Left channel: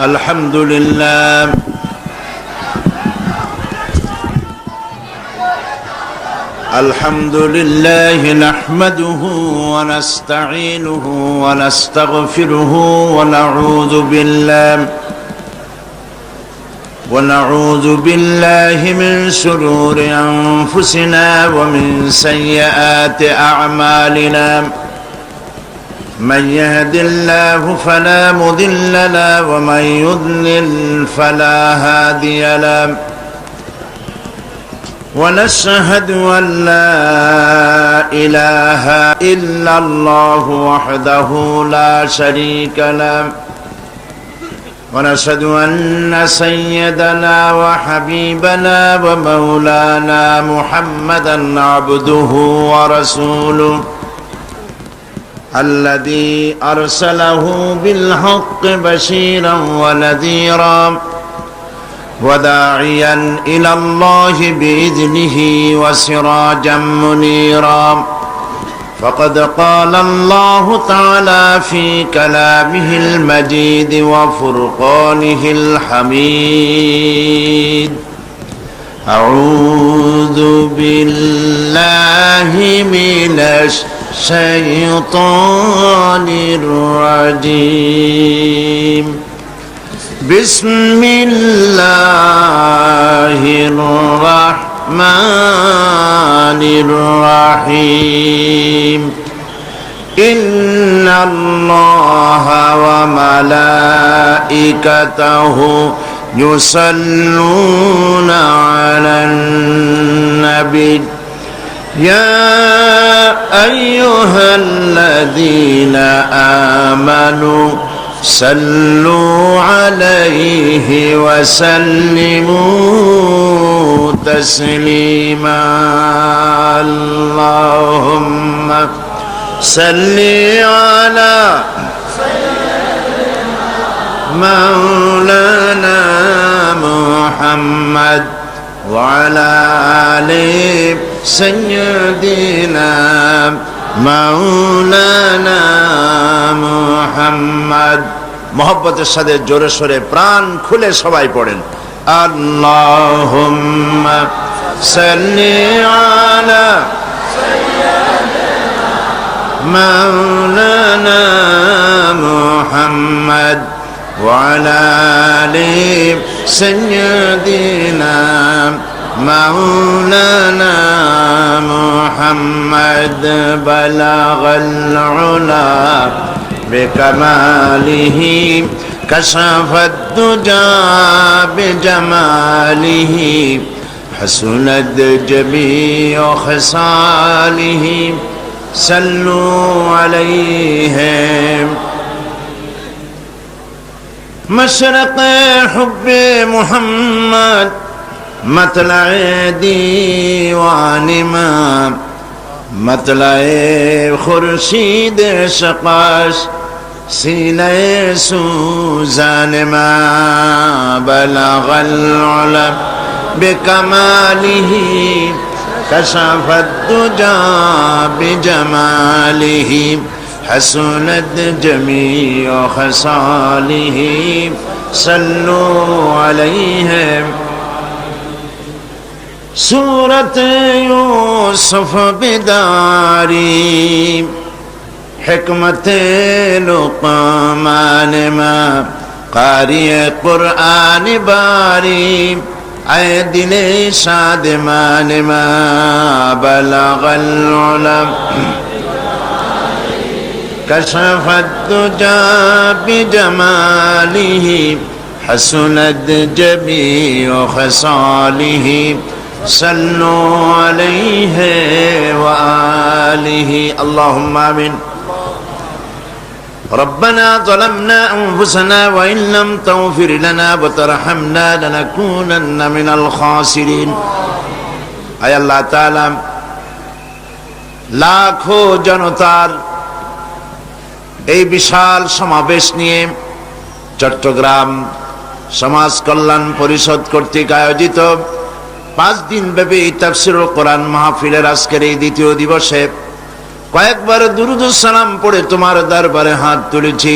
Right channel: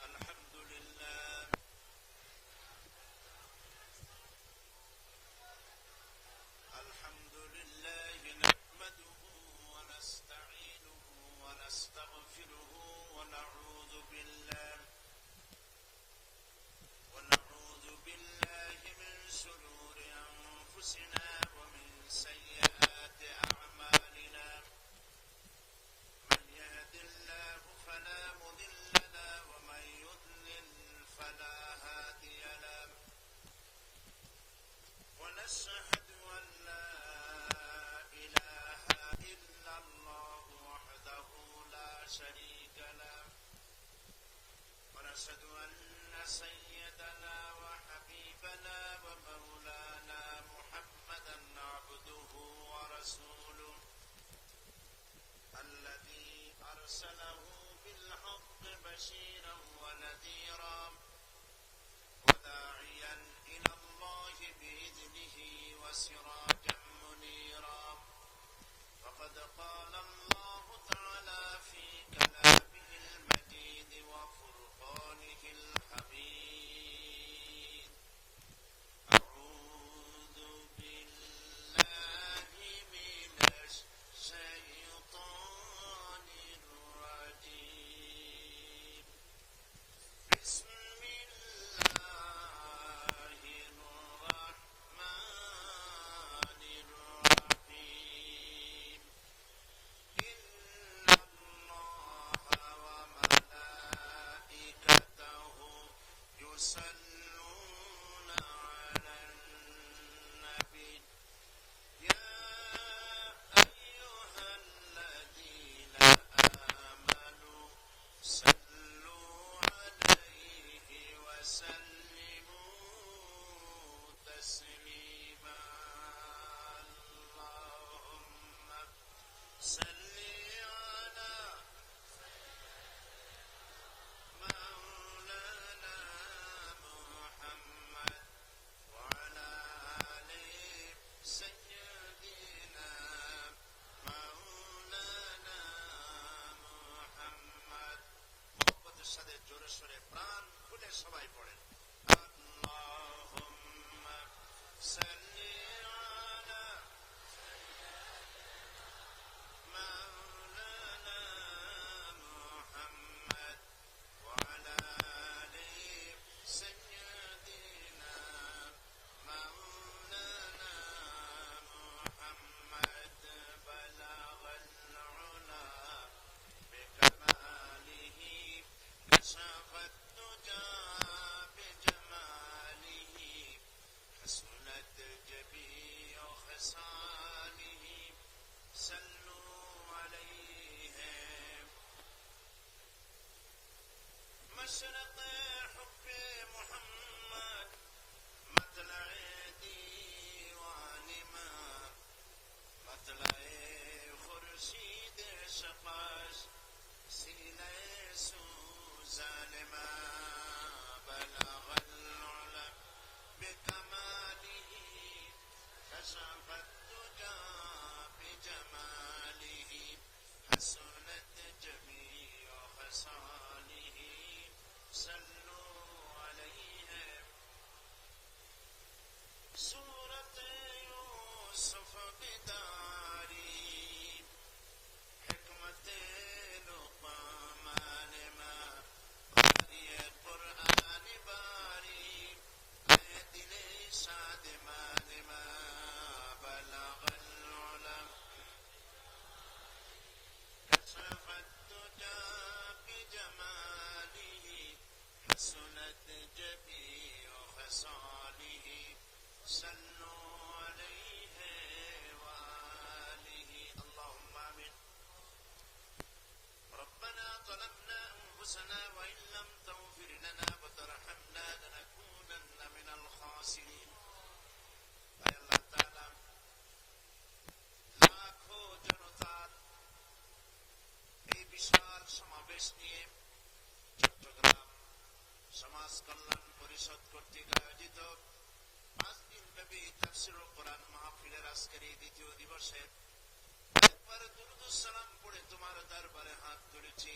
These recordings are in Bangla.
الحمد لله الحمد لله نحمده ونستعينه ونستغفره ونعوذ بالله من شرور أنفسنا ومن سيئات أعمالنا من يهد الله فلا مضل له ومن يضلل فلا هادي له ونشهد أن لا إله إلا الله وحده لا شريك له ونشهد أن سيدنا وحبيبنا ومولانا محمدا عبده ورسوله الذي أرسله بالحق بشيرا ونذيرا وداعيا إلى الله بإذنه وسراجا منيرا فقد قال الله تعالى في كلامه المجيد وفرقانه الحميد أعوذ بالله من الشيطان الرجيم بسم الله الرحمن الرحيم إن الله وملائكته يصلون على النبي يا أيها الذين آمنوا صلوا عليه وسلموا تسليما اللهم صل على مولانا محمد وعلى آل سيدنا مولانا محمد মোহব্বতের সাথে জোরে সোরে প্রাণ খুলে সবাই পড়েন আল্লাহুম্মা সাল্লি আলা মাওলানা মুহাম্মদ ওয়া আলা আলি সাইয়্যিদিনা মাওলানা মুহাম্মদ বালাগাল উলা بكماله كشف الدجى بجماله حسنت جميع خصاله صلوا عليه مشرق حب محمد مطلع ديوان ما مطلع خورشید شقاش سینه سوزان ما بلغ العلا بکماله کشف الدجى بجماله حسنت جميع خصاله صلوا عليه سورة يوسف بداري حكمة لقمان ما قارئ قرآن باري اے دل شادمان ما بلغ العلم كشف الدجى بجماله حسنت جميع خصاله صلوا عليه وآله اللهم آمين ربنا ظلمنا أنفسنا وإن لم تغفر لنا وترحمنا لنكونن من الخاسرين أي الله تعالى লাখো জনতার এই বিশাল সমাবেশ নিয়ে চট্টগ্রাম সমাজ কল্যাণ পরিষদ কর্তৃক আয়োজিত 5 দিন ব্যাপী তাফসীরুল কোরআন মাহফিলের আজকের এই দ্বিতীয় দিবসে কয়েকবার দুরূদ ও সালাম পড়ে তোমার দরবারে হাত তুলেছি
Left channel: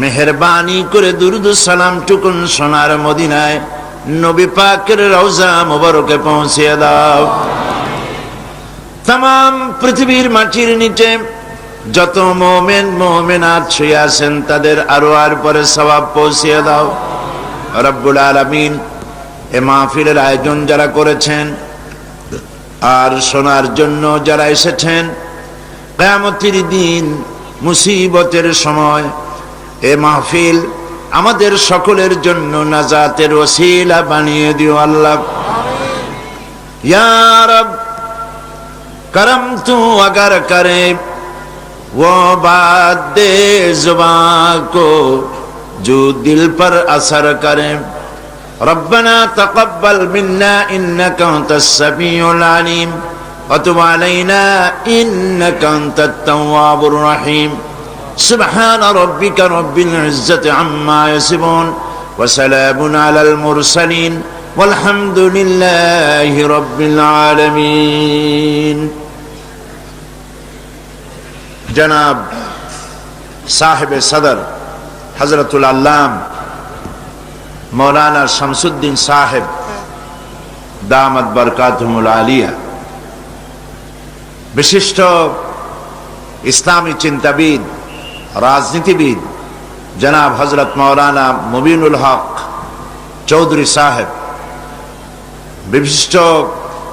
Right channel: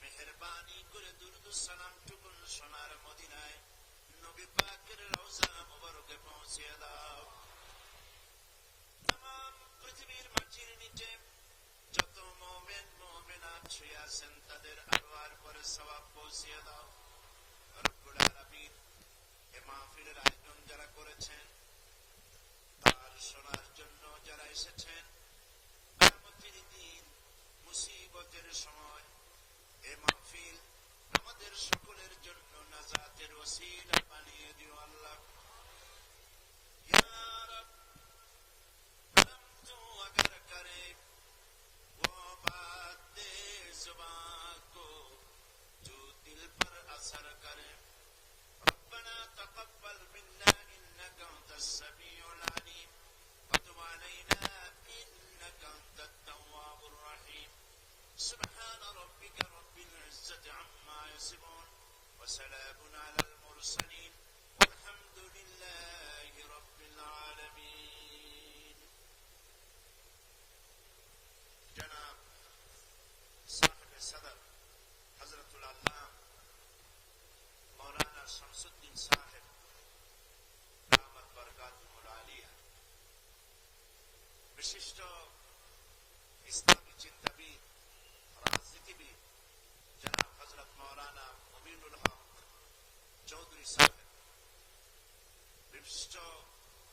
মেহেরবানি করে দুরুদ সালাম টুকুন সোনার মদিনায় নবী পাকের রওজা মুবারকে পৌঁছে দাও। तमाम পৃথিবীর মাটির নিচে যত মুমিন মুমিনাত শুয়ে আছেন তাদের আরওয়ার পরে সওয়াব পৌঁছে দাও রব্বুল আলামিন। এ মাহফিলের আয়োজন যারা করেছেন আর শোনার জন্য যারা এসেছেন, কিয়ামতের দিন মুসিবতের সময় এ মাহফিল আমাদের সকলের জন্য নাজাতের ওসিলা বানিয়ে দিও আল্লাহ। ইয়া রব करम तू अगर करे वो बात दे जुबान को जो दिल पर असर करे। रब्बना तक़ब्बल मिन्ना इन्नका अंतस समीउल अलीम व तुब अलैना इन्नका अंतत तव्वाबुर रहीम। सुब्हान रब्बिका रब्बिल इज्जति अम्मा यसिफून व सलामुन अलल मुरसलीन वल्हम्दुलिल्लाहि रब्बिल आलमीन। जनाब साहिब सदर हजरतुल अल्लाम मौलाना शमसुद्दीन साहिब दामत बरकातुहुल आलिया, विशिष्ट इस्लामी चिंताविद राजनीतिविद जनाब हजरत मौलाना मुबीनुल हक चौधरी साहेब, विशिष्ट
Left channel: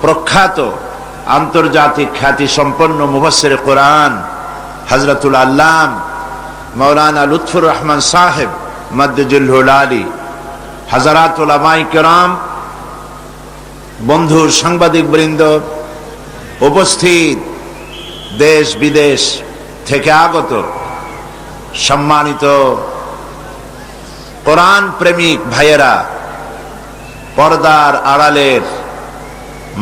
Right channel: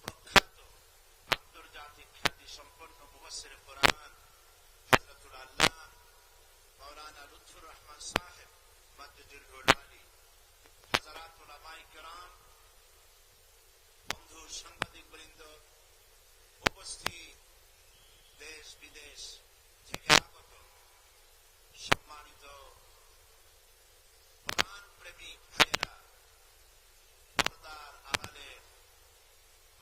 प्रख्यात आंतर्जातिक ख्याति सम्पन्न मुफस्सिर कुरान हजरतुल अल्लाम मौलाना लुत्फुर रहमान साहेब मद्दजुल आली, हजरात उलमाए किराम, बंधु सांबादिक बृंद, उपस्थित देश विदेश থেকে আগত সম্মানিত কোরআন প্রেমিক ভাইয়েরা, পর্দার আড়ালের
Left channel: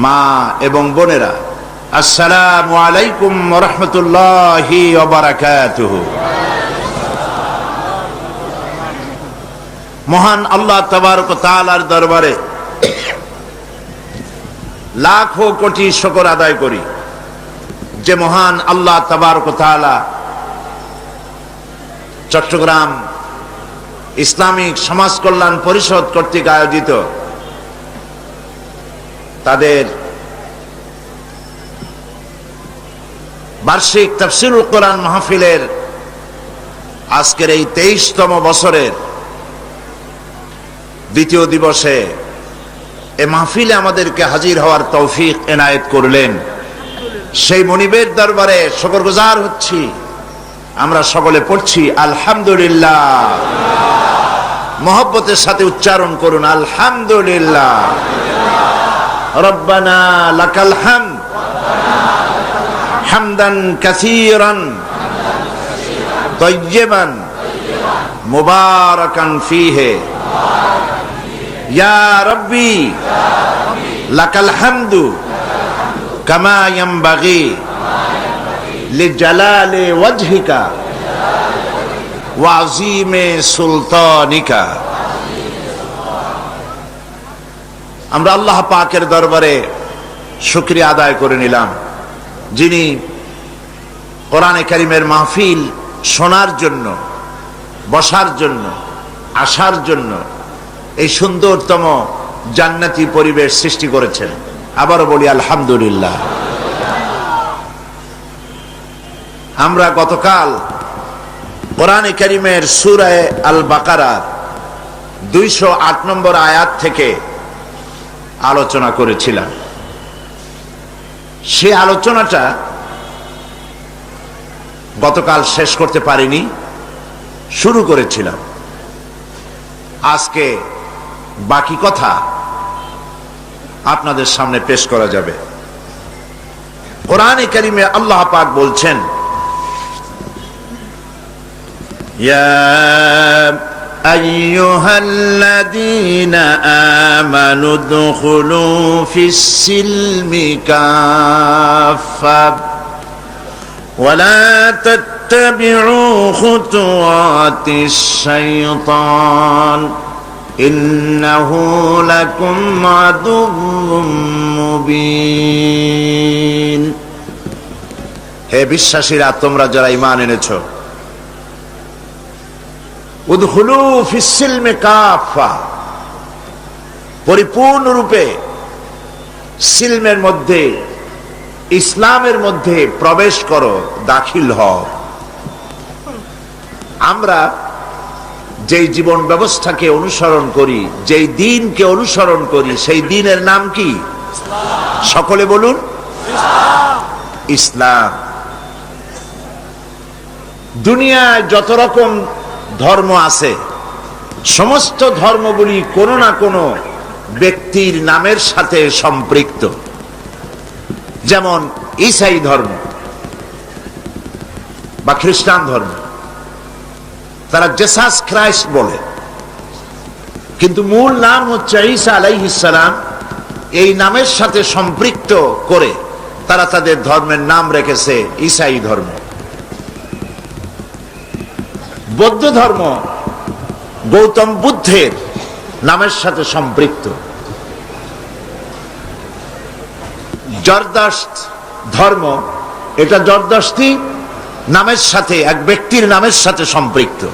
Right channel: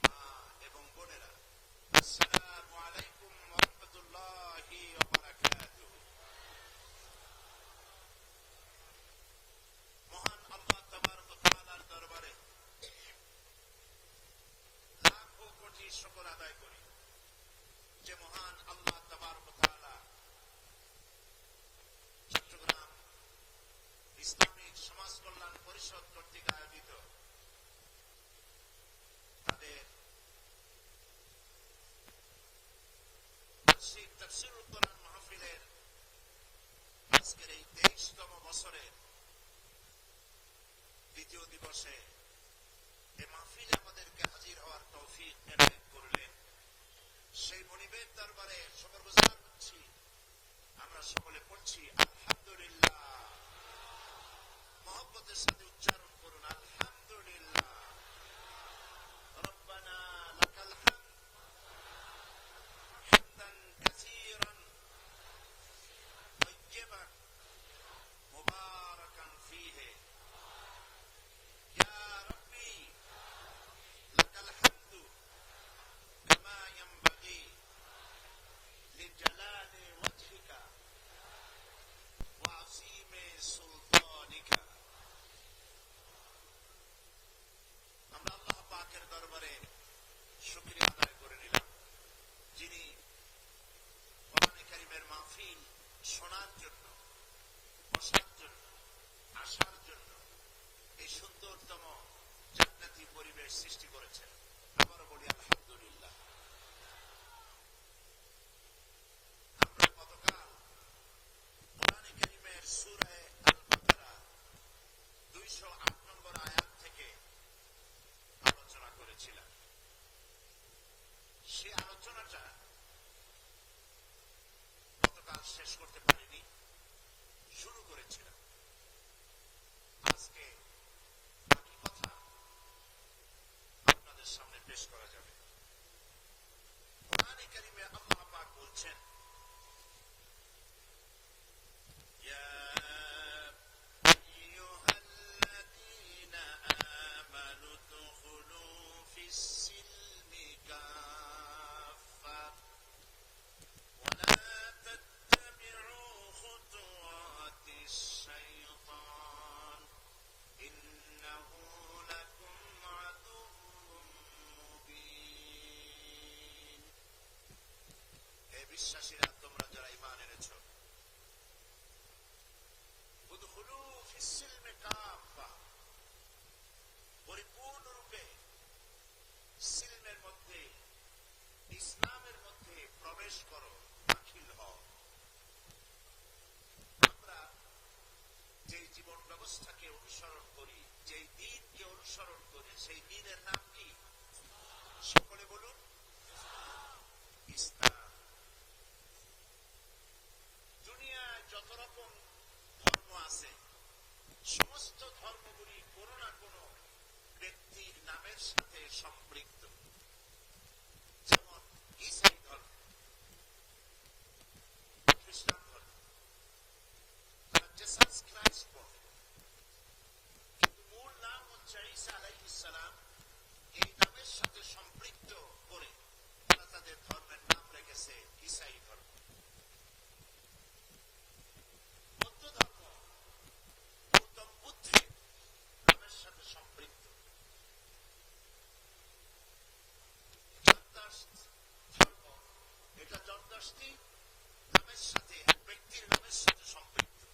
মা এবং বোনেরা, আসসালামু আলাইকুম ওয়া রাহমাতুল্লাহি ওয়া বারাকাতুহু। মহান আল্লাহ তাবারক ওয়া তাআলার দরবারে লাখো কোটি শুকর আদায় করি যে মহান আল্লাহ তাবারক ওয়া তাআলা চট্টগ্রাম ইসলামিক সমাজ কল্যাণ পরিষদ কর্তৃক আয়োজিত তাদের বার্ষিক তাফসীরুল কোরআন মাহফিলের আজকের এই 23তম বছরের দ্বিতীয় দিবসে এ মাহফিলে আমাদেরকে হাজির হওয়ার তৌফিক এনায়েত করলেন। সেই মনিবের দরবারে শুকরগুজার হচ্ছি। আমরা সকলে পড়ছি আলহামদুলিল্লাহ। মহব্বতের সাথে উচ্চারণ করুন আলহামদুলিল্লাহ। রব্বানা লাকাল হামদ হামদান কাসীরান তাইয়্যিবান মুবারাকান ফীহি ইয়া রাব্বি লাকাল হামদু কামা ইয়ানবাগি লিজালালি ওয়াজহিকা ওয়া আযীমি সুলতানিকা। আমরা আল্লাহ পাকের দরবারে শুকরিয়া আদায় করে নিলাম, যিনি কোরআনে কারীমের মাহফিল শোনার জন্য, বসার জন্য, আসার জন্য এই সুন্দরতম জান্নাতি পরিবেশ সৃষ্টি করেছেন। আবারও বলি আলহামদুলিল্লাহ। আমরা গতকাল কোরআনে কারীমের সূরা আল বাকারার 208 নম্বর আয়াত থেকে আলোচনা করেছিলাম। সে আলোচনাটা গতকাল শেষ করতে পারিনি, শুরু করেছিলাম। আজকে বাকি কথা আপনাদের সামনে পেশ করা যাবে। কোরআনে কারীমে আল্লাহ পাক বলছেন, ইয়া আইয়ুহাল্লাযীনা আমানু দুখুলু ফিস-সিলমি কাফা ওয়া লা তাত্তাবিউ খুতুওয়াতিশ শাইতান ইন্নাহু লাকুম আদুউম মুবিন। হে বিশ্বাসীরা, তোমরা যারা ঈমান এনেছো, উদখুলু ফিস সিলমি কাফা, পরিপূর্ণরূপে সিলমের মধ্যে, ইসলামের মধ্যে প্রবেশ করো, দাখিল হও। আমরা যেই জীবন ব্যবস্থাকে অনুসরণ করি, যেই দিনকে অনুসরণ করি, সেই দিনের নাম কি? সকলে বলুন, ইসলাম। দুনিয়ায় যত রকম ধর্ম আছে, সমস্ত ধর্মগুলি কোনো না কোনো ব্যক্তির নামের সাথে সম্পৃক্ত। যেমন ঈসাই ধর্ম বা খ্রিস্টান ধর্ম, তারা জেসাস খ্রাইস্ট বলে, কিন্তু মূল নাম হচ্ছে ঈসা আলাইহিস সালাম। এই নামের সাথে সম্পৃক্ত করে তারা তাদের ধর্মের নাম রেখেছে ঈসাই ধর্ম। বৌদ্ধ ধর্ম গৌতম বুদ্ধের নামের সাথে সম্পৃক্ত। জরদাস্ত ধর্ম, এটা জরদাস্তি নামের সাথে, এক ব্যক্তির নামের সাথে সম্পৃক্ত।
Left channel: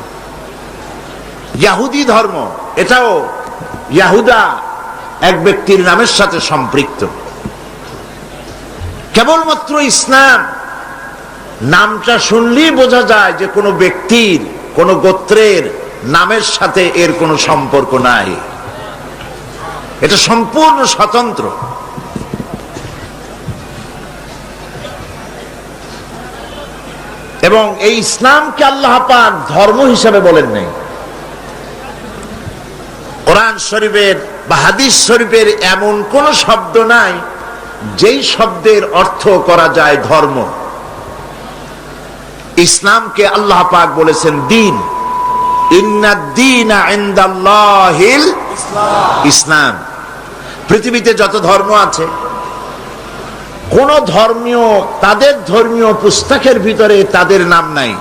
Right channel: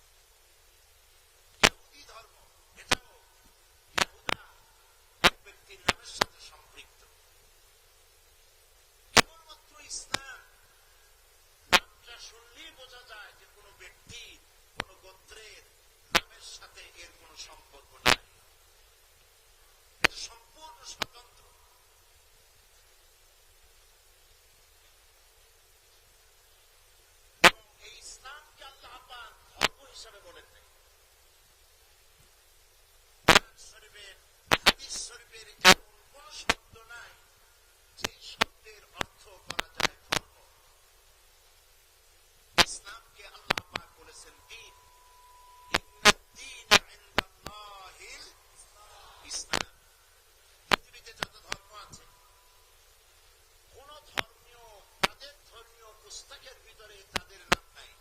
ইহুদি ধর্ম, এটাও ইয়াহুদা, এক ব্যক্তির নামের সাথে সম্পৃক্ত। কেবলমাত্র ইসলাম নামটা শুনলেই বোঝা যায় যে কোনো ব্যক্তির, কোনো গোত্রের নামের সাথে এর কোনো সম্পর্ক নাই, এটা সম্পূর্ণ স্বতন্ত্র। এবং এই ইসলামকে আল্লাহ পাক ধর্ম হিসাবে বলেন নাই। কোরআন শরীফের বা হাদিস শরীফের এমন কোন শব্দ নাই যেই শব্দের অর্থ করা যায় ধর্ম। ইসলামকে আল্লাহ পাক বলেছেন দিন। ইন্নাদ-দীনা ইনদাল্লাহিল ইসলাম। পৃথিবীতে যত ধর্ম আছে, কোন ধর্মীয়, তাদের ধর্মীয় পুস্তকের ভিতরে তাদের নাম নাই,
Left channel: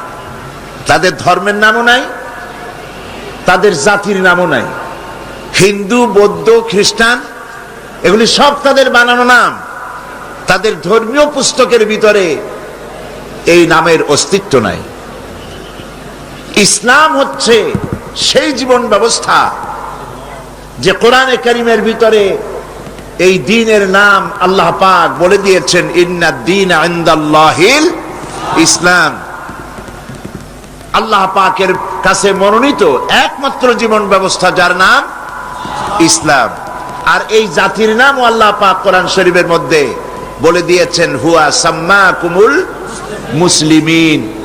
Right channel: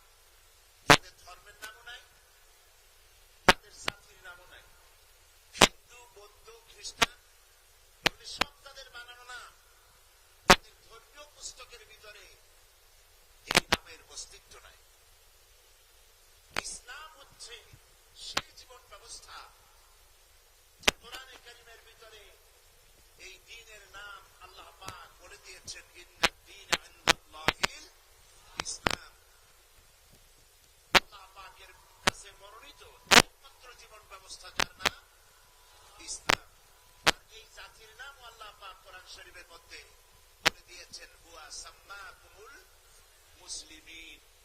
তাদের ধর্মের নামও নাই, তাদের জাতির নামও নাই। হিন্দু, বৌদ্ধ, খ্রিস্টান, এগুলি সব তাদের বানানো নাম। তাদের ধর্মীয় পুস্তকের ভিতরে এই নামের অস্তিত্ব নাই। ইসলাম হচ্ছে সেই জীবন ব্যবস্থা যে কোরআনে কারীমের ভিতরে এই দ্বীনের নাম আল্লাহ পাক বলে দিয়েছেন, ইন্নাদ-দীনা ইনদাল্লাহিল ইসলাম। আল্লাহ পাকের কাছে মনোনীত একমাত্র জীবন ব্যবস্থা যার নাম ইসলাম। আর এই জাতির নাম আল্লাহ পাক কোরআন শরীফের মধ্যে বলে দিয়েছেন, হুয়া সাম্মাকুমুল মুসলিমিন।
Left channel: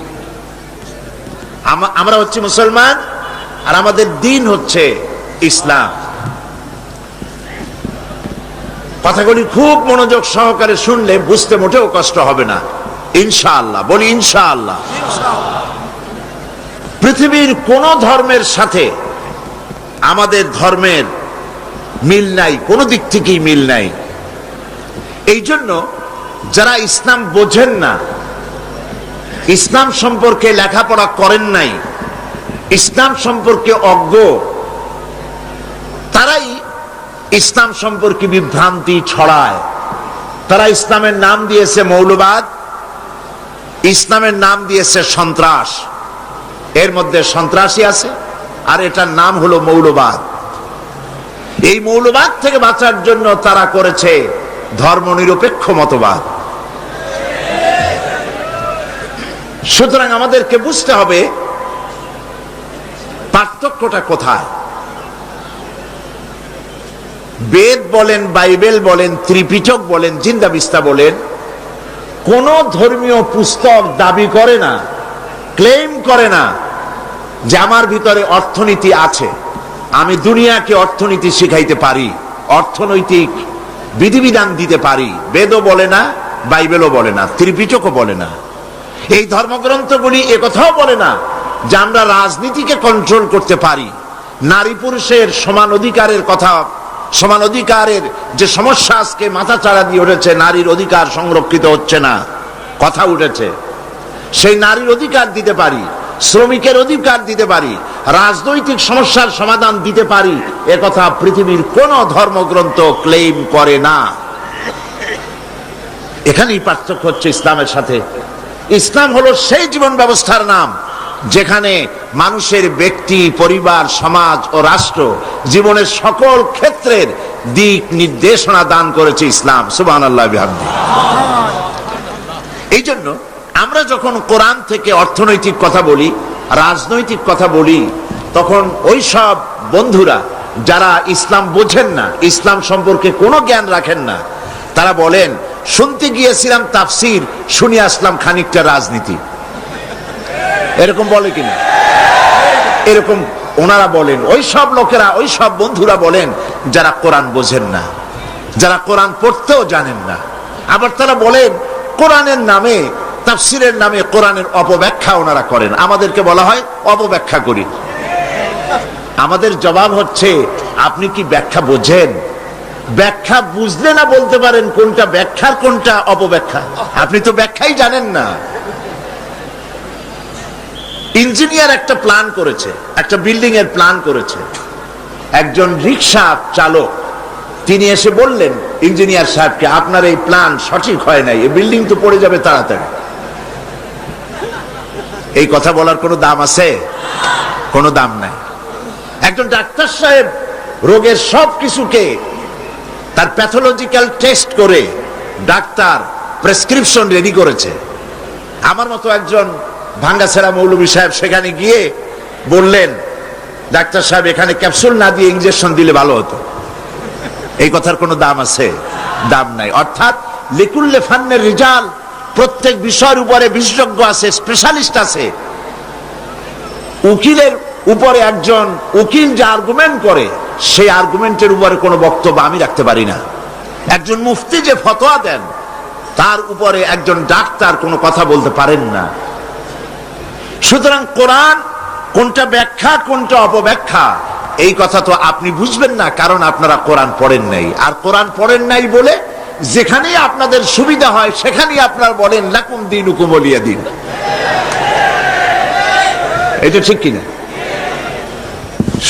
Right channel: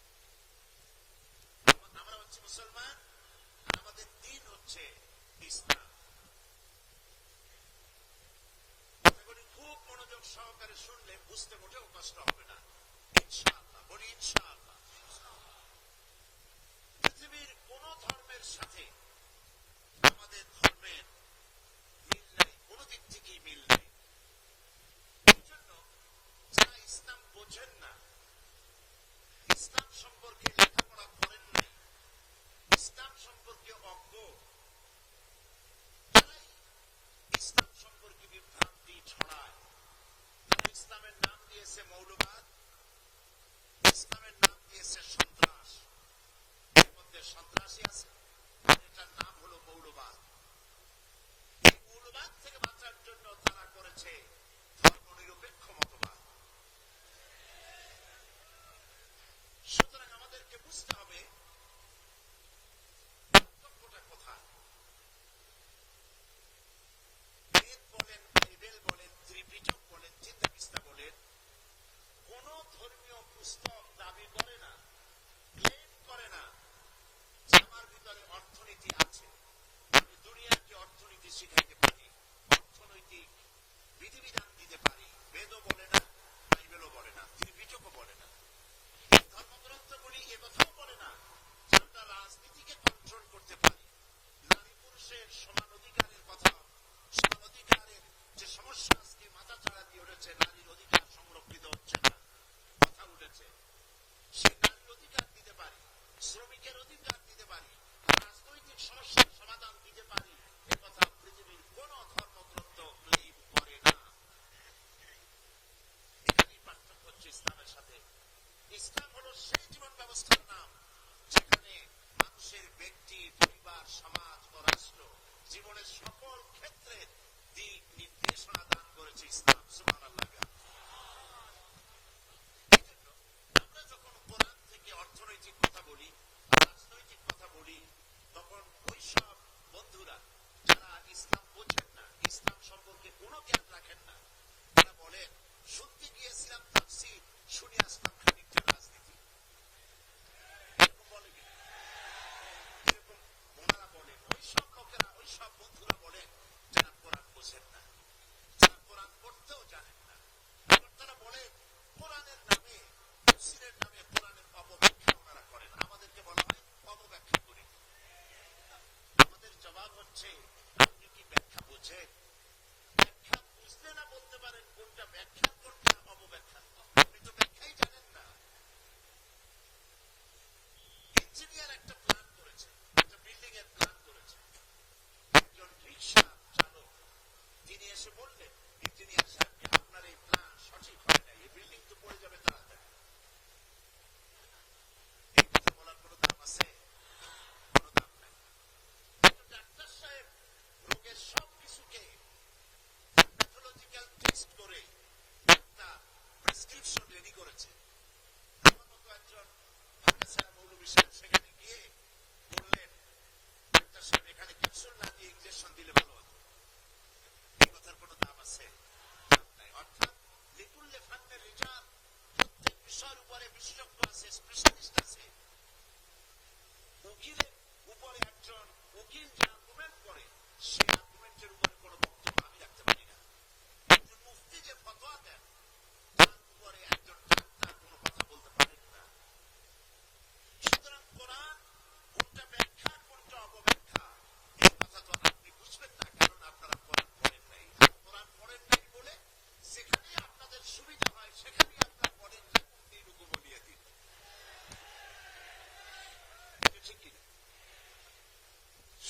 আমরা হচ্ছে মুসলমান, আর আমাদের দ্বীন হচ্ছে ইসলাম। কথাগুলি খুব মনোযোগ সহকারে শুনলে বুঝতে মোটেও কষ্ট হবে না, ইনশাআল্লাহ। বলি ইনশাআল্লাহ। পৃথিবীর কোন ধর্মের সাথে আমাদের ধর্মের মিল নাই, কোন দিক থেকেই মিল নাই। এই জন্য যারা ইসলাম বোঝেন না, ইসলাম সম্পর্কে লেখাপড়া করেন নাই, ইসলাম সম্পর্কে অজ্ঞ, তারাই ইসলাম সম্পর্কে বিভ্রান্তি ছড়ায়। তারা ইসলামের নাম দিয়েছে মৌলবাদ, ইসলামের নাম দিয়েছে সন্ত্রাস। এর মধ্যে সন্ত্রাসী আছে, আর এটার নাম হলো মৌলবাদ। এই মৌলবাদ থেকে বাঁচার জন্য তারা করেছে ধর্মনিরপেক্ষ মতবাদ। সুতরাং আমাদেরকে বুঝতে হবে পার্থক্যটা কোথায়। বেদ বলেন, বাইবেল বলেন, ত্রিপিটক বলেন, জিন্দা বিস্তা বলেন, কোন ধর্মীয় পুস্তক দাবি করে না, ক্লেম করে না যে আমার ভিতরে অর্থনীতি আছে, আমি দুনিয়াকে অর্থনীতি শিখাইতে পারি, অর্থনৈতিক বিধিবিধান দিতে পারি। বেদও বলে না, বাইবেলও বলে না, ত্রিপিটকও বলে না। এই ধর্মগ্রন্থগুলি একথাও বলে না যে আমরা রাজনীতিকে কন্ট্রোল করতে পারি, নারী পুরুষের সমান অধিকারের কথা, সমান অধিকারের যে সমস্যা আজকে মাথা চাড়া দিয়ে উঠেছে, নারীর অধিকার সংরক্ষিত হচ্ছে না, কথা উঠেছে, সেই নারীর অধিকার দিতে পারি, শ্রমিকের অধিকার দিতে পারি, রাজনৈতিক সমস্যার সমাধান দিতে পারি, একথা পৃথিবীর কোন ধর্মগ্রন্থ ক্লেম করে না। এখানেই পার্থক্য হচ্ছে ইসলামের সাথে। ইসলাম হলো সেই জীবন ব্যবস্থার নাম যেখানে মানুষের ব্যক্তি, পরিবার, সমাজ ও রাষ্ট্র জীবনের সকল ক্ষেত্রের দিক নির্দেশনা দান করেছে ইসলাম। সুবহানাল্লাহ বিহামদিহি। এই জন্য আমরা যখন কোরআন থেকে অর্থনৈতিক কথা বলি, রাজনৈতিক কথা বলি, তখন ওই সব বন্ধুরা যারা ইসলাম বোঝেন না, ইসলাম সম্পর্কে কোনো জ্ঞান রাখেন না, তারা বলেন শুনতে গিয়েছিলাম তাফসির, শুনে আসলাম খানিকটা রাজনীতি। এরকম বলে কিনা? এরকম ওনারা বলেন, ওই সব লোকেরা, ওই সব বন্ধুরা বলেন যারা কোরআন বোঝেন না, যারা কোরআন পড়তেও জানেন না। আবার তারা বলেন কোরআনের নামে, তাফসিরের নামে কোরআনের অপব্যাখ্যা ওনারা করেন। আমাদেরকে বলা হয় অপব্যাখ্যা করি। আমাদের জবাব হচ্ছে, আপনি কি ব্যাখ্যা বোঝেন? ব্যাখ্যা বুঝলে না বলতে পারেন কোনটা ব্যাখ্যার কোনটা অপব্যাখ্যা? আপনি তো ব্যাখ্যাই জানেন না। ইঞ্জিনিয়ার একটা প্ল্যান করেছে, একটা বিল্ডিং এর প্ল্যান করেছে। একজন রিক্সা চালক তিনি এসে বললেন ইঞ্জিনিয়ার সাহেবকে, আপনার এই প্ল্যান সঠিক হয় নাই, এই বিল্ডিং তো পড়ে যাবে তাড়াতাড়ি। এই কথা বলার কোনো দাম আছে? কোনো দাম নাই। একজন ডাক্তার সাহেব রোগের সব কিছুকে তার প্যাথোলজিক্যাল টেস্ট করে ডাক্তার প্রেসক্রিপশন রেডি করেছে। আমার মতো একজন ভাঙ্গাছেড়া মৌলভী সাহেব সেখানে গিয়ে বললেন, ডাক্তার সাহেব এখানে ক্যাপসুল না দিয়ে ইনজেকশন দিলে ভালো হতো। এই কথার কোনো দাম আছে? দাম নাই। অর্থাৎ লিকুল্লে ফান্নের রিজাল, প্রত্যেক বিষয়ের উপরে বিশেষজ্ঞ আছে, স্পেশালিস্ট আছে। উকিলের উপরে একজন উকিল যে আর্গুমেন্ট করে, সেই আর্গুমেন্টের উপরে কোনো বক্তব্য আমি রাখতে পারি না। একজন মুফতি যে ফতোয়া দেন, তার উপরে একজন ডাক্তার কোনো কথা বলতে পারেন না। সুতরাং কোরআন কোনটা ব্যাখ্যা কোনটা অপব্যাখ্যা, এই কথা তো আপনি বুঝবেন না, কারণ আপনারা কোরআন পড়েন নাই। আর কোরআন পড়েন নাই বলে যেখানেই আপনাদের সুবিধা হয় সেখানেই আপনারা বলেন লাকুম দীনুকুম ওয়ালিয়া দীন। এটা ঠিক কিনা?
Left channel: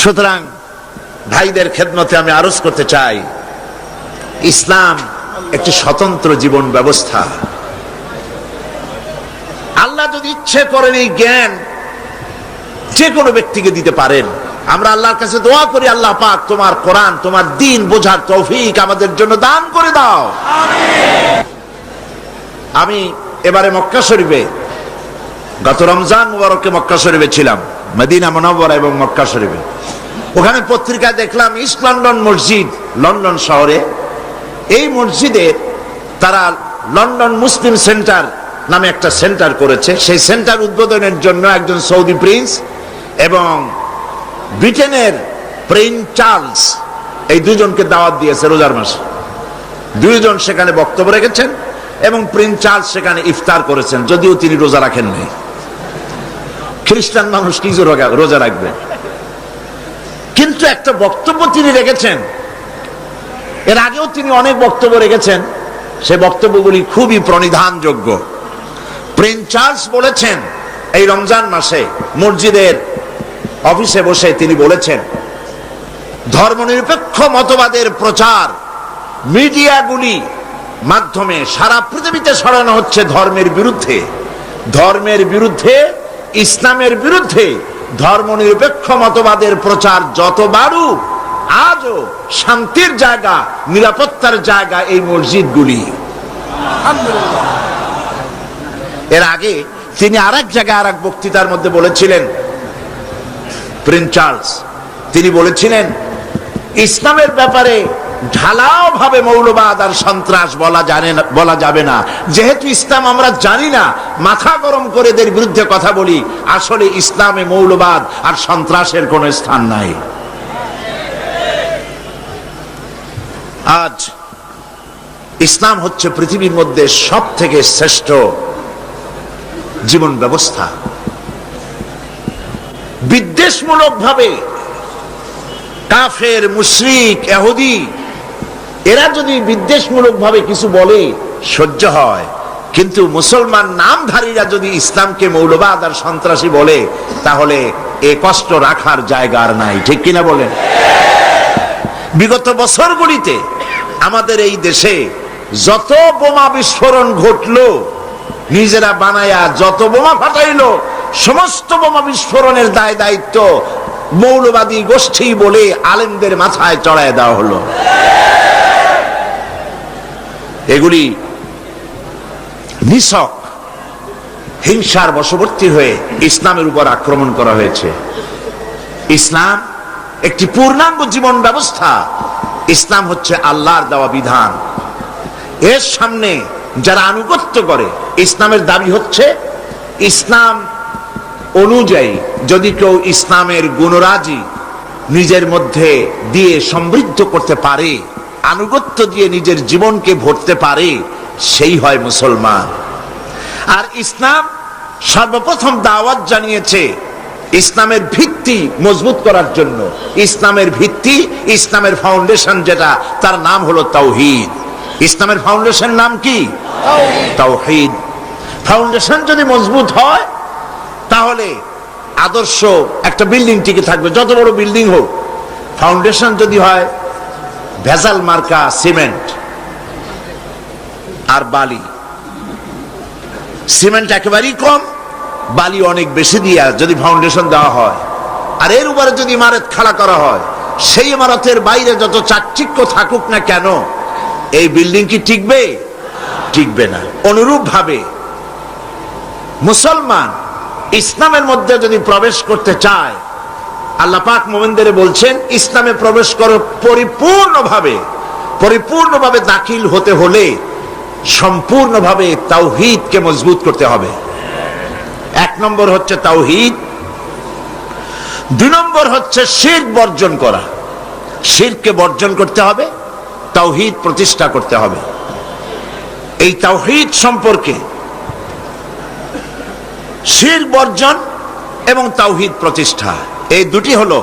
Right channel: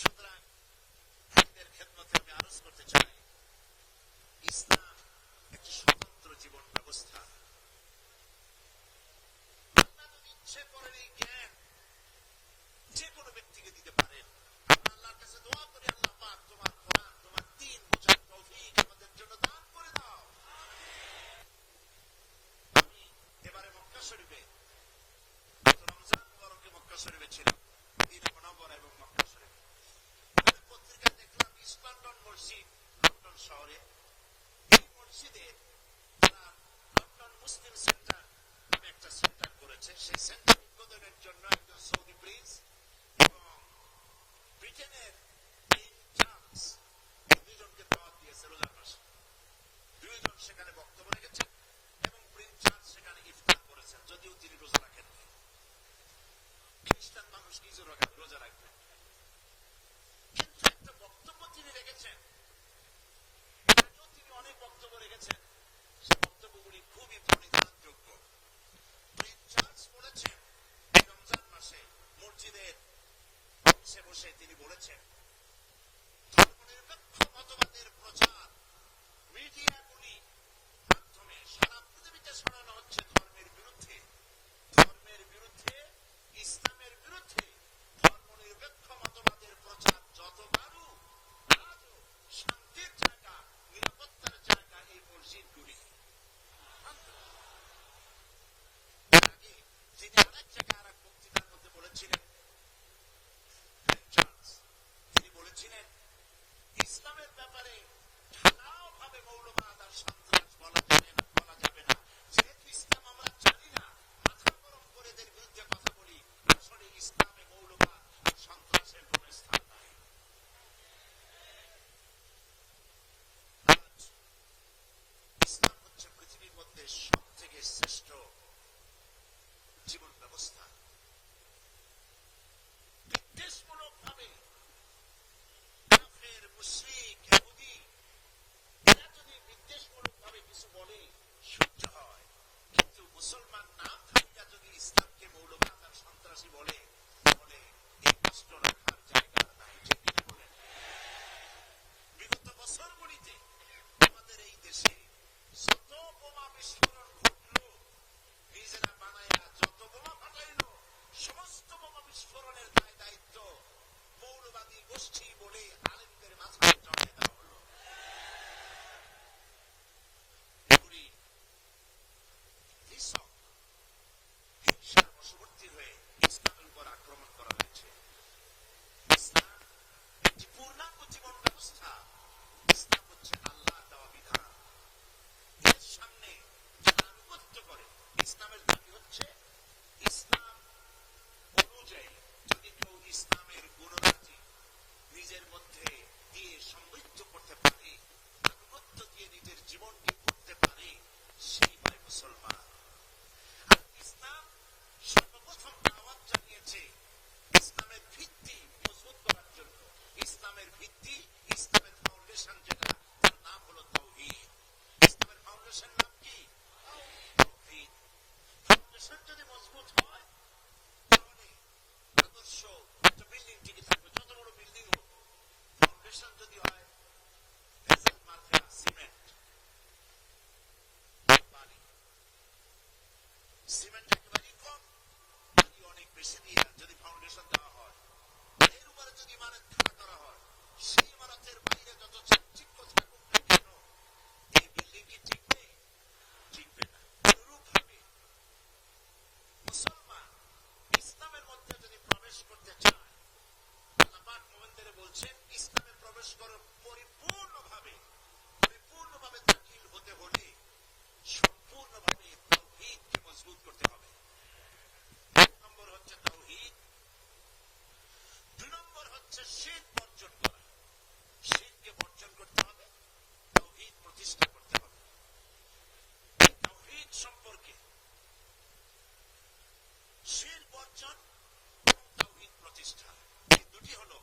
সুতরাং ভাইদের খেদমতে আমি আরজ করতে চাই, ইসলাম একটি স্বতন্ত্র জীবন ব্যবস্থা। আল্লাহ যদি ইচ্ছে করেন এই জ্ঞান যে কোনো ব্যক্তিকে দিতে পারেন। আমরা আল্লাহর কাছে দোয়া করি, আল্লাহ পাক তোমার কোরআন, তোমার দ্বীন বোঝার তৌফিক আমাদের জন্য দান করে দাও। আমি এবারে মক্কা শরীফে, গত রমজান মুবারকে মক্কা শরীফে ছিলাম, মদিনা মুনাওয়ারা এবং মক্কা শরীফে। ওখানে পত্রিকা দেখলাম ইস্ট লন্ডন মসজিদ, লন্ডন শহরে, এই মসজিদে তারা লন্ডন মুসলিম সেন্টার নামে একটা সেন্টার করেছে। সেই সেন্টার উদ্বোধনের জন্য একজন সৌদি প্রিন্স এবং ব্রিটেনের প্রিন্স চার্লস, এই দুজনকে দাওয়াত দিয়েছে রোজার মাসে। দুইজন সেখানে বক্তব্য রেখেছেন এবং প্রিন্স চার্লস সেখানে ইফতার করেছেন, যদিও তিনি রোজা রাখেননি। খ্রিস্টান মানুষ কি রোজা রাখবে? কিন্তু একটা বক্তব্য তিনি রেখেছেন। এর আগেও তিনি অনেক বক্তব্য রেখেছেন, সে বক্তব্যগুলি খুবই প্রণিধানযোগ্য। প্রিন্স চার্লস বলেছেন, এই রমজান মাসে মসজিদের অফিসে বসে তিনি বলেছেন, ধর্মনিরপেক্ষ মতবাদের প্রচার মিডিয়াগুলি মাধ্যমে সারা পৃথিবীতে ছড়ানো হচ্ছে ধর্মের বিরুদ্ধে, ধর্মের বিরুদ্ধে, ইসলামের বিরুদ্ধে। ধর্মনিরপেক্ষ মতবাদের প্রচার যত বাড়ুক, আজও শান্তির জায়গা, নিরাপত্তার জায়গা এই মসজিদগুলি। এর আগে তিনি আরেক জায়গায় আরেক বক্তৃতার মধ্যে বলেছিলেন, প্রিন্স চার্লস তিনি বলেছিলেন, ইসলামের ব্যাপারে ঢালাও ভাবে মৌলবাদ আর সন্ত্রাস বলা যাবে না। যেহেতু ইসলাম আমরা জানি না, মাথা গরম করে এদের বিরুদ্ধে কথা বলি। আসলে ইসলামে মৌলবাদ আর সন্ত্রাসের কোনো স্থান নাই। আজ ইসলাম হচ্ছে পৃথিবীর মধ্যে সব থেকে শ্রেষ্ঠ জীবন ব্যবস্থা। বিদ্বেষমূলক ভাবে কাফের, মুশরিক, ইহুদি এরা যদি বিদ্বেষমূলক ভাবে কিছু বলে সহ্য হয়, কিন্তু মুসলমান নামধারীরা যদি ইসলামকে মৌলবাদ আর সন্ত্রাসী বলে, তাহলে এ কষ্ট রাখার জায়গা আর নাই। ঠিক কিনা বলেন? বিগত বছরগুলিতে আমাদের এই দেশে যত বোমা বিস্ফোরণ ঘটলো, নিজেরা বানায়া যত বোমা ফাটাইলো, সমস্ত বোমা বিস্ফোরণের দায় দায়িত্ব মৌলবাদী গোষ্ঠী বলে আলেমদের মাথায় চড়ায় দেওয়া হলো। এগুলি নিছক হিংসার বশবর্তী হয়ে ইসলামের উপর আক্রমণ করা হয়েছে। ইসলাম একটি পূর্ণাঙ্গ জীবন ব্যবস্থা। ইসলাম হচ্ছে আল্লাহর দেওয়া বিধান। এর সামনে যারা আনুগত্য করে, ইসলামের দাবি হচ্ছে ইসলাম অনুযায়ী যদি কেউ ইসলামের গুণরাজি নিজের মধ্যে দিয়ে সমৃদ্ধ করতে পারে, আনুগত্য দিয়ে নিজের জীবনকে ভরতে পারে, সেই হয় মুসলমান। আর ইসলাম সর্বপ্রথম দাওয়াত জানিয়েছে ইসলামের ভিত্তি মজবুত করার জন্য। ইসলামের ভিত্তি, ইসলামের ফাউন্ডেশন যেটা, তার নাম হলো তাওহীদ। ইসলামের ফাউন্ডেশন নাম কি? তাওহীদ। ফাউন্ডেশন যদি মজবুত হয় তাহলে আদর্শ একটা বিল্ডিং টিকে থাকবে, যত বড় বিল্ডিং হোক। ফাউন্ডেশন যদি হয় ভেজাল মার্কা সিমেন্ট আর বালি, সিমেন্ট একেবারেই কম, বালি অনেক বেশি দিয়া যদি ফাউন্ডেশন দেওয়া হয়, আর এর উপরে যদি ইমারত খাড়া করা হয়, সেই ইমারতের বাইরে যত চাকচিক্য থাকুক না কেন, এই বিল্ডিং কি টিকবে? টিকবে না। অনুরূপ ভাবে মুসলমান ইসলামের মধ্যে যদি প্রবেশ করতে চায়, আল্লাহ পাক মুমিনদের বলছেন ইসলামে প্রবেশ করো পরিপূর্ণভাবে দাখিল হতে হলে সম্পূর্ণভাবে তাওহীদকে মজবুত করতে হবে। এক নম্বর হচ্ছে তাওহীদ, দুই নম্বর হচ্ছে শিরক বর্জন করা। শিরককে বর্জন করতে হবে, তাওহীদ প্রতিষ্ঠা করতে হবে। এই তাওহীদ সম্পর্কে শিরক বর্জন এবং তাওহীদ প্রতিষ্ঠা, এই দুটি হলো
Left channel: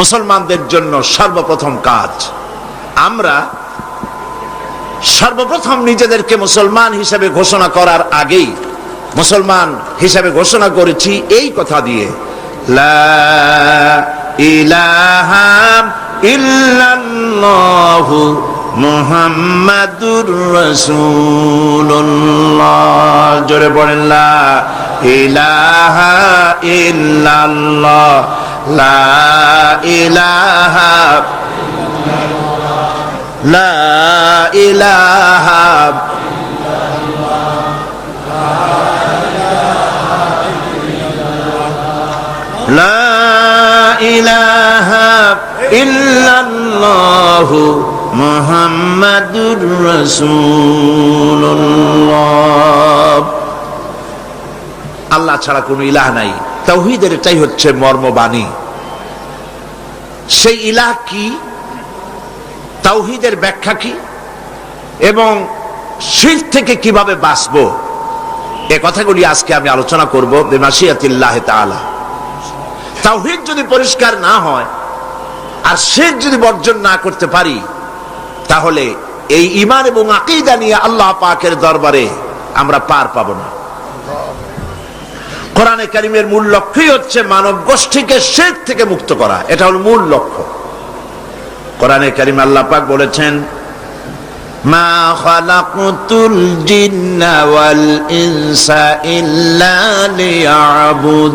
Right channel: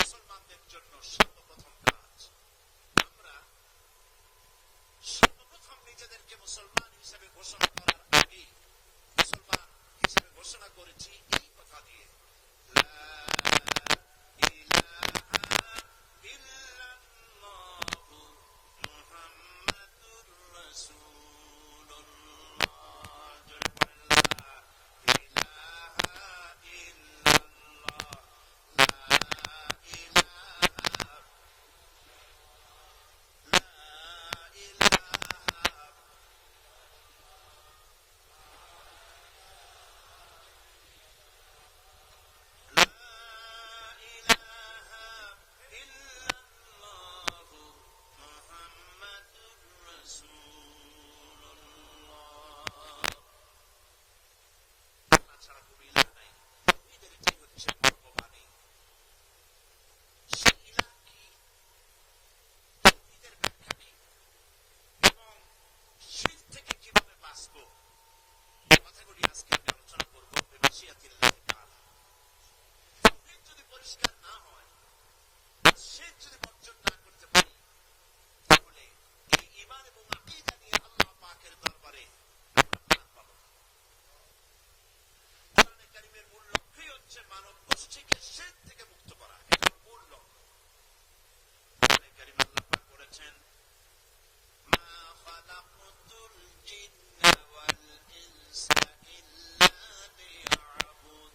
মুসলমানদের জন্য সর্বপ্রথম কাজ। আমরা সর্বপ্রথম নিজেদেরকে মুসলমান হিসেবে ঘোষণা করার আগেই মুসলমান হিসেবে ঘোষণা করেছি এই কথা দিয়ে, লা ইলাহা ইল্লাল্লাহু মুহাম্মাদুর রাসূলুল্লাহ। জোরে বলেন লা ইলাহা ইল্লাল্লাহ, লা ইলাহা, লা ইলাহা, লা ইলাহা ইল্লাল্লাহু মুহাম্মাদুর রাসূলুল্লাহ। আল্লাহ ছাড়া কোনো ইলাহ নাই। তাওহীদের এটাই হচ্ছে মর্মবাণী। সেই ইলাহ কি, তাওহীদের ব্যাখ্যা কি, এবং শিরক থেকে কিভাবে বাঁচবো, এ কথাগুলি আজকে আমি আলোচনা করব বিমাশিয়াতিল্লাহ তাআলা। তাওহীদ যদি পরিষ্কার না হয় আর শিরক যদি বর্জন না করতে পারি, তাহলে এই ঈমান এবং আকীদা নিয়ে আল্লাহ পাকের দরবারে আমরা পার পাবো না। কোরআনে কারীমের মূল লক্ষ্যই হচ্ছে মানব গোষ্ঠীকে শিরক থেকে মুক্ত করা। এটা হলো মূল লক্ষ্য। কোরআনে কারীম আল্লাহ পাক বলেছেন, মা খালাকতুল জিন্না ওয়াল ইনসা ইল্লা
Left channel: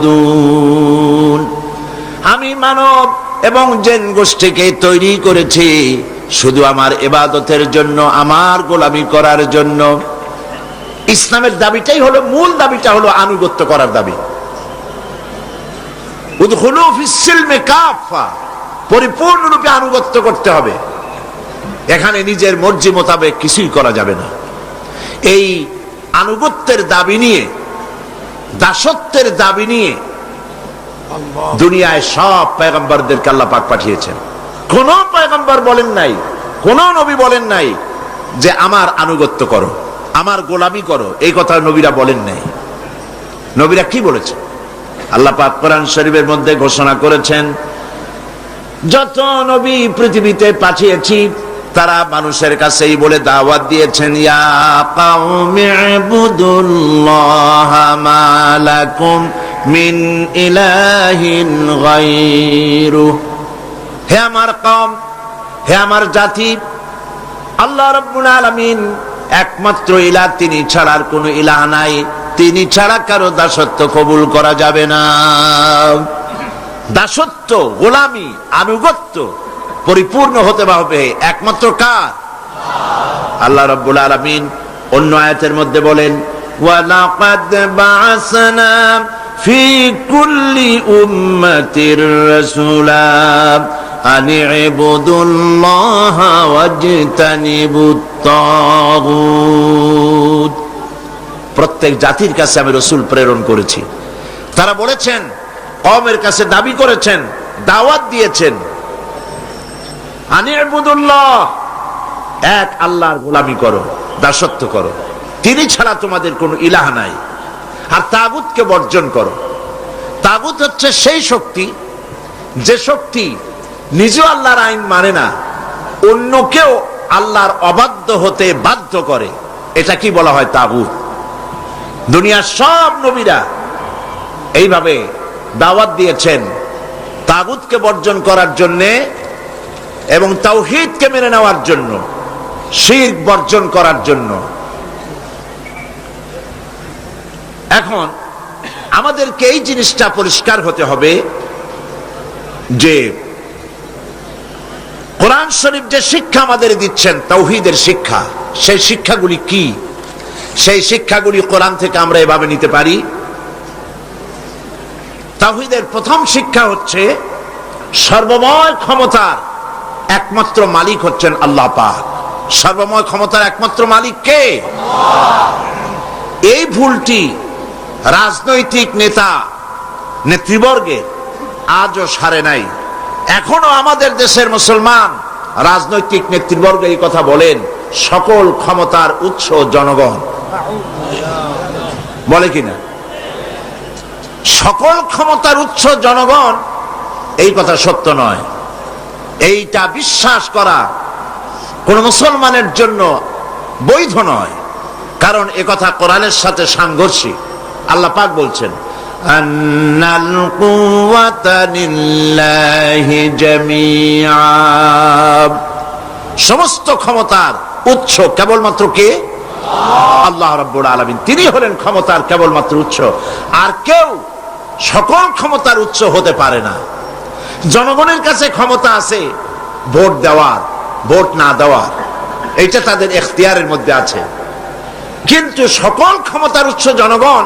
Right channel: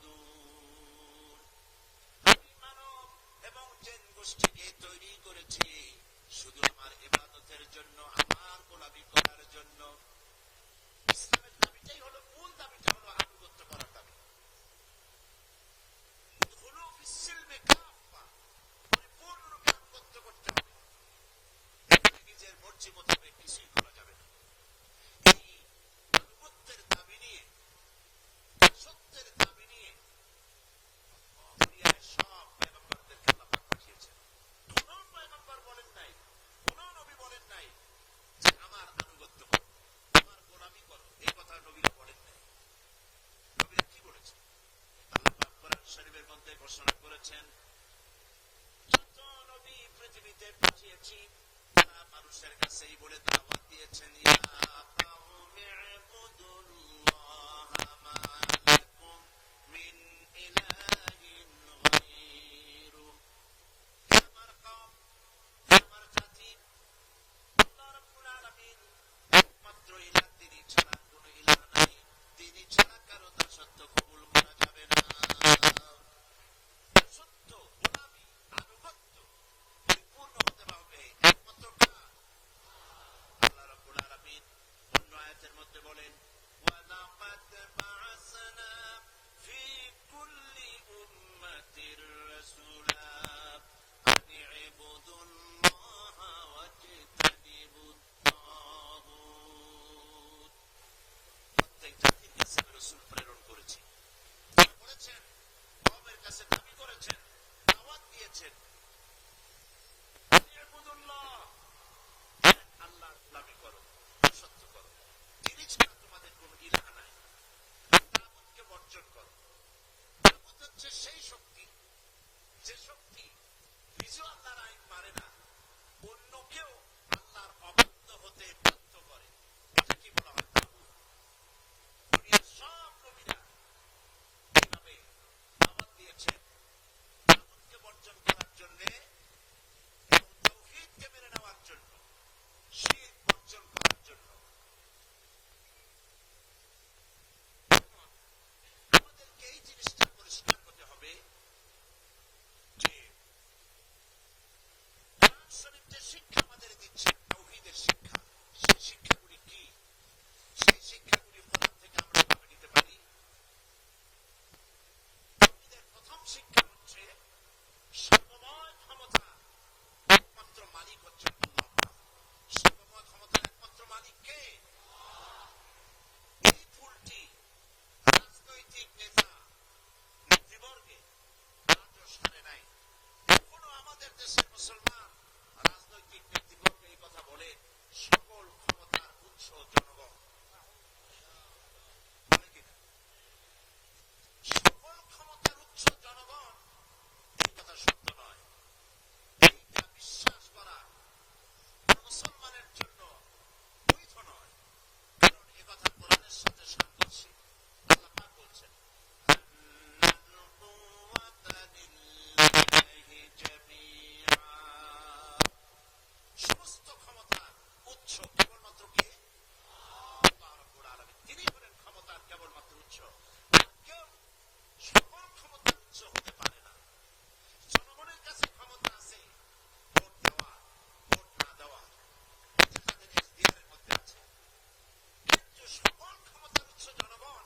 লিয়াবুদুন। আমি মানব এবং জিন গোষ্ঠীকে তৈরি করেছি শুধু আমার ইবাদতের জন্য, আমার গোলামি করার জন্য। ইসলামের দাবিটাই হলো, মূল দাবিটা হলো আনুগত্য করার দাবি। উদখুলু ফিস সিলমি কাফা, পরিপূর্ণরূপে আনুগত্য করতে হবে। এখানে নিজের মর্জি মোতাবেক কিছুই করা যাবে না। এই আনুগত্যের দাবি নিয়ে, দাসত্বের দাবি নিয়ে দুনিয়ায় সব পয়গম্বরদেরকে আল্লাহ পাক পাঠিয়েছেন। কোন পয়গম্বর বলেন নাই, কোন নবী বলেন নাই যে আমার আনুগত্য করো, আমার গোলামি করো। এই কথা নবীরা বলেন নাই। নবীরা কি বলেছেন? আল্লাহ পাক কোরআন শরীফের মধ্যে ঘোষণা করেছেন, যত নবী পৃথিবীতে পাঠিয়েছি তারা মানুষের কাছেই বলে দাওয়াত দিয়েছেন, ইয়া কাওমি ইবুদুল্লাহা মা লাকুম মিন ইলাহিন গায়রু। হে আমার কওম, হে আমার জাতি, আল্লাহ রাব্বুল আলামিন একমাত্র ইলাহ, তিনি ছাড়া আর কোনো ইলাহ নাই। তিনি ছাড়া কারো দাসত্ব কবুল করা যাবে না। দাসত্ব, গোলামি, আনুগত্য পরিপূর্ণ হতে হবে একমাত্র কার? আল্লাহ রাব্বুল আলামিন অন্য আয়াতের মধ্যে বলেন, ওয়ালাকাদ বা'আসনা ফি কুল্লি উম্মাতির রাসূলা আন ইবুদুল্লাহা ওয়াজতানিবুত তাগুত। প্রত্যেক জাতির কাছে আমি রাসূল প্রেরণ করেছি। তারা বলেছেন, কওমের কাছে দাবি করেছেন, দাওয়াত দিয়েছেন, আন ইবুদুল্লাহ, এক আল্লাহর গোলামি করো, দাসত্ব করো, তিনি ছাড়া তোমাদের কোনো ইলাহ নাই, আর তাগুতকে বর্জন করো। তাগুত হচ্ছে সেই শক্তি যে শক্তি নিজেও আল্লাহর আইন মানে না, অন্যকেও আল্লাহর অবাধ্য হতে বাধ্য করে। এটা কি বলা হয়? তাগুত। দুনিয়ার সব নবীরা এইভাবে দাওয়াত দিয়েছেন তাগুতকে বর্জন করার জন্যে এবং তাওহীদকে মেনে নেওয়ার জন্য, শিরক বর্জন করার জন্য। এখন আমাদেরকে এই জিনিসটা পরিষ্কার হতে হবে যে কোরআন শরীফ যে শিক্ষা আমাদের দিচ্ছেন, তাওহীদের শিক্ষা, সেই শিক্ষাগুলি কি? সেই শিক্ষাগুলি কোরআন থেকে আমরা এভাবে নিতে পারি। তাওহীদের প্রথম শিক্ষা হচ্ছে সর্বময় ক্ষমতার একমাত্র মালিক হচ্ছেন আল্লাহ পাক। সর্বময় ক্ষমতার একমাত্র মালিক কে? এই ভুলটি রাজনৈতিক নেতা নেতৃবর্গের আজও সারে নাই। এখনো আমাদের দেশের মুসলমান রাজনৈতিক নেতৃবর্গ এই কথা বলেন, সকল ক্ষমতার উৎস জনগণ। বলে কিনা? সকল ক্ষমতার উৎস জনগণ, এই কথা সত্য নয়। এইটা বিশ্বাস করা কোন মুসলমানের জন্য বৈধ নয়, কারণ একথা কোরআনের সাথে সাংঘর্ষিক। আল্লাহ পাক বলছেন, আন্নাল কুওয়াতা লিল্লাহি জামিআ, সমস্ত ক্ষমতার উৎস কেবলমাত্র কে? আল্লাহ রাব্বুল আলামিন। তিনি হলেন ক্ষমতার কেবলমাত্র উৎস, আর কেউ সকল ক্ষমতার উৎস হতে পারে না। জনগণের কাছে ক্ষমতা আছে ভোট দেওয়ার, ভোট না দেওয়ার, এইটা তাদের এখতিয়ারের মধ্যে আছে, কিন্তু সকল ক্ষমতার উৎস জনগণ,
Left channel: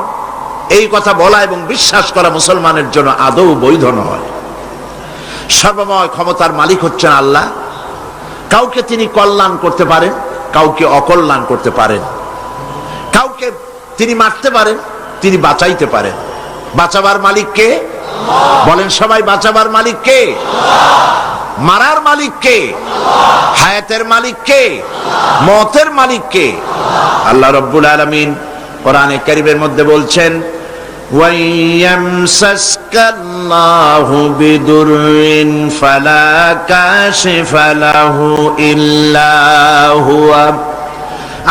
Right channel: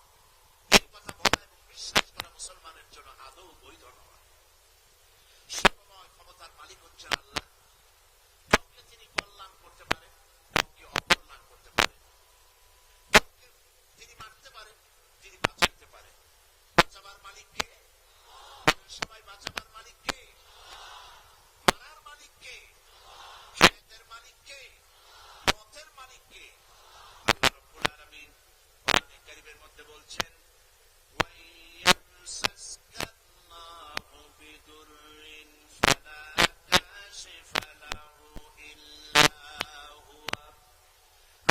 এই কথা বলা এবং বিশ্বাস করা মুসলমানের জন্য আদৌ বৈধ নয়। সর্বময় ক্ষমতার মালিক হচ্ছেন আল্লাহ। কাউকে তিনি কল্যাণ করতে পারেন, কাউকে অকল্যাণ করতে পারেন, কাউকে তিনি মারতে পারেন, তিনি বাঁচাইতে পারেন। বাঁচাবার মালিক কে? বলেন সবাই, বাঁচাবার মালিক কে? মারার মালিক কে? হায়াতের মালিক কে? মওতের মালিক কে? আল্লাহ রাব্বুল আলামিন কোরআনে কারীমের মধ্যে বলছেন, ওয়াইয়ামসাসকাল্লাহু বিদুররিন ফালা কাশিফা লাহু ইল্লা হুয়া।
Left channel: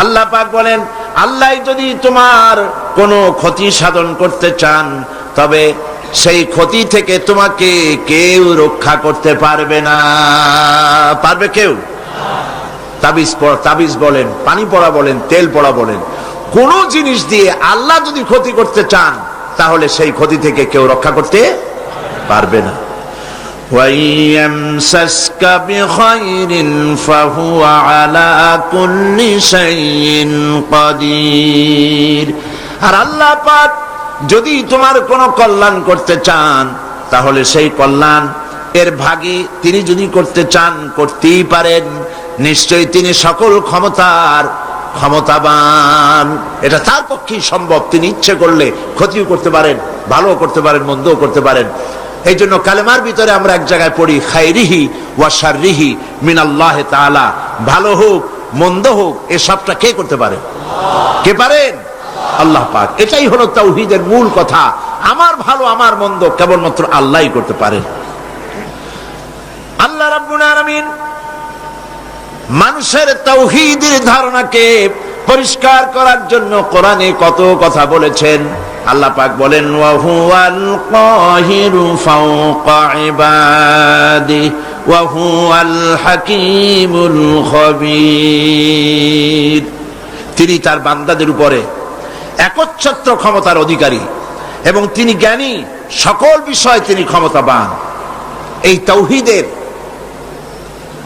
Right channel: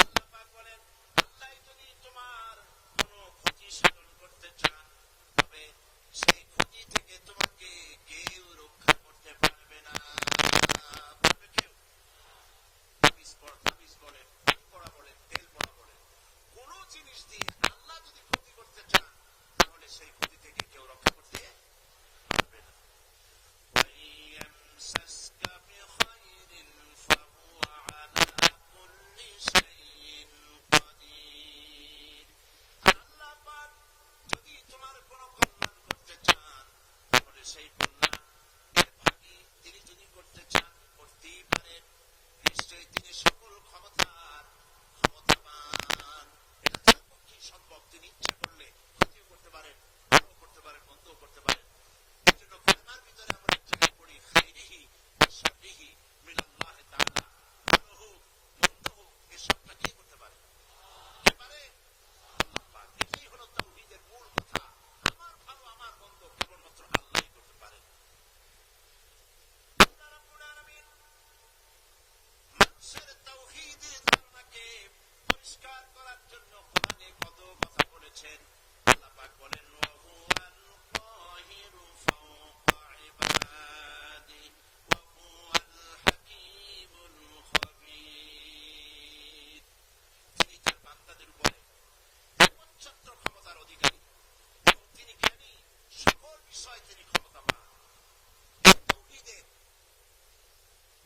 আল্লাহ পাক বলেন, আল্লাহ যদি তোমার কোনো ক্ষতি সাধন করতে চান, তবে সেই ক্ষতি থেকে তোমাকে কেউ রক্ষা করতে পারবে না। পারবে কেউ? তাবিজ বলেন, পানি পড়া বলেন, তেল পড়া বলেন, কোন জিনিস দিয়ে আল্লাহ যদি ক্ষতি করতে চান, তাহলে সেই ক্ষতি থেকে কেউ রক্ষা করতে পারবে না। ওয়াইয়ামসাসকা বিখাইরিন ফাহুয়া আলা কুল্লি শাইইন কাদির। আর আল্লাহ পাক যদি তোমার কোনো কল্যাণ করতে চান, তাহলে সেই কল্যাণ এর ভাগী তিনি যদি করতে চান, করতেই পারেন। নিশ্চয়ই তিনি সকল ক্ষমতার ক্ষমতাবান। এটা তার পক্ষেই সম্ভব। তিনি ইচ্ছে করলে ক্ষতিও করতে পারেন, ভালো করতে পারেন, মন্দও করতে পারেন। এই জন্য কালেমার ভিতরে আমরা এক জায়গায় পড়ি, খাইরিহি ওয়া শাররিহি মিনাল্লাহি তাআলা। ভালো হোক মন্দ হোক, এসবটা কে করতে পারে? কে পারেন? আল্লাহ পাক। এটাই হলো তাওহীদের মূল কথা। আমার ভালো আমার মন্দ কেবলমাত্র আল্লাহই করতে পারেন। আল্লাহ রাব্বুল আলামিন মানুষের তাওহীদের ধারণাকে পরিষ্কার করার জন্য কোরআনে কত কথা বলেছেন। আল্লাহ পাক বলেন, ওয়া হুয়াল কাহিরু ফাওকা ইবাদিহি ওয়া হুয়াল হাকীমুল খাবীর। তিনি তার বান্দাদের উপরে একচ্ছত্র ক্ষমতার অধিকারী এবং তিনি জ্ঞানী, সকল বিষয়ে তিনি ক্ষমতাবান। এই তাওহীদের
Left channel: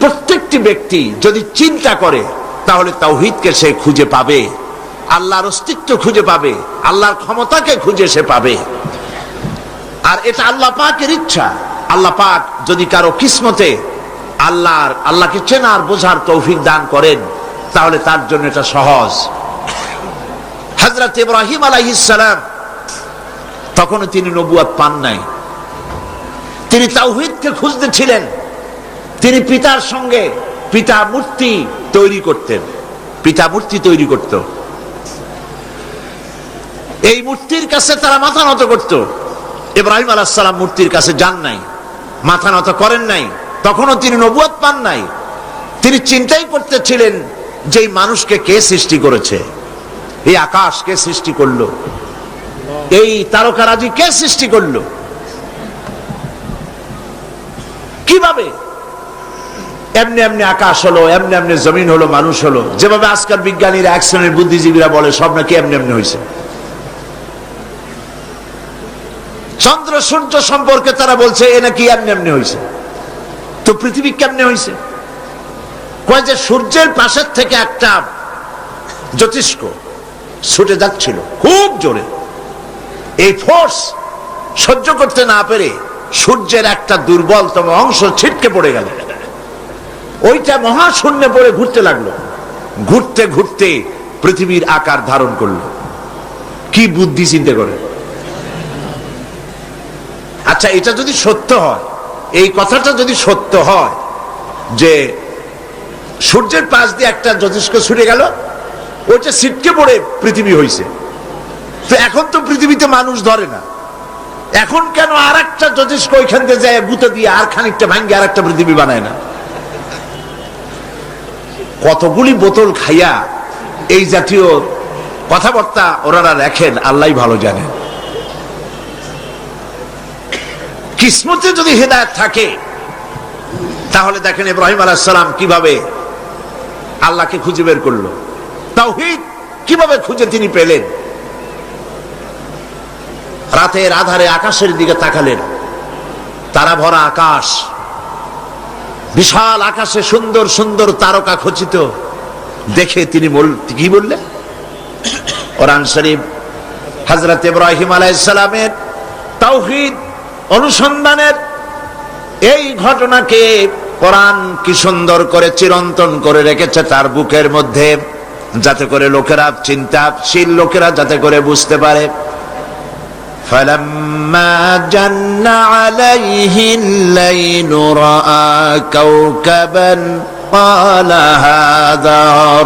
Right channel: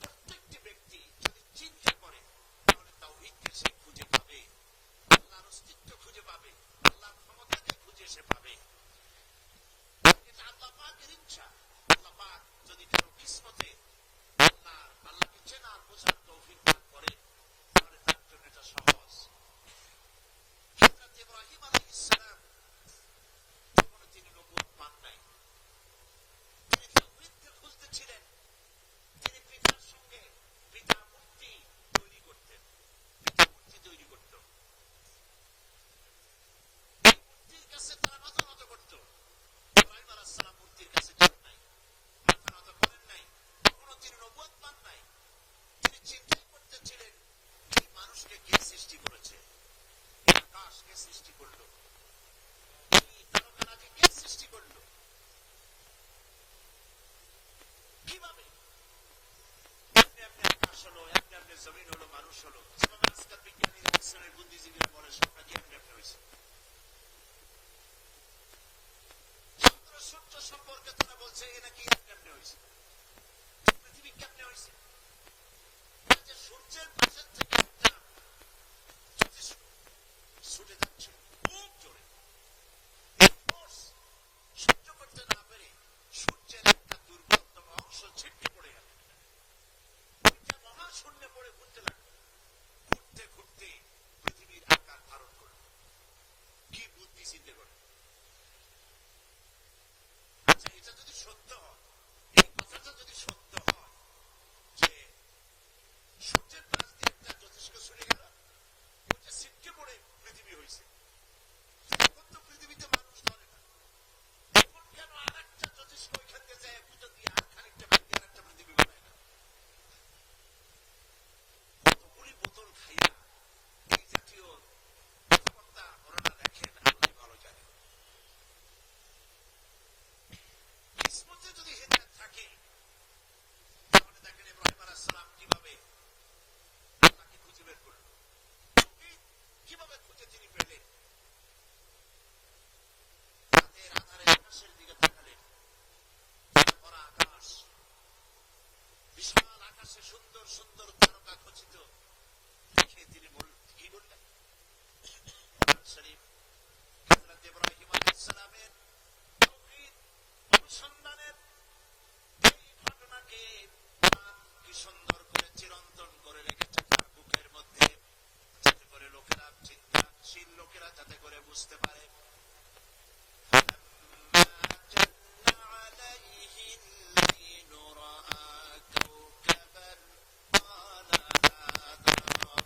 প্রত্যেকটি ব্যক্তি যদি চিন্তা করে তাহলে তাওহীদকে সে খুঁজে পাবে, আল্লাহর অস্তিত্ব খুঁজে পাবে, আল্লাহর ক্ষমতাকে খুঁজে সে পাবে। আর এটা আল্লাহ পাকের ইচ্ছা। আল্লাহ পাক যদি কারো কিসমতে আল্লাহকে চেনার বোঝার তৌফিক দান করেন তাহলে তার জন্য এটা সহজ। হযরত ইব্রাহিম আলাইহিস সালাম তখনও তিনি নবুয়ত পান নাই, তিনি তাওহীদকে খুঁজতেছিলেন। তিনি পিতার সঙ্গে পিতা মূর্তি তৈরি করতেন, পিতা মূর্তি তৈরি করত, এই মূর্তির কাছে তারা মাথা নত করত। ইব্রাহিম আলাইহিস সালাম মূর্তির কাছে যান নাই, মাথা নত করেন নাই, তখনও তিনি নবুয়ত পান নাই। তিনি চিন্তাই করতেছিলেন যে এই মানুষকে কে সৃষ্টি করেছে, এই আকাশ কে সৃষ্টি করলো, এই তারকারাজি কে সৃষ্টি করলো, কিভাবে এমনি এমনি আকাশ হলো, এমনি এমনি জমিন হলো, মানুষ হলো। যেভাবে আজকাল বিজ্ঞানীরা, এক শ্রেণীর বুদ্ধিজীবীরা বলে সব নাকি এমনি এমনি হয়েছে। চন্দ্র সূর্য সম্পর্কে তারা বলছে এ নাকি এমনি এমনি হয়েছে। তো পৃথিবী কেমনে হয়েছে? কয় যে সূর্যের পাশের থেকে একটা জ্যোতিষ্ক ছুটে যাচ্ছিল খুব জোরে, এই ফোর্স সহ্য করতে না পেরে সূর্যের একটা দুর্বলতম অংশ ছিটকে পড়ে গেল, ওইটা মহাশূন্যে পড়ে ঘুরতে লাগলো। ঘুরতে ঘুরতে পৃথিবীর আকার ধারণ করলো। কি বুদ্ধি চিন্তা করে! আচ্ছা, এটা যদি সত্য হয়, এই কথাটা যদি সত্য হয় যে সূর্যের পাশ দিয়ে একটা জ্যোতিষ্ক ছুটে গেল, ওইটা ছিটকে পড়ে পৃথিবী হয়েছে, তো এখন তো পৃথিবীতে মানুষ ধরে না, এখন কেন আর একটা জ্যোতিষ্ক ওইখান থেকে যায় গুঁতো দিয়ে আর খানিকটা ভাঙ্গে আর একটা পৃথিবী বানায় না? কতগুলি বোতল খাইয়া এই জাতীয় কথাবার্তা ওনারা রাখেন, আল্লাহ ভালো জানেন। কিসমতে যদি হিদায়াত থাকে তাহলে দেখেন ইব্রাহিম আলাইহিস সালাম কিভাবে আল্লাহকে খুঁজে বের করলো, তাওহীদ কিভাবে খুঁজে তিনি পেলেন। রাতের আধারে আকাশের দিকে তাকালেন, তারা ভরা আকাশ, বিশাল আকাশে সুন্দর সুন্দর তারকা খচিত দেখে তিনি কি বললেন? কোরআন শরীফ হযরত ইব্রাহিম আলাইহিস সালামের তাওহীদ অনুসন্ধানের এই ঘটনাকে কোরআন কি সুন্দর করে চিরন্তন করে রেখেছে তার বুকের মধ্যে, যাতে করে লোকেরা, চিন্তাশীল লোকেরা যাতে করে বুঝতে পারে। فَلَمَّا جَنَّ عَلَيْهِ اللَّيْلُ رَأَى كَوْكَبًا قَالَ هَذَا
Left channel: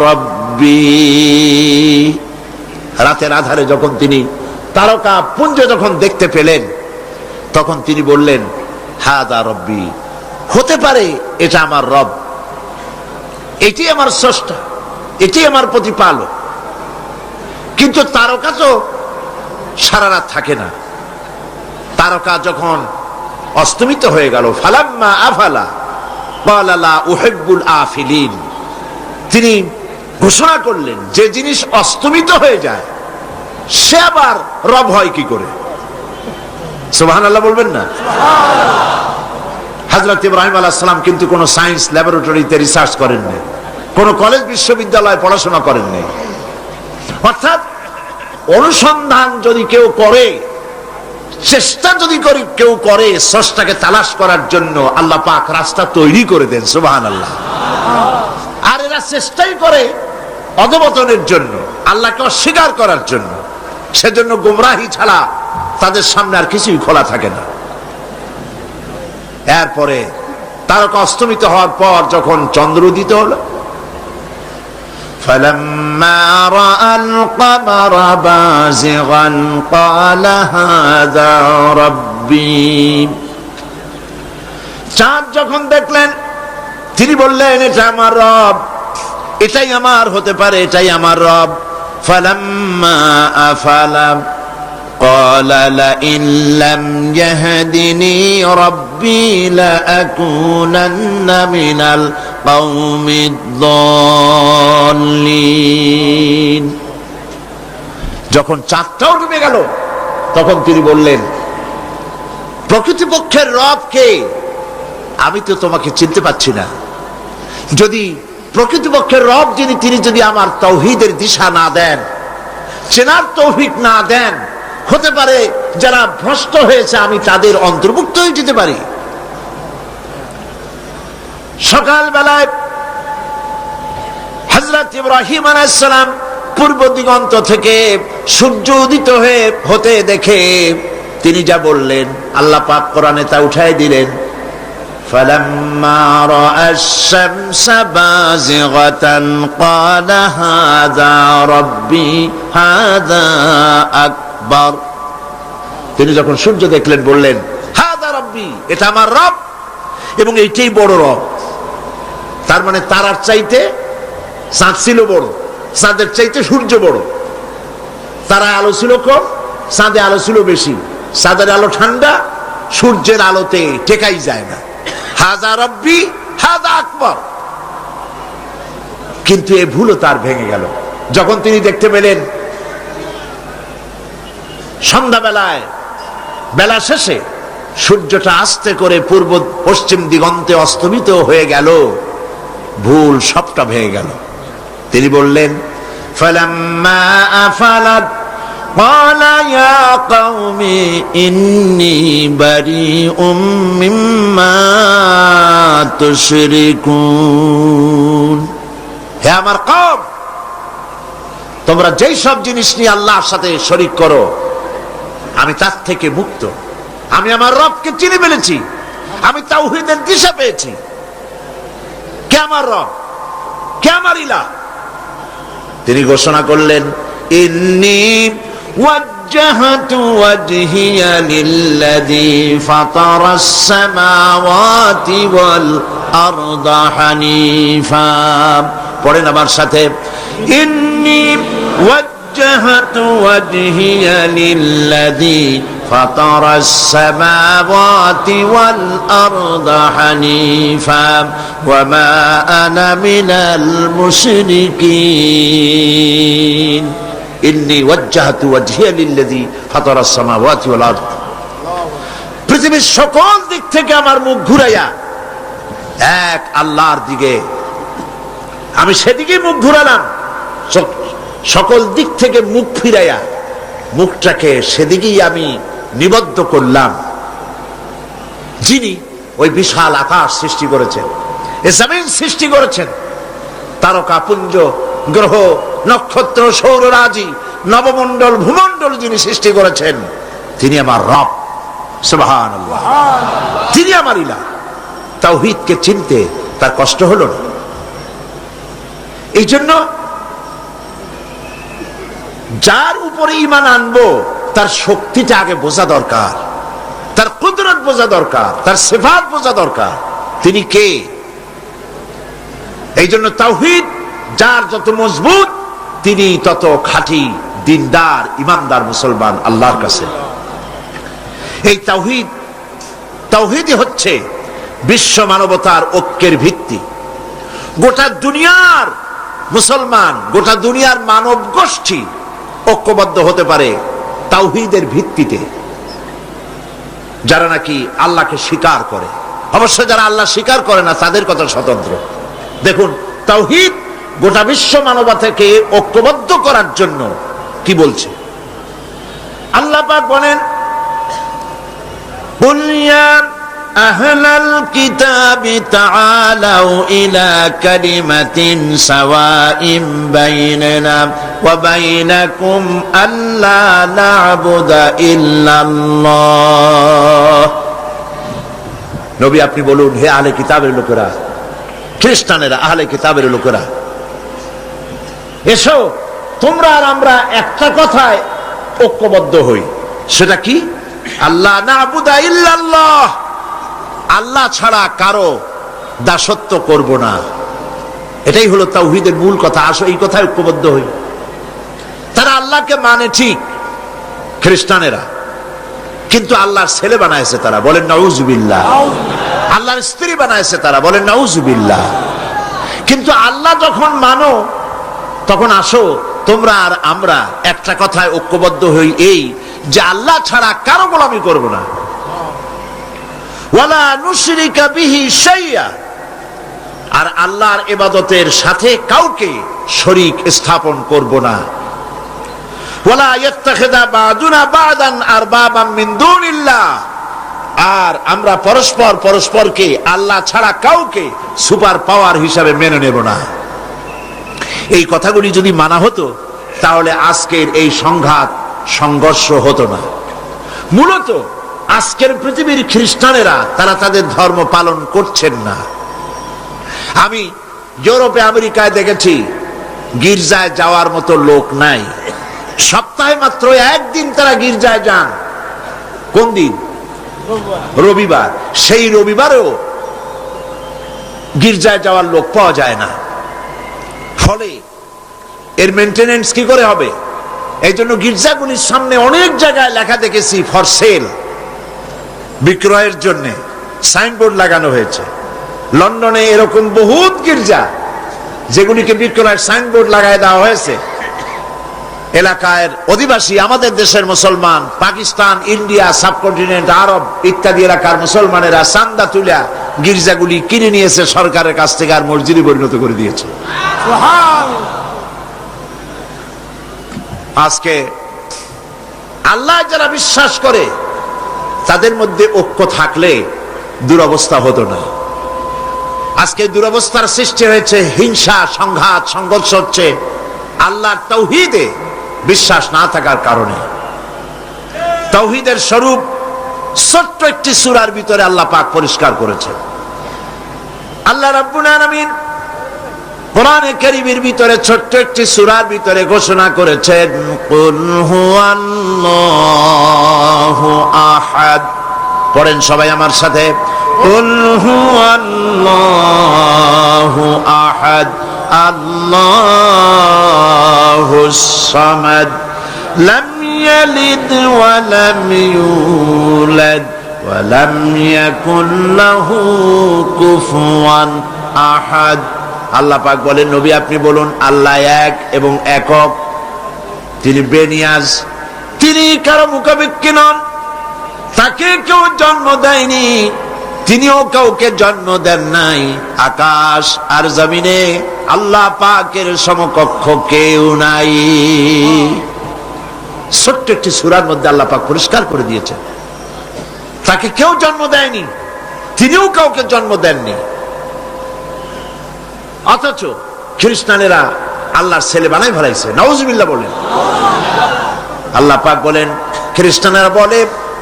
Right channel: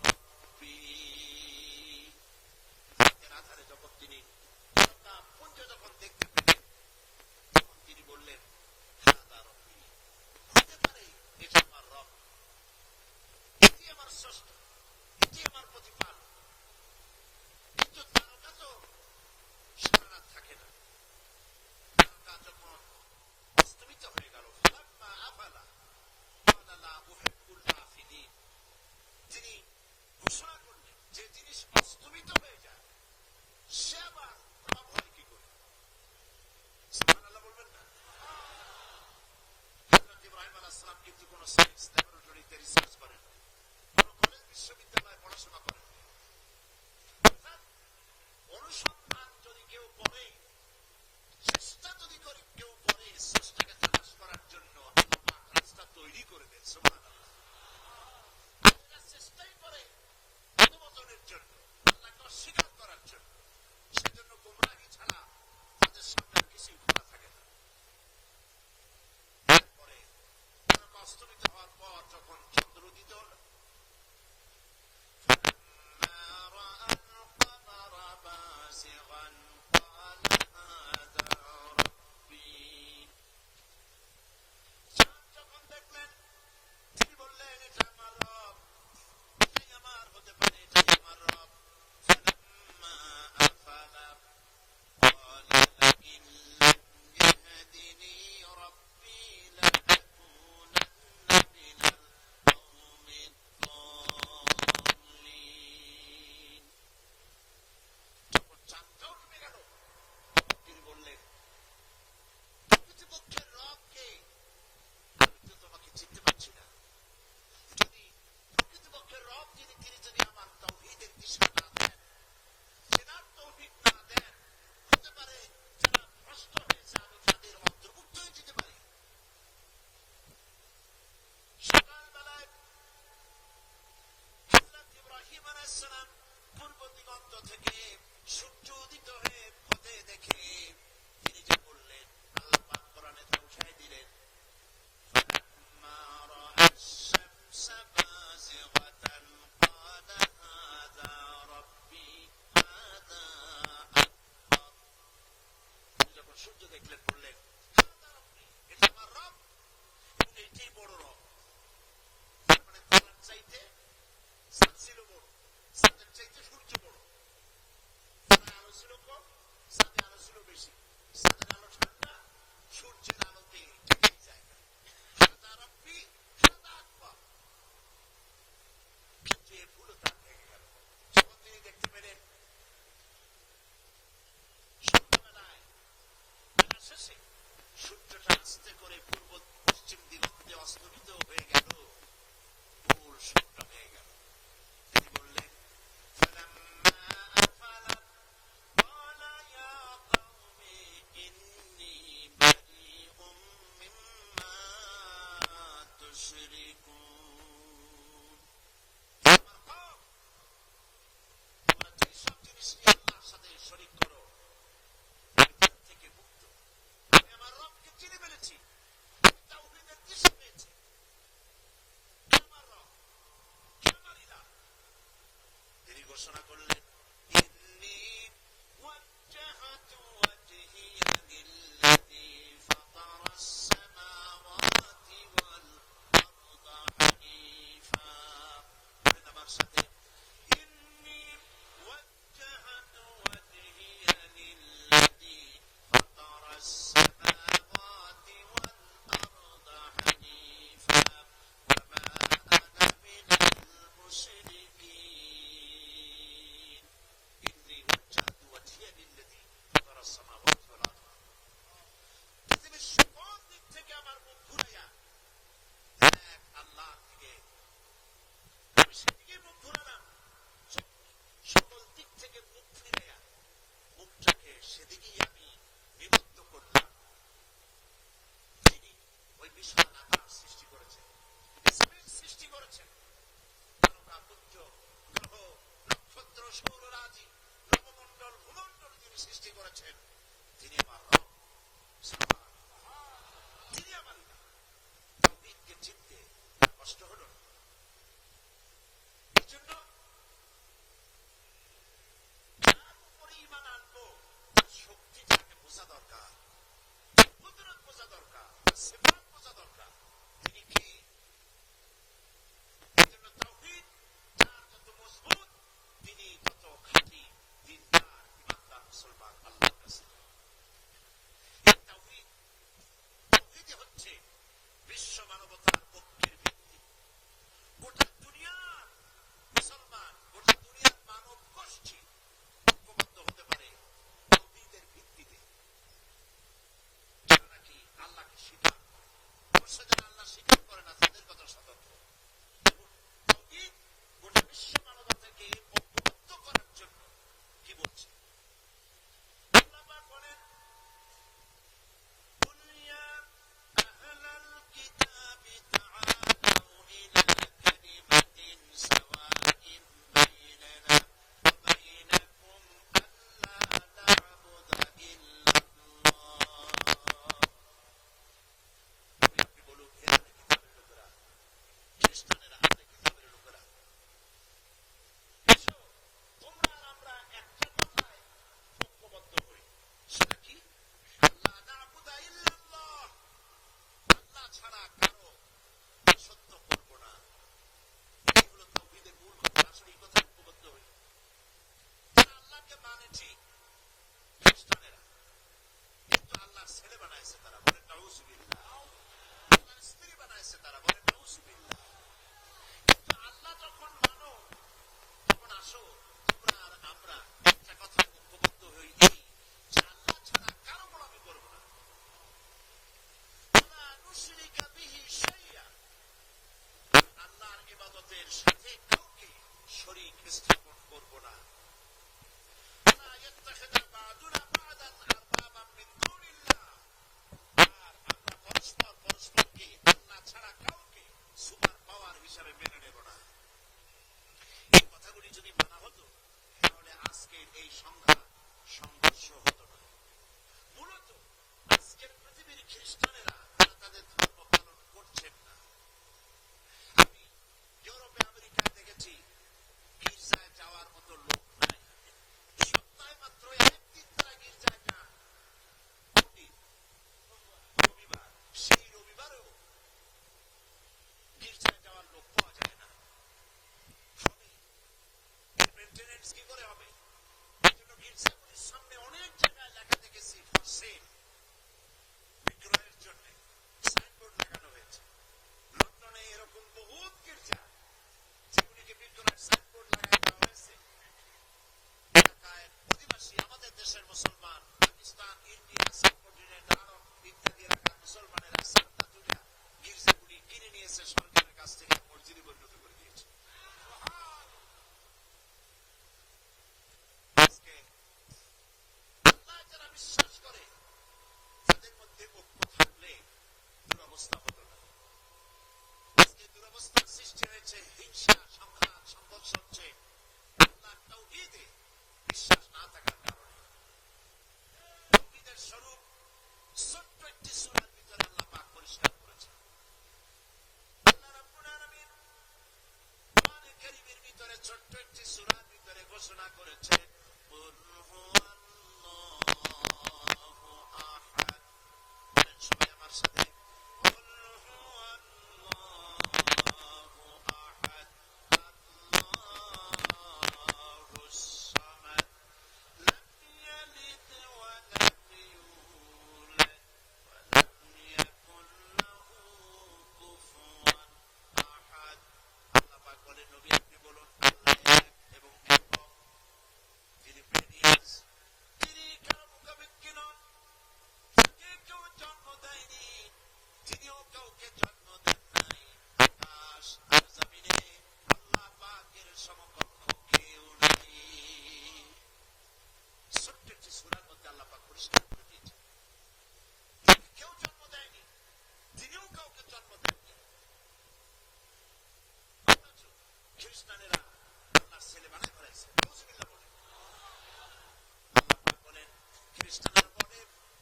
رَبِّي। রাতের আধারে যখন তিনি তারকা পুঞ্জ যখন দেখতে পেলেন তখন তিনি বললেন হাদা রব্বি, হতে পারে এটা আমার রব, এটি আমার স্রষ্টা, এটি আমার প্রতিপালক। কিন্তু তারকা তো সারা রাত থাকে না, তারকা যখন অস্তমিত হয়ে গেল, ফালাম্মা আফালা ক্বালা লা উহিব্বুল আফিলিন, তিনি ঘোষণা করলেন যে জিনিস অস্তমিত হয়ে যায় সে আবার রব হয় কি করে? সুবহানাল্লাহ বলবেন না? হযরত ইব্রাহিম আলাইহিস সালাম কিন্তু কোন সায়েন্স ল্যাবরেটরিতে রিসার্চ করেন নাই, কোন কলেজ বিশ্ববিদ্যালয়ে পড়াশোনা করেন নাই। অর্থাৎ অনুসন্ধান যদি কেউ করে, চেষ্টা যদি কেউ করে স্রষ্টাকে তালাশ করার জন্য, আল্লাহ পাক রাস্তা তৈরি করে দেন। সুবহানাল্লাহ। আর এরা চেষ্টাই করে অধঃপতনের জন্য, আল্লাহকে অস্বীকার করার জন্য। সেজন্য গোমরাহি ছাড়া তাদের সামনে আর কিছুই খোলা থাকে না। এরপরে তারকা অস্তমিত হওয়ার পর যখন চন্দ্র উদিত হলো, فَلَمَّا رَأَى الْقَمَرَ بَازِغًا قَالَ هَذَا رَبِّي। চাঁদ যখন দেখলেন তিনি বললেন এটা আমার রব, এটাই আমার হতে পারে, এটাই আমার রব। فَلَمَّا أَفَلَ قَالَ لَئِن لَّمْ يَهْدِنِي رَبِّي لَأَكُونَنَّ مِنَ الْقَوْمِ الضَّالِّينَ। যখন চাঁদটাও ডুবে গেল তখন তিনি বললেন, প্রকৃতপক্ষের রব কে? আমি তো তোমাকে চিনতে পারছি না। যদি প্রকৃতপক্ষের রব যিনি, তিনি যদি আমার তাওহীদের দিশা না দেন, চেনার তৌফিক না দেন, হতে পারে যারা ভ্রষ্ট হয়েছে আমি তাদের অন্তর্ভুক্ত হয়ে যেতে পারি। সকালবেলায় হযরত ইব্রাহিম আলাইহিস সালাম পূর্ব দিগন্ত থেকে সূর্য উদিত হতে দেখে তিনি যা বললেন, আল্লাহ পাক কোরআনে তা উঠাই দিলেন, فَلَمَّا رَأَى الشَّمْسَ بَازِغَةً قَالَ هَذَا رَبِّي هَذَا أَكْبَرُ। তিনি যখন সূর্য দেখলেন বললেন, হাদা রব্বি, এটা আমার রব এবং এইটাই বড় রব। তার মানে তারার চাইতে চাঁদ ছিল বড়, চাঁদের চাইতে সূর্য বড়। তারা আলো ছিল কম, চাঁদে আলো ছিল বেশি। চাঁদের আলো ঠান্ডা, সূর্যের আলোতে টেকাই যায় না। হাজা রব্বি হাজা আকবর। কিন্তু এই ভুলও তার ভেঙে গেল যখন তিনি দেখতে পেলেন সন্ধ্যাবেলায়, বেলা শেষে সূর্যটা আস্তে করে পূর্ব পশ্চিম দিগন্তে অস্তমিত হয়ে গেল। ভুল সবটা ভেঙে গেল। তিনি বললেন, ফালাম্মা আফালাত قال يا قوم إني بريء مما تشركون। হে আমার কওম, তোমরা যেই সব জিনিস নিয়ে আল্লাহর সাথে শরীক করো আমি তার থেকে মুক্ত। আমি আমার রবকে চিনে ফেলেছি, আমি তাওহীদের দিশা পেয়েছি। কে আমার রব, কে আমার ইলাহ? তিনি ঘোষণা করলেন, ইন্নী وجهت وجهي للذي فطر السماوات والأرض حنيفا। পড়েন আমার সাথে, إني وجهت وجهي للذي فطر السماوات والأرض حنيفا وما أنا من المشركين। ইন্নী ওয়াজ্জাহতু ওয়াজহিয়া লিল্লাযী ফাতারাস সামাওয়াতি ওয়াল আরদ। পৃথিবীর সকল দিক থেকে আমার মুখ ঘুরাইয়া এক আল্লাহর দিকে আমি সেদিকে মুখ ঘুরালাম। সকল দিক থেকে মুখ ফিরাইয়া মুখটাকে সেদিকেই আমি নিবদ্ধ করলাম, যিনি ওই বিশাল আকাশ সৃষ্টি করেছেন, এ জমিন সৃষ্টি করেছেন, তারকাপুঞ্জ, গ্রহ, নক্ষত্র, সৌররাজি, নবমণ্ডল, ভূমণ্ডল যিনি সৃষ্টি করেছেন, তিনি আমার রব। সুবহানাল্লাহ, তিনি আমার ইলাহ। তাওহীদকে চিনতে তার কষ্ট হলো না। এই জন্য যার উপরে ঈমান আনবো তার শক্তিটা আগে বোঝা দরকার, তার কুদরত বোঝা দরকার, তার সিফাত বোঝা দরকার, তিনি কে। এই জন্য তাওহীদ যার যত মজবুত তিনি তত খাঁটি দিনদার ইমানদার মুসলমান আল্লাহর কাছে। এই তাওহীদই হচ্ছে বিশ্ব মানবতার ঐক্যের ভিত্তি। গোটা দুনিয়ার মুসলমান, গোটা দুনিয়ার মানব গোষ্ঠী ঐক্যবদ্ধ হতে পারে তাওহীদের ভিত্তিতে। যারা নাকি আল্লাহকে স্বীকার করে, অবশ্য যারা আল্লাহ স্বীকার করে না তাদের কথা স্বতন্ত্র। দেখুন, তাওহীদ গোটা বিশ্ব মানবতাকে ঐক্যবদ্ধ করার জন্য কি বলছে। আল্লাহ পাক বলেন, কুল ইয়া আহলাল কিতাবি তাআলাউ ইলা কালিমাতিন সাওয়াইন বাইনানা ওয়া বাইনাকুম আল্লা না'বুদা ইল্লাল্লাহ। নবী আপনি বলুন, হে আহলে কিতাবের লোকেরা, খ্রিস্টানেরা, আহলে কিতাবের লোকেরা, এসো তোমরা আর আমরা একটা কথায় ঐক্যবদ্ধ হই। সেটা কি? আল্লাহ না'বুদা ইল্লাল্লাহ, আল্লাহ ছাড়া কারো দাসত্ব করব না। এটাই হলো তাওহীদের মূল কথা। আসো এই কথায় ঐক্যবদ্ধ হই। তারা আল্লাহকে মানে ঠিক, খ্রিস্টানেরা, কিন্তু আল্লাহর ছেলে বানাইছে তারা, বলেন নাউজুবিল্লাহ। আল্লাহর স্ত্রী বানাইছে তারা, বলেন নাউজুবিল্লাহ। কিন্তু আল্লাহ যখন মানো তখন আসো তোমরা আর আমরা একটা কথায় ঐক্যবদ্ধ হই, এই যে আল্লাহ ছাড়া কারো গোলামি করব না। ওয়ালা নুশরিকা বিহি শাইয়া, আর আল্লাহর ইবাদতের সাথে কাউকে শরীক স্থাপন করব না। ওয়ালা ইয়াত্তাখিযা বা'দুনা বা'দান আরবাবাম মিন দুনিল্লাহ, আর আমরা পরস্পর পরস্পরকে আল্লাহ ছাড়া কাউকে সুপার পাওয়ার হিসাবে মেনে নেব না। এই কথাগুলি যদি মানা হতো তাহলে আজকের এই সংঘাত সংঘর্ষ হতো না। মূলত আজকের পৃথিবীর খ্রিস্টানেরা তারা তাদের ধর্ম পালন করছেন না। আমি ইউরোপে আমেরিকায় দেখেছি গির্জায় যাওয়ার মতো লোক নাই। সপ্তাহে মাত্র একদিন তারা গির্জায় যান। কোন দিন? রবিবার। সেই রবিবারেও গির্জায় যাওয়ার লোক পাওয়া যায় না। ফলে এর মেইনটেনেন্স কি করে হবে? এই জন্য গির্জাগুলির সামনে অনেক জায়গায় লেখা দেখেছি ফর সেল, বিক্রয়ের জন্য সাইনবোর্ড লাগানো হয়েছে। লন্ডনে এরকম বহুত গির্জা যেগুলিকে বিক্রয়ের সাইনবোর্ড লাগায় দেওয়া হয়েছে। এলাকার অধিবাসী, আমাদের দেশের মুসলমান, পাকিস্তান, ইন্ডিয়া, সাবকন্টিনেন্ট, আরব ইত্যাদি এলাকার মুসলমানেরা চান্দা তুলে গির্জাগুলি কিনে নিয়েছে সরকারের কাছ থেকে, আর মসজিদে পরিণত করে দিয়েছে। আজকে আল্লাহ যারা বিশ্বাস করে তাদের মধ্যে ঐক্য থাকলে দুরবস্থা হতো না। আজকে দুরবস্থার সৃষ্টি হয়েছে, হিংসা, সংঘাত, সংঘর্ষ হচ্ছে আল্লাহর তাওহীদে বিশ্বাস না থাকার কারণে। তাওহীদের স্বরূপ ছোট্ট একটি সূরার ভিতরে আল্লাহ পাক পরিষ্কার করেছেন। আল্লাহ রাব্বুল আলামিন কোরআনে কারীমের ভিতরে ছোট্ট একটি সূরার ভিতরে ঘোষণা করেছেন, কুল হুয়াল্লাহু আহাদ। পড়েন সবাই আমার সাথে, কুল হুয়াল্লাহু আহাদ আল্লাহুস সামাদ লাম ইয়ালিদ ওয়া লাম ইউলাদ ওয়া লাম ইয়াকুল লাহু কুফুয়ান আহাদ। আল্লাহ পাক বলেন, নবী আপনি বলুন আল্লাহ এক এবং একক, তিনি বেনিয়াজ, তিনি কারো মুখাপেক্ষী নন, তাকে কেউ জন্ম দেয়নি, তিনিও কাউকে জন্ম দেন নাই। আকাশ আর জমিনে আল্লাহ পাকের সমকক্ষ কেউ নাই। ছোট্ট একটি সূরার মধ্যে আল্লাহ পাক পরিষ্কার করে দিয়েছেন তাকে কেউ জন্ম দেয়নি, তিনিও কাউকে জন্ম দেননি। অথচ খ্রিস্টানেরা আল্লাহর ছেলে বানাই ফেলাইছে, নাউজুবিল্লাহ বলেন। আল্লাহ পাক বলেন, খ্রিস্টানেরা বলে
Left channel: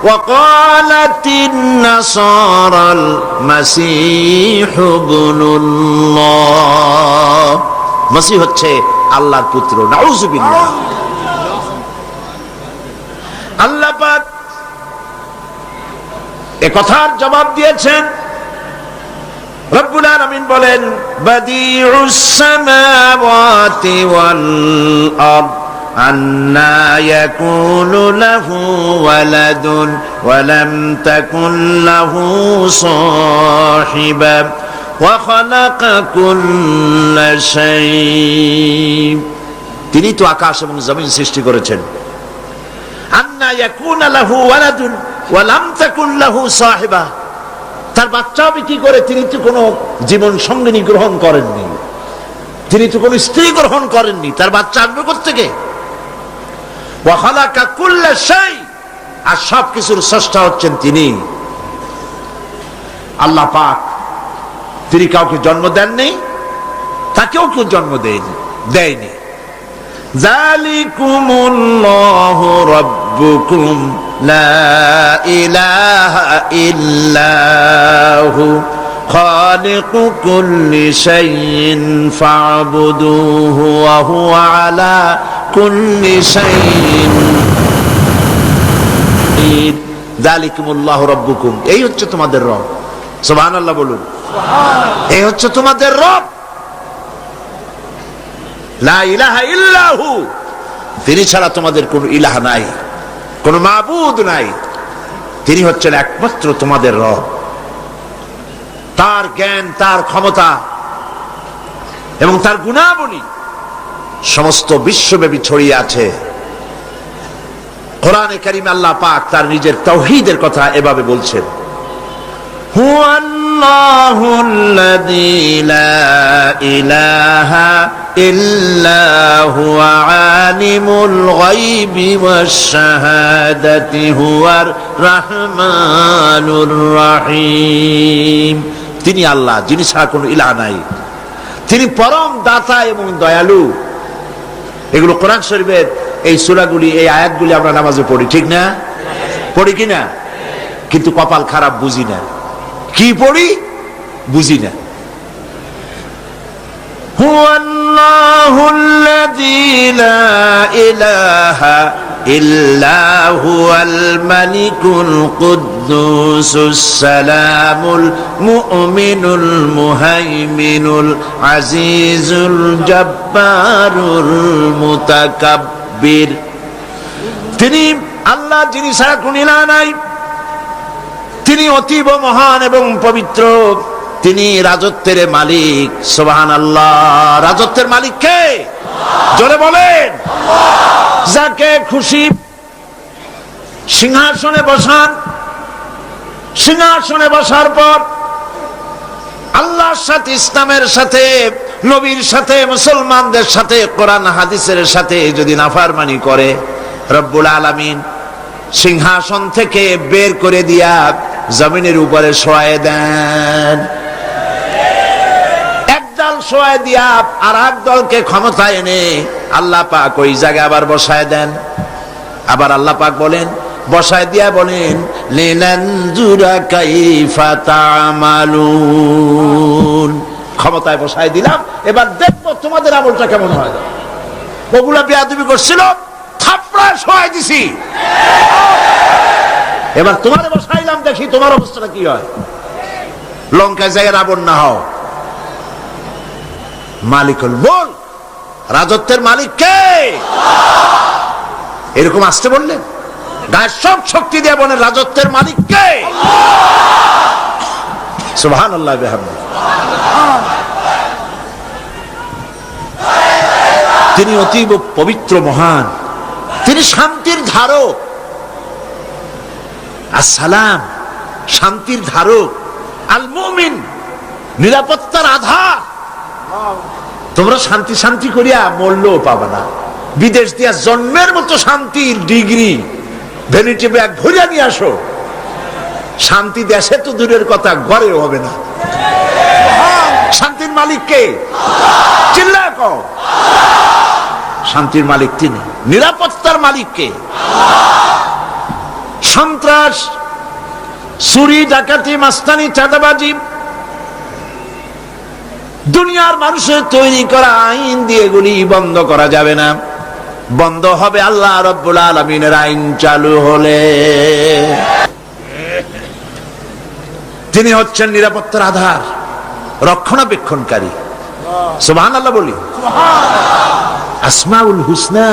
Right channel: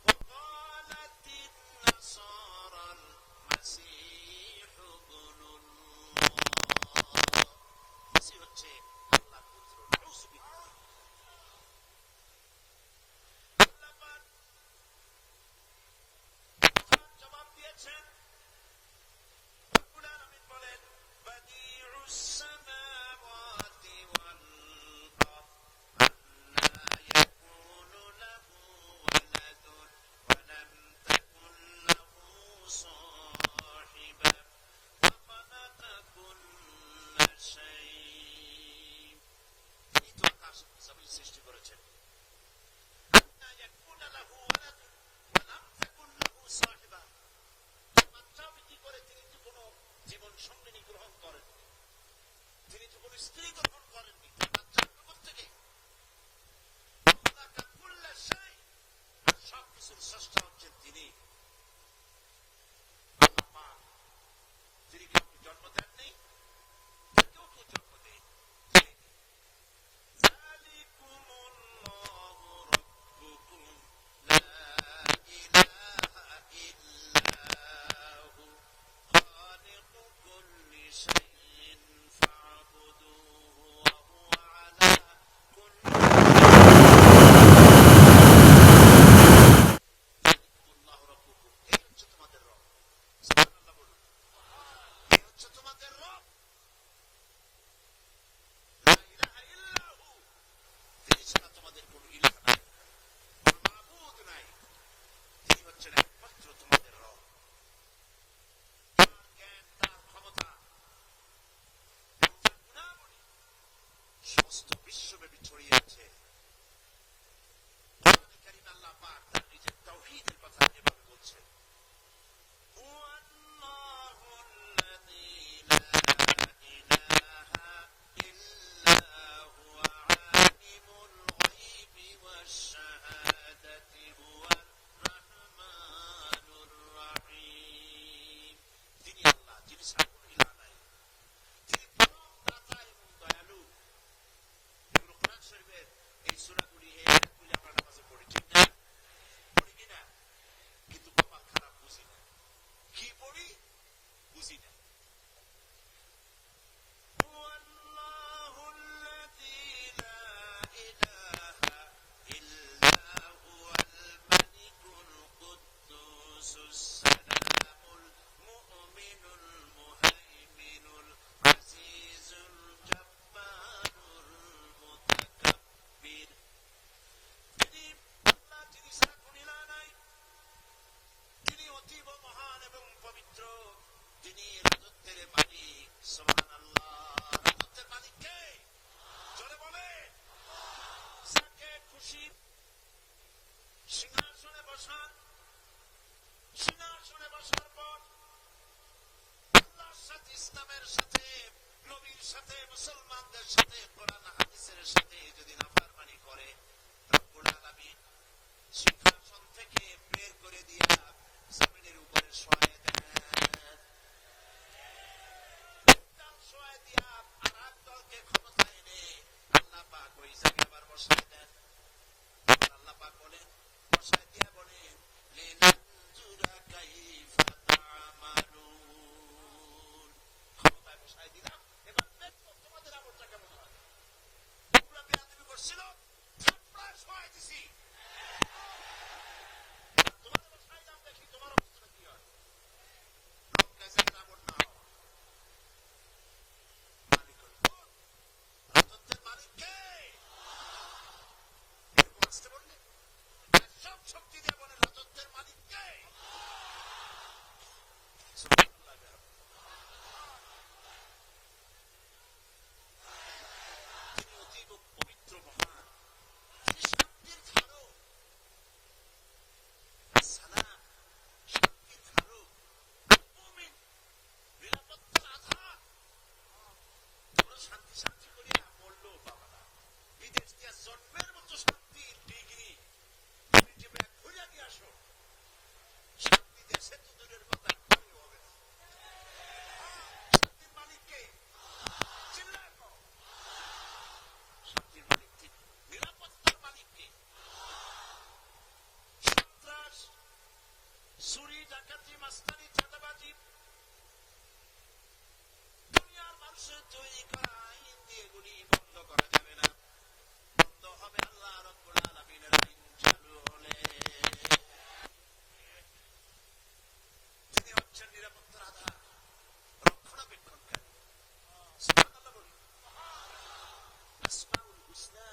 وقالت النصارى المسيح ابن الله, মসিহ হচ্ছে আল্লাহর পুত্র, নাউজুবিল্লাহ। আল্লাহ পাক এ কথার জবাব দিয়েছেন। রব্বুল আলামিন বলেন, বাদিউস সামাওয়াতি ওয়াল আরদ আন্না ইয়াকুনু লাহু ওয়ালাদুন ওয়া লাম তাকুন লাহু সাহিবা ওয়া খালাকা কুল্লা শাই। তিনি তো আকাশ এবং জমিন সৃষ্টি করেছেন। আন্না ইয়াকুনু লাহু ওয়ালাদুন ওয়া লাম তাকুন লাহু সাহিবা, তার বাচ্চা হবে কি করে? তিনি তো কোনো জীবন সঙ্গিনী গ্রহণ করেননি, তিনি তো কোনো স্ত্রী গ্রহণ করেননি, তার বাচ্চা আসবে কোত্থেকে? ওয়া খালাকা কুল্লা শাই, আর সব কিছুর স্রষ্টা হচ্ছেন তিনি আল্লাহ পাক। তিনি কাউকে জন্ম দেননি, তাকেও কেউ জন্ম দেয়নি। যালিকুমুল্লাহু রাব্বুকুম লা ইলাহা ইল্লাহু খালিকু কুল্লি শাইইন ফা'বুদুহু ওয়া হুয়া আলা কুল্লি শাইইন। যালিকুমুল্লাহু রাব্বুকুম, এই হচ্ছে তোমাদের রব। সুবহানাল্লাহ বলুন, এই হচ্ছে তোমাদের রব। লা ইলাহা ইল্লাহু, তিনি ছাড়া তোমাদের কোনো ইলাহ নাই, কোনো মাবুদ নাই, তিনি হচ্ছেন একমাত্র তোমাদের রব। তার জ্ঞান, তার ক্ষমতা এবং তার গুণাবলী সমস্ত বিশ্বব্যাপী ছড়িয়ে আছে। কোরআনে কারিমে আল্লাহ পাক তার নিজের তাওহীদের কথা এভাবে বলছেন, হুয়াল্লাহুল্লাযী লা ইলাহা ইল্লা হুয়া আলিমুল গায়বি ওয়াশ শাহাদাতি হুয়ার রাহমানুর রহিম। তিনি আল্লাহ, যিনি ছাড়া কোনো ইলাহ নাই, তিনি পরম দাতা এবং দয়ালু। এগুলো কোরআন শরীফের এই সূরাগুলি, এই আয়াতগুলি আমরা নামাজে পড়ি, ঠিক না? পড়ি কিনা? কিন্তু কপাল খারাপ, বুঝি না। কি পড়ি? বুঝি না। হুয়াল্লাহুল্লাযী লা ইলাহা ইল্লা হুয়াল মালিকুল কুদ্দুসুস সালামুল মুমিনুল মুহাইমিনুল আজিজুল জব্বারুল মুতাকাব্বির। তিনি আল্লাহ, যিনি ছাড়া কোনো ইলাহ নাই, তিনি অতীব মহান এবং পবিত্র, তিনি রাজত্বের মালিক। সুবহানাল্লাহ। রাজত্বের মালিক কে? জোরে বলেন। যাকে খুশি সিংহাসনে বসান, সিংহাসনে বসার পর আল্লাহর সাথে, ইসলামের সাথে, নবীর সাথে, মুসলমানদের সাথে, কোরআন হাদিসের সাথে যদি নাফরমানি করে, রব্বুল আলামিন সিংহাসন থেকে বের করে দিয়া জমিনের উপরে শোয়ায় দেন। একদল শোয়ায় দিয়া আর এক দলকে ক্ষমতায় এনে আল্লাহ পাক ওই জায়গায় আবার বসায় দেন। আবার আল্লাহ পাক বলেন, বসায় দিয়া বলেন, লিনানজুরা কাইফা তা'মালুন। ক্ষমতায় বসায় দিলাম, এবার দেখবো তোমাদের আমলটা কেমন হয়। ওগুলা বেয়াদবি করছিল, থাপড়ায় শোয়ায় দিছি, এবার তোমার বসাইলাম, দেখি তোমার অবস্থাটা কি হয়। লঙ্কায় যায় রাবণ না হও। মালিকুল মুলক, রাজত্বের মালিক কে? এরকম আসতে বললেন, গায়ের সব শক্তি দিয়ে বলেন, রাজত্বের মালিক কে? সুবহানাল্লাহ বিহামদিহি। তিনি অতীব পবিত্র, মহান, তিনি শান্তির ধারক। আসসালাম, শান্তির ধারক। আল মুমিন, নিরাপত্তার আধার। তোমরা শান্তি শান্তি করিয়া মরলেও পাবে না। বিদেশ দিয়া জন্মের মতো শান্তির ডিগ্রি ভ্যানিটি ব্যাগ ভরিয়া নিয়ে আসো, শান্তি দেশে তো দূরের কথা, ঘরেও হবে না। শান্তির মালিক কে? চিল্লায় কও। শান্তির মালিক তিনি। নিরাপত্তার মালিক কে? সন্ত্রাস, চুরি, ডাকাতি, মাস্তানি, চাঁদাবাজি, দুনিয়ার মানুষের তৈরি করা আইন দিয়ে এগুলি বন্ধ করা যাবে না। বন্ধ হবে আল্লাহ রাব্বুল আলামিনের আইন চালু হলে। তিনি হচ্ছেন নিরাপত্তার আধার, রক্ষণাবেক্ষণকারী। সুবহানাল্লাহ বলি। আসমাউল হুসনা,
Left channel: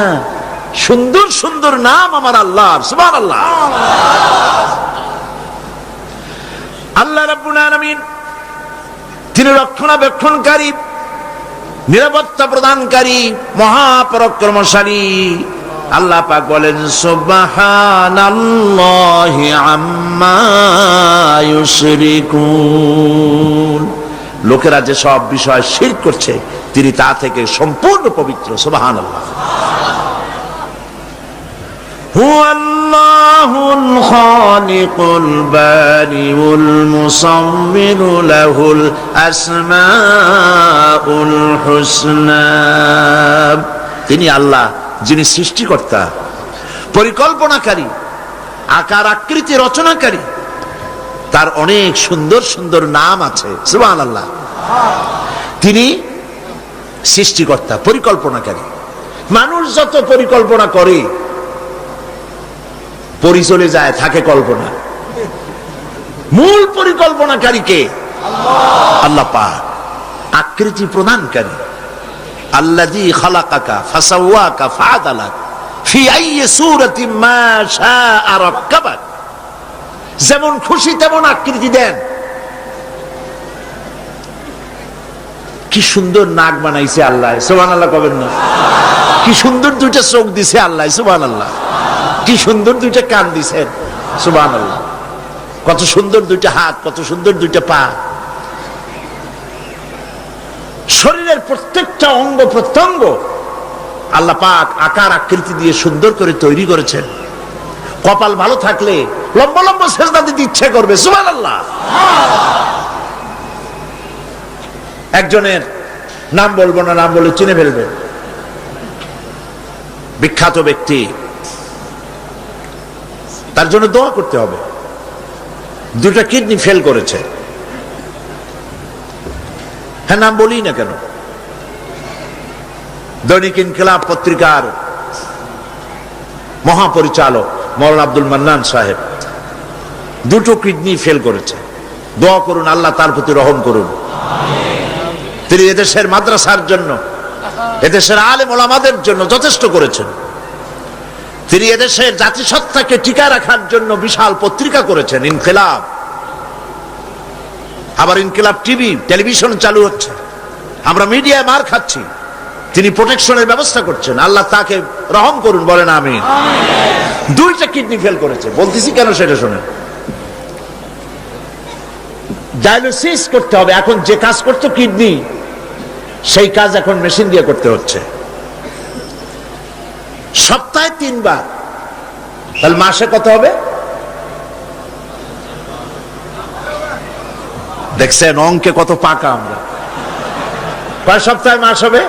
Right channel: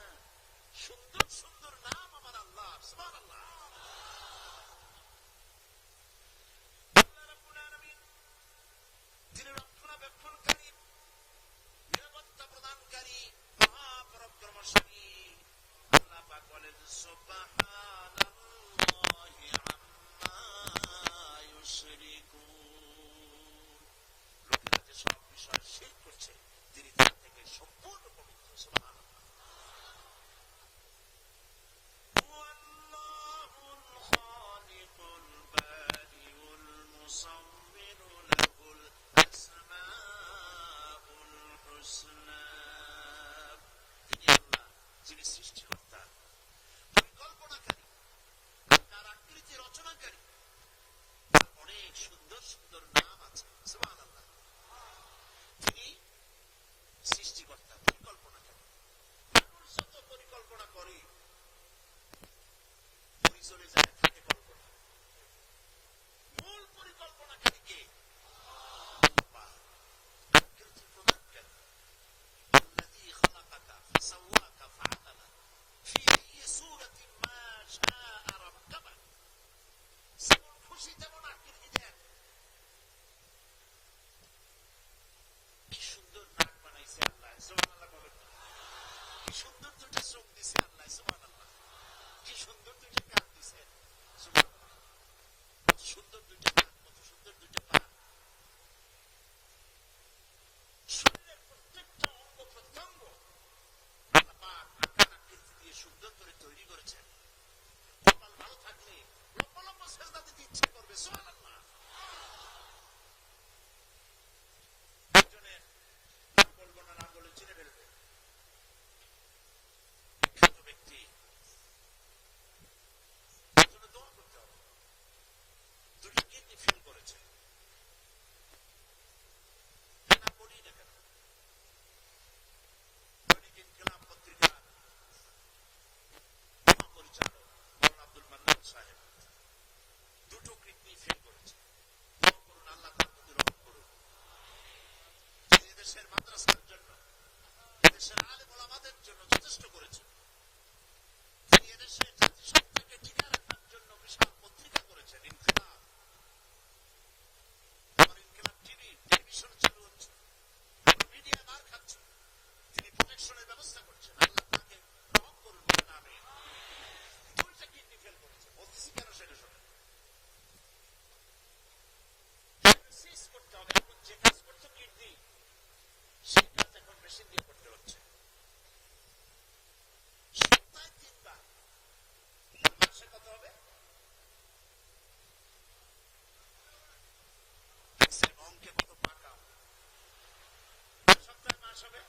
সুন্দর সুন্দর নাম আমার আল্লাহর। সুবহানাল্লাহ। আল্লাহ রাব্বুল আলামিন তিনি রক্ষণাবেক্ষণকারী, নিরাপত্তা প্রদানকারী, মহাপরাক্রমশালী। আল্লাহ পাক বলেন, সুবহানাল্লাহি আম্মা ইউশরিকুন। লোকেরা যে সব বিষয় শিরক করছে, তিনি তা থেকে সম্পূর্ণ পবিত্র। সুবহানাল্লাহ। হুয়াল্লাহুল খালিকুল বারিউল মুসাওবিরু লাহুল আসমাউল হুসনা। তিনি আল্লাহ, যিনি সৃষ্টিকর্তা, পরিকল্পনাকারী, আকার আকৃতি রচনাকারী। তার অনেক সুন্দর সুন্দর নাম আছে। সুবহানাল্লাহ। তিনি সৃষ্টিকর্তা, পরিকল্পনাকারী। মানুষ যত পরিকল্পনা করে, পরি চলে যায়, থাকে কল্পনা। মূল পরিকল্পনাকারী কে? আল্লাহ পাক। আকৃতি প্রদানকারী। আল্লাযী খালাকাকা ফাসাওয়াকা ফাআদালাক ফি আইয়ি সূরাতিন মা শাআ রাক্কাবাক। যেমন খুশি তেমন আকৃতি দেন। কি সুন্দর নাক বানাইছে আল্লাহ। সুবহানাল্লাহ কবেন না? কি সুন্দর দুইটা চোখ দিছে আল্লাহ, সুবহানাল্লাহ। কি সুন্দর দুইটা কান দিছেন, সুবহানাল্লাহ। কত সুন্দর দুইটা হাত, কত সুন্দর দুইটা পা। শরীরের প্রত্যেকটা অঙ্গ প্রত্যঙ্গ আল্লাহ পাক আকার আকৃতি দিয়ে সুন্দর করে তৈরি করেছেন। কপাল ভালো থাকলে লম্বা লম্বা সেজদা দিতে ইচ্ছে করবে, সুবহানাল্লাহ। একজনের নাম বলবো না, নাম বলে চিনে ফেলবে, বিখ্যাত ব্যক্তি, তার জন্য দোয়া করতে হবে। দুটা কিডনি ফেল করেছে। হ্যাঁ, নাম বলি না কেন, দৈনিক ইনকিলাব পত্রিকার মহাপরিচালক মৌলানা আব্দুল মান্নান সাহেব দুটো কিডনি ফেল করেছে। দোয়া করুন, আল্লাহ তার প্রতি রহম করুন। তিনি এদেশের মাদ্রাসার জন্য, এদেশের আলেম ওলামাদের জন্য যথেষ্ট করেছেন। তিনি এদেশের জাতিসত্তাকে টিকা রাখার জন্য বিশাল পত্রিকা করেছেন, ইনকিলাব। আবার ইনকিলাব টিভি, টেলিভিশন চালু হচ্ছে, আমরা মিডিয়ায় মার খাচ্ছি, তিনি প্রোটেকশনের ব্যবস্থা করছেন। আল্লাহ তাকে রহম করুন, বলেন আমিন। দুইটা কিডনি ফেল করেছে। বলতেছি কেন সেটা শুনেন। ডায়ালিসিস করতে হবে। এখন যে কাজ করতো কিডনি, সেই কাজ এখন মেশিন দিয়ে করতে হচ্ছে। সপ্তাহে 3 বার, তাহলে মাসে কত হবে? দেখছেন অঙ্কে কত পাকা আমরা। কয় সপ্তাহে মাস হবে?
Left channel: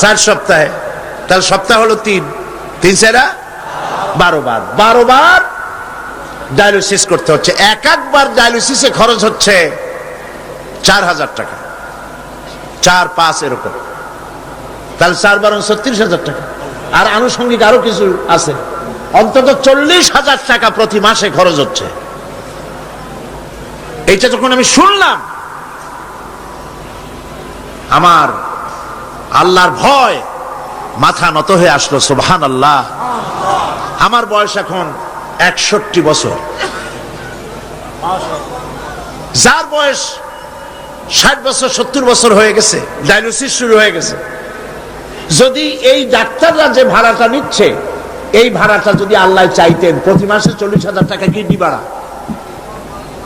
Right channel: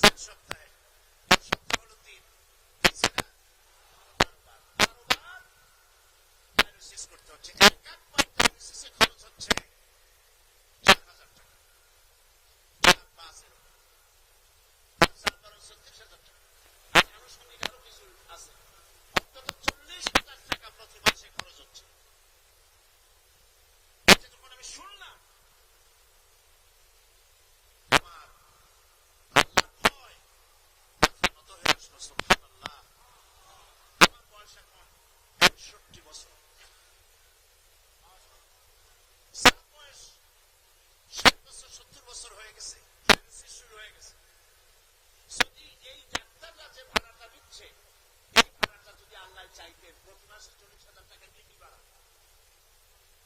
4 সপ্তাহে। তাহলে সপ্তাহ হলো 3, 3 4 12 বার। 12 বার ডায়ালিসিস করতে হচ্ছে। একবার ডায়ালিসিসে খরচ হচ্ছে 4000 টাকা, 4-5 এরকম। তাহলে 4 বার 36,000 টাকা। আর আনুষঙ্গিক আরো কিছু আছে, অন্তত 40,000 টাকা প্রতি মাসে খরচ হচ্ছে। এইটা যখন আমি শুনলাম, আমার আল্লাহর ভয় মাথা নত হয়ে আসলো, সুবহানাল্লাহ। আমার বয়স এখন 61 বছর। যার বয়স 60 বছর 70 বছর হয়ে গেছে, ডায়ালিসিস শুরু হয়ে গেছে। যদি এই ডাক্তাররা যে ভাড়াটা নিচ্ছে, এই ভাড়াটা যদি আল্লাহ চাইতেন, প্রতি মাসে 40,000 টাকা কিডনি ভাড়া,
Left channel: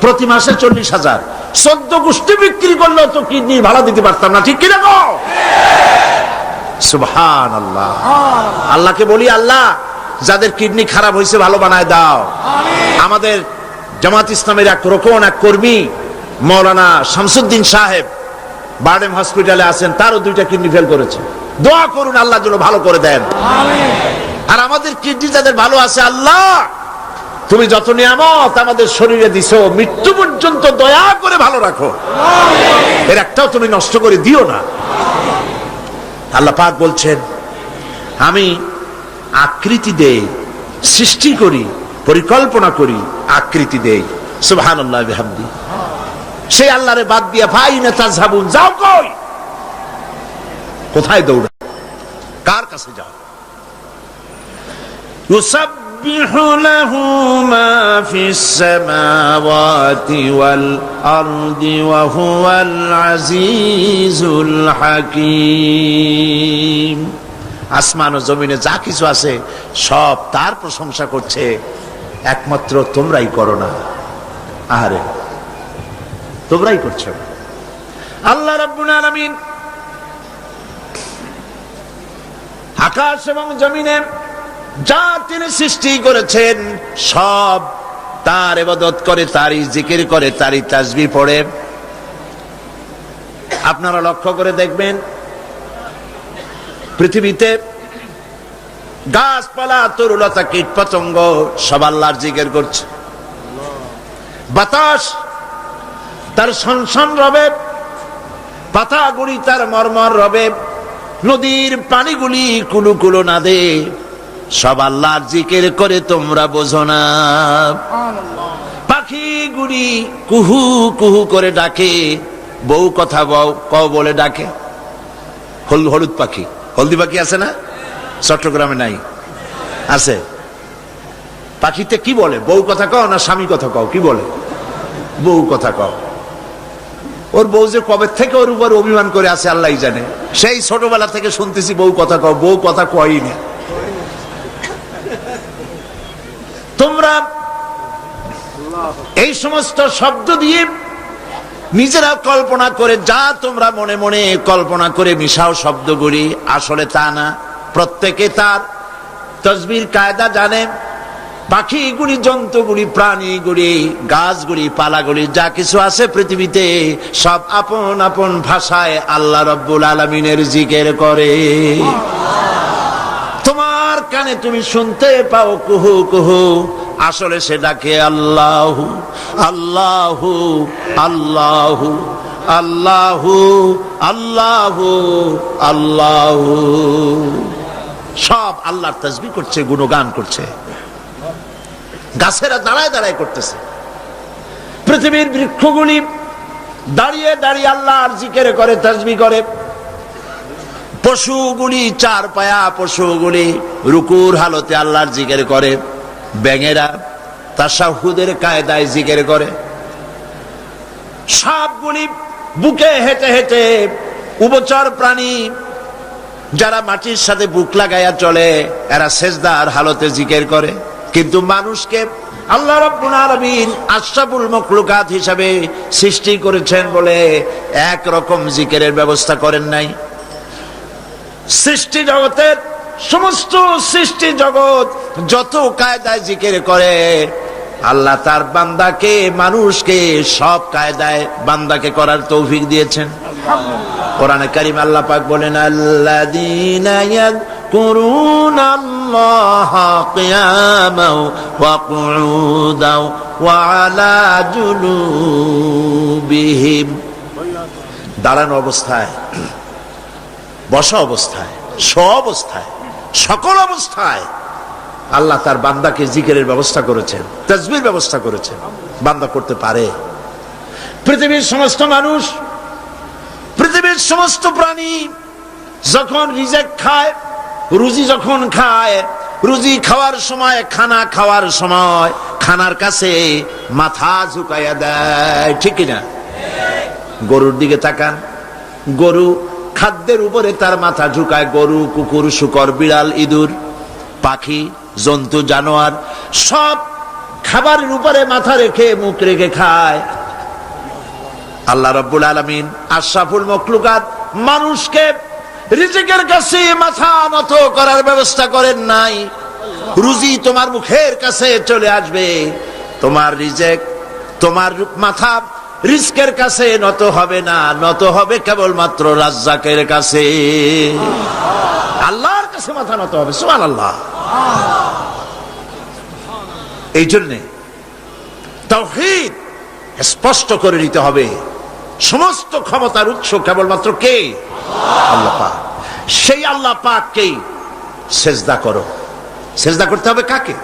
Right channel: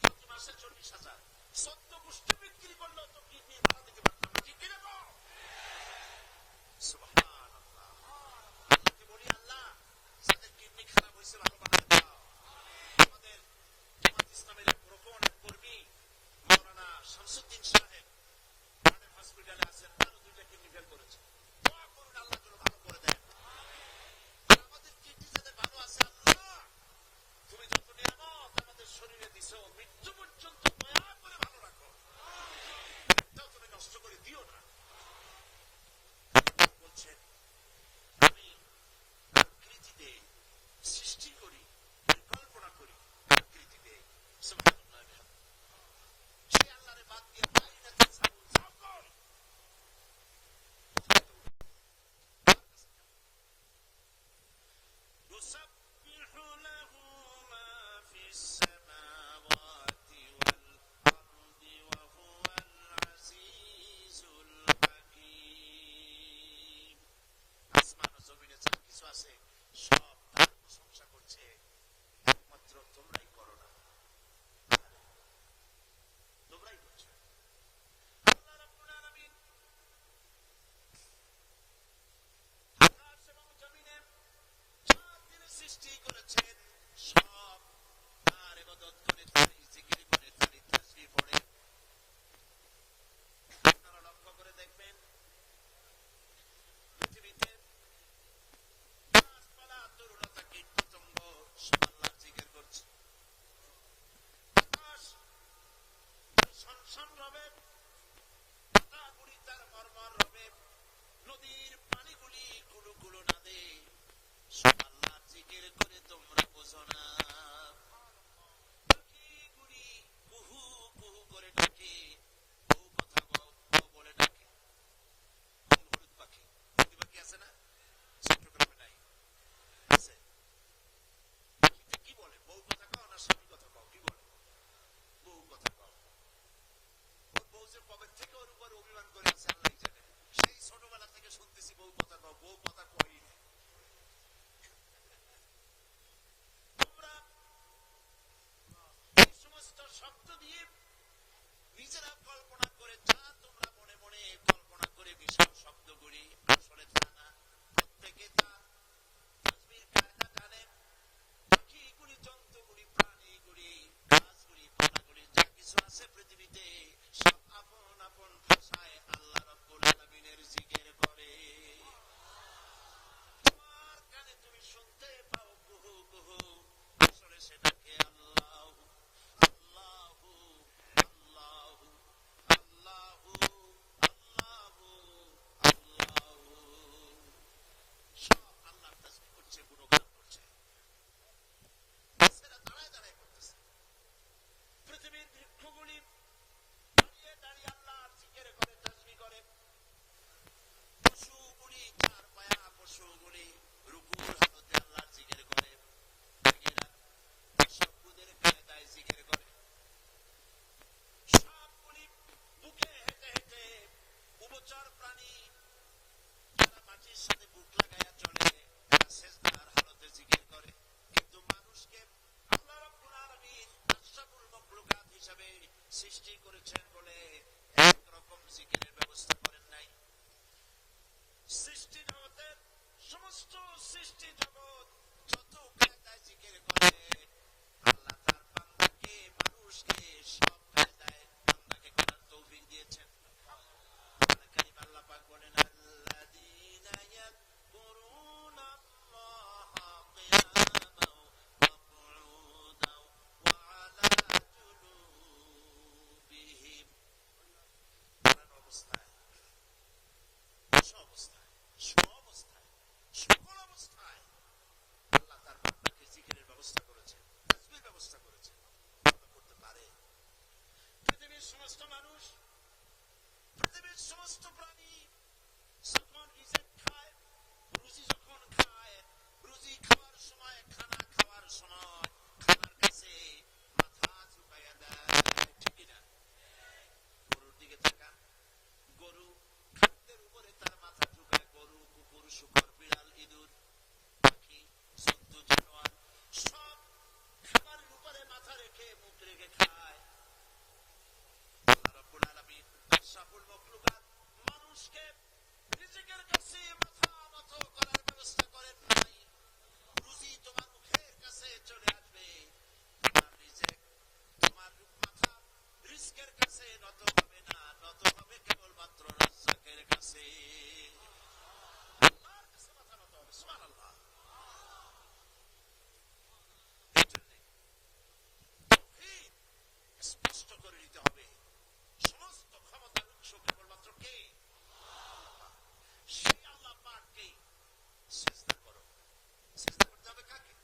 প্রতি মাসে 40,000, 14 গোষ্ঠী বিক্রি করলেও তো কিডনি ভাড়া দিতে পারতাম না, ঠিক কিনা গো? সুবহানাল্লাহ। আল্লাহকে বলি, আল্লাহ যাদের কিডনি খারাপ হয়েছে ভালো বানায় দাও। আমাদের জামাত ইসলামের এক রোকন, এক কর্মী মাওলানা শামসুদ্দিন সাহেব বারডেম হসপিটালে আছেন, তারও 2টা কিডনি ফেল করেছে। দোয়া করুন আল্লাহ যেন ভালো করে দেন। আর আমাদের কিডনি যাদের ভালো আছে, আল্লাহ তুমি যত নিয়ামত আমাদের শরীরে দিছো, মৃত্যু পর্যন্ত দয়া করে ভালো রাখো, এর একটাও তুমি নষ্ট করে দিও না। আল্লাহ পাক বলছেন, আমি আকৃতি দেই, সৃষ্টি করি, পরিকল্পনা করি, আকৃতি দেই। সুবহানাল্লাহ বিহামদি। সেই আল্লাহরে বাদ দিয়া ফাইনা তাযহাবুন, যাও কই? কোথায় দৌড়া? কার কাছে যাও? ইউসাব্বিহু লাহু মা ফিস সামাওয়াতি ওয়াল আরদি ওয়া হুয়াল আজিজুল হাকীম। আসমান ও জমিনে যা কিছু আছে সব তার প্রশংসা করছে, একমাত্র তোমরাই করো না। আহারে, তোমরাই করছো। আল্লাহ রাব্বুল আলামিন আকাশ এবং জমিনে যা তিনি সৃষ্টি করেছেন সব তার ইবাদত করে, তারই জিকির করে, তারই তাসবিহ পড়ে। আপনারা লক্ষ্য করে দেখবেন, পৃথিবীতে গাছপালা, তরুলতা, কীট পতঙ্গ সব আল্লাহর জিকির করছে। বাতাস তার সনসন রবে, পাতাগুলি তার মরমর রবে, নদীর পানিগুলি কুলু কুলু নাদে, সব আল্লাহর জিকির করে, তোমরা বোঝো না। পাখিগুলি কুহু কুহু করে ডাকে, বউ কথা কও বলে ডাকে। হলুদ পাখি, হলদি পাখি আছে না? চট্টগ্রামে নাই? আছে। পাখিতে কি বলে? বউ কথা কও না স্বামী কথা কও? কি বলে? বউ কথা কও। ওর বউ যে কবে থেকে ওর উপর অভিমান করে আছে আল্লাহ জানে। সেই ছোটবেলা থেকে শুনতেছি বউ কথা কও, বউ কথা কয়ই না। তোমরা এই সমস্ত শব্দ দিয়ে নিজেরা কল্পনা করে যা তোমরা মনে মনে কল্পনা করে মিশাও শব্দগুলি, আসলে তা না। প্রত্যেকে তার তাসবির কায়দা জানে। পাখিগুলি, জন্তুগুলি, প্রাণীগুলি, গাছগুলি, পালাগুলি, যা কিছু আছে পৃথিবীতে সব আপন আপন ভাষায় আল্লাহ রাব্বুল আলামিনের জিকির করে। তোমার কানে তুমি শুনতে পাও কুহু কুহু, আসলে সেটাকে আল্লাহু আল্লাহু আল্লাহু আল্লাহু আল্লাহু আল্লাহু, সব আল্লাহর তাসবিহ করছে, গুণগান করছে। গাছেরা দাঁড়ায় দাঁড়ায় করতেছে, পৃথিবীর বৃক্ষগুলি দাঁড়িয়ে দাঁড়িয়ে আল্লাহর জিকির করে, তাসবিহ করে। পশুগুলি, চার পায়া পশুগুলি রুকুর হালতে আল্লাহর জিকির করে। ব্যাঙেরা তাশাহুদের কায়দায় জিকির করে। সাপগুলি বুকে হেঁটে হেঁটে, উভচর প্রাণী যারা মাটির সাথে বুক লাগাইয়া চলে, এরা সেজদার হালতে জিকির করে। কিন্তু মানুষকে আল্লাহ রাব্বুল আলামিন আশরাফুল মাখলুকাত হিসাবে সৃষ্টি করেছেন বলে এক রকম জিকিরের ব্যবস্থা করেন নাই। সৃষ্টি জগতের সমস্ত সৃষ্টি জগৎ যত কায়দায় জিকির করে, আল্লাহ তার বান্দাকে, মানুষকে সব কায়দায় বান্দাকে করার তৌফিক দিয়েছেন। কোরআনে কারীম আল্লাহ পাক বলেন, আল্লাযীনা ইয়াযকুরুনাল্লাহা কিয়ামান ওয়া কুউদান ওয়া আলা জুনুবিহিম, দাঁড়ানো অবস্থায়, বসা অবস্থায়, অবস্থায়, সকল অবস্থায় আল্লাহ তার বান্দাকে জিকিরের ব্যবস্থা করেছেন, তাসবিহর ব্যবস্থা করেছেন। বান্দা করতে পারে। পৃথিবীর সমস্ত মানুষ, পৃথিবীর সমস্ত প্রাণী যখন রিজিক খায়, রুজি যখন খায়, রুজি খাওয়ার সময়, খানা খাওয়ার সময় খানার কাছে মাথা ঝুঁকাইয়া দেয়, ঠিক কিনা? গরুর দিকে তাকান, গরু খাদ্যের উপরে তার মাথা ঝুঁকায়। গরু, কুকুর, শূকর, বিড়াল, ইঁদুর, পাখি, জন্তু, জানোয়ার সব খাবারের উপরে মাথা রেখে, মুখ রেখে খায়। আল্লাহ রাব্বুল আলামিন আশরাফুল মাখলুকাত মানুষকে রিজিকের কাছে মাথা নত করার ব্যবস্থা করেন নাই। রুজি তোমার মুখের কাছে চলে আসবে, তোমার রিজিক, তোমার মাথা রিজকের কাছে নত হবে না, নত হবে কেবলমাত্র রাজ্জাকের কাছে, আল্লাহর কাছে মাথা নত হবে। সুবহানাল্লাহ। এই জন্যে তাওহীদ স্পষ্ট করে নিতে হবে, সমস্ত ক্ষমতার উৎস কেবলমাত্র কে? আল্লাহ পাক। সেই আল্লাহ পাককেই সেজদা করো। সেজদা করতে হবে কাকে?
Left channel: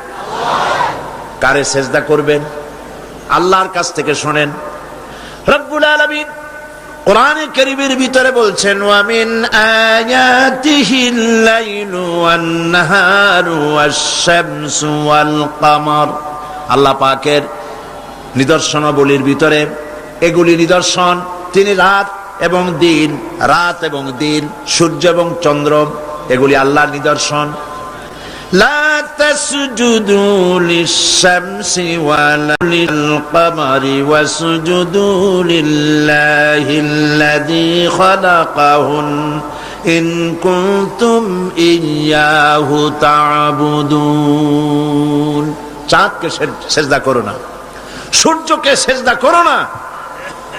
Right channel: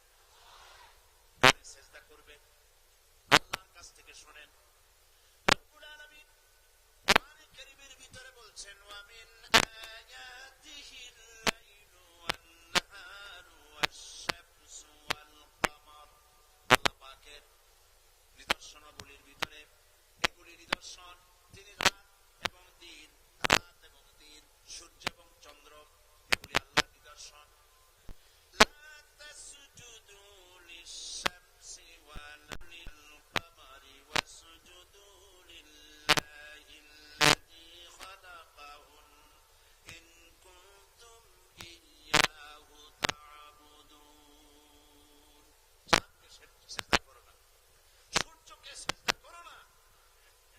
কারে সেজদা করবেন? আল্লাহর কাছ থেকে শোনেন। রব্বুল আলামিন কোরআনে কারীমের ভিতরে বলছেন, ওয়া মিন আয়াতিহিল লাইলু ওয়ান নাহারু ওয়াশ-শামসু ওয়াল কমর। আল্লাহ পাকের নিদর্শনাবলীর ভিতরে এগুলি নিদর্শন, তিনি রাত এবং দিন, রাত এবং দিন, সূর্য এবং চন্দ্র, এগুলি আল্লাহর নিদর্শন। লা তাসজুদু লিশ-শামসি ওয়ালা লিল-কমারি ওয়াসজুদু লিল্লাহিল্লাযী খালাকাহুন ইন কুনতুম ইয়্যাহু তা'বুদুন। চাঁদকে সেজদা করো না, সূর্যকে সেজদা করো না,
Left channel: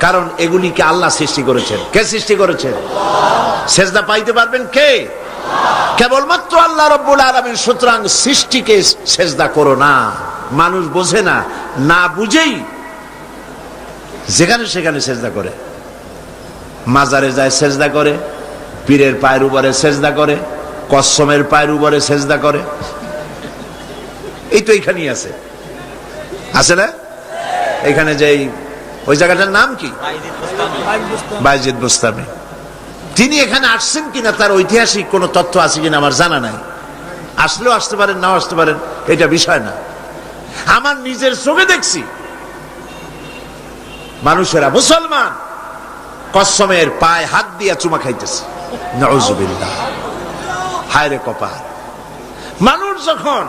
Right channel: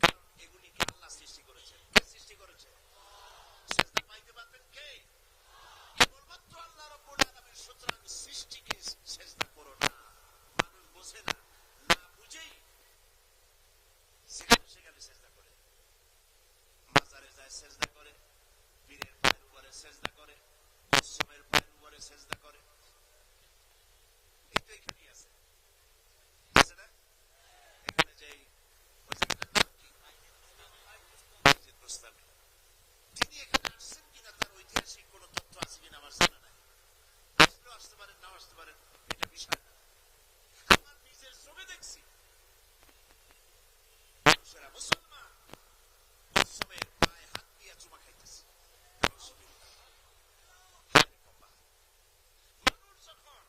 কারণ এগুলিকে আল্লাহ সৃষ্টি করেছেন। কে সৃষ্টি করেছেন? সেজদা পাইতে পারবেন কে? কেবলমাত্র আল্লাহ রাব্বুল আলামিন। সুতরাং সৃষ্টিকে সেজদা করো না। মানুষ বোঝে না, না বুঝেই যেখানে সেখানে সেজদা করে। মাজারে যায় সেজদা করে, পীরের পায়ের উপরে সেজদা করে, কসমের পায়ের উপরে সেজদা করে। এই তো এইখানেই আছে, আছে না? এখানে যে ওই জায়গাটার নাম কি? বায়জিদ বুস্তামি। তিনি এখানে আসছেন কিনা তার ঐতিহাসিক কোন তথ্য আছে কিনা আমার জানা নাই। আসলেও আসতে পারেন, নাও আসতে পারেন, এটা বিষয় না। আমার নিজের চোখে দেখছি মানুষেরা, মুসলমান কসমের পায়ে হাত দিয়া চুমা খাইতেছে। নাউজুবিল্লাহ। হায় রে কপাল। মানুষ যখন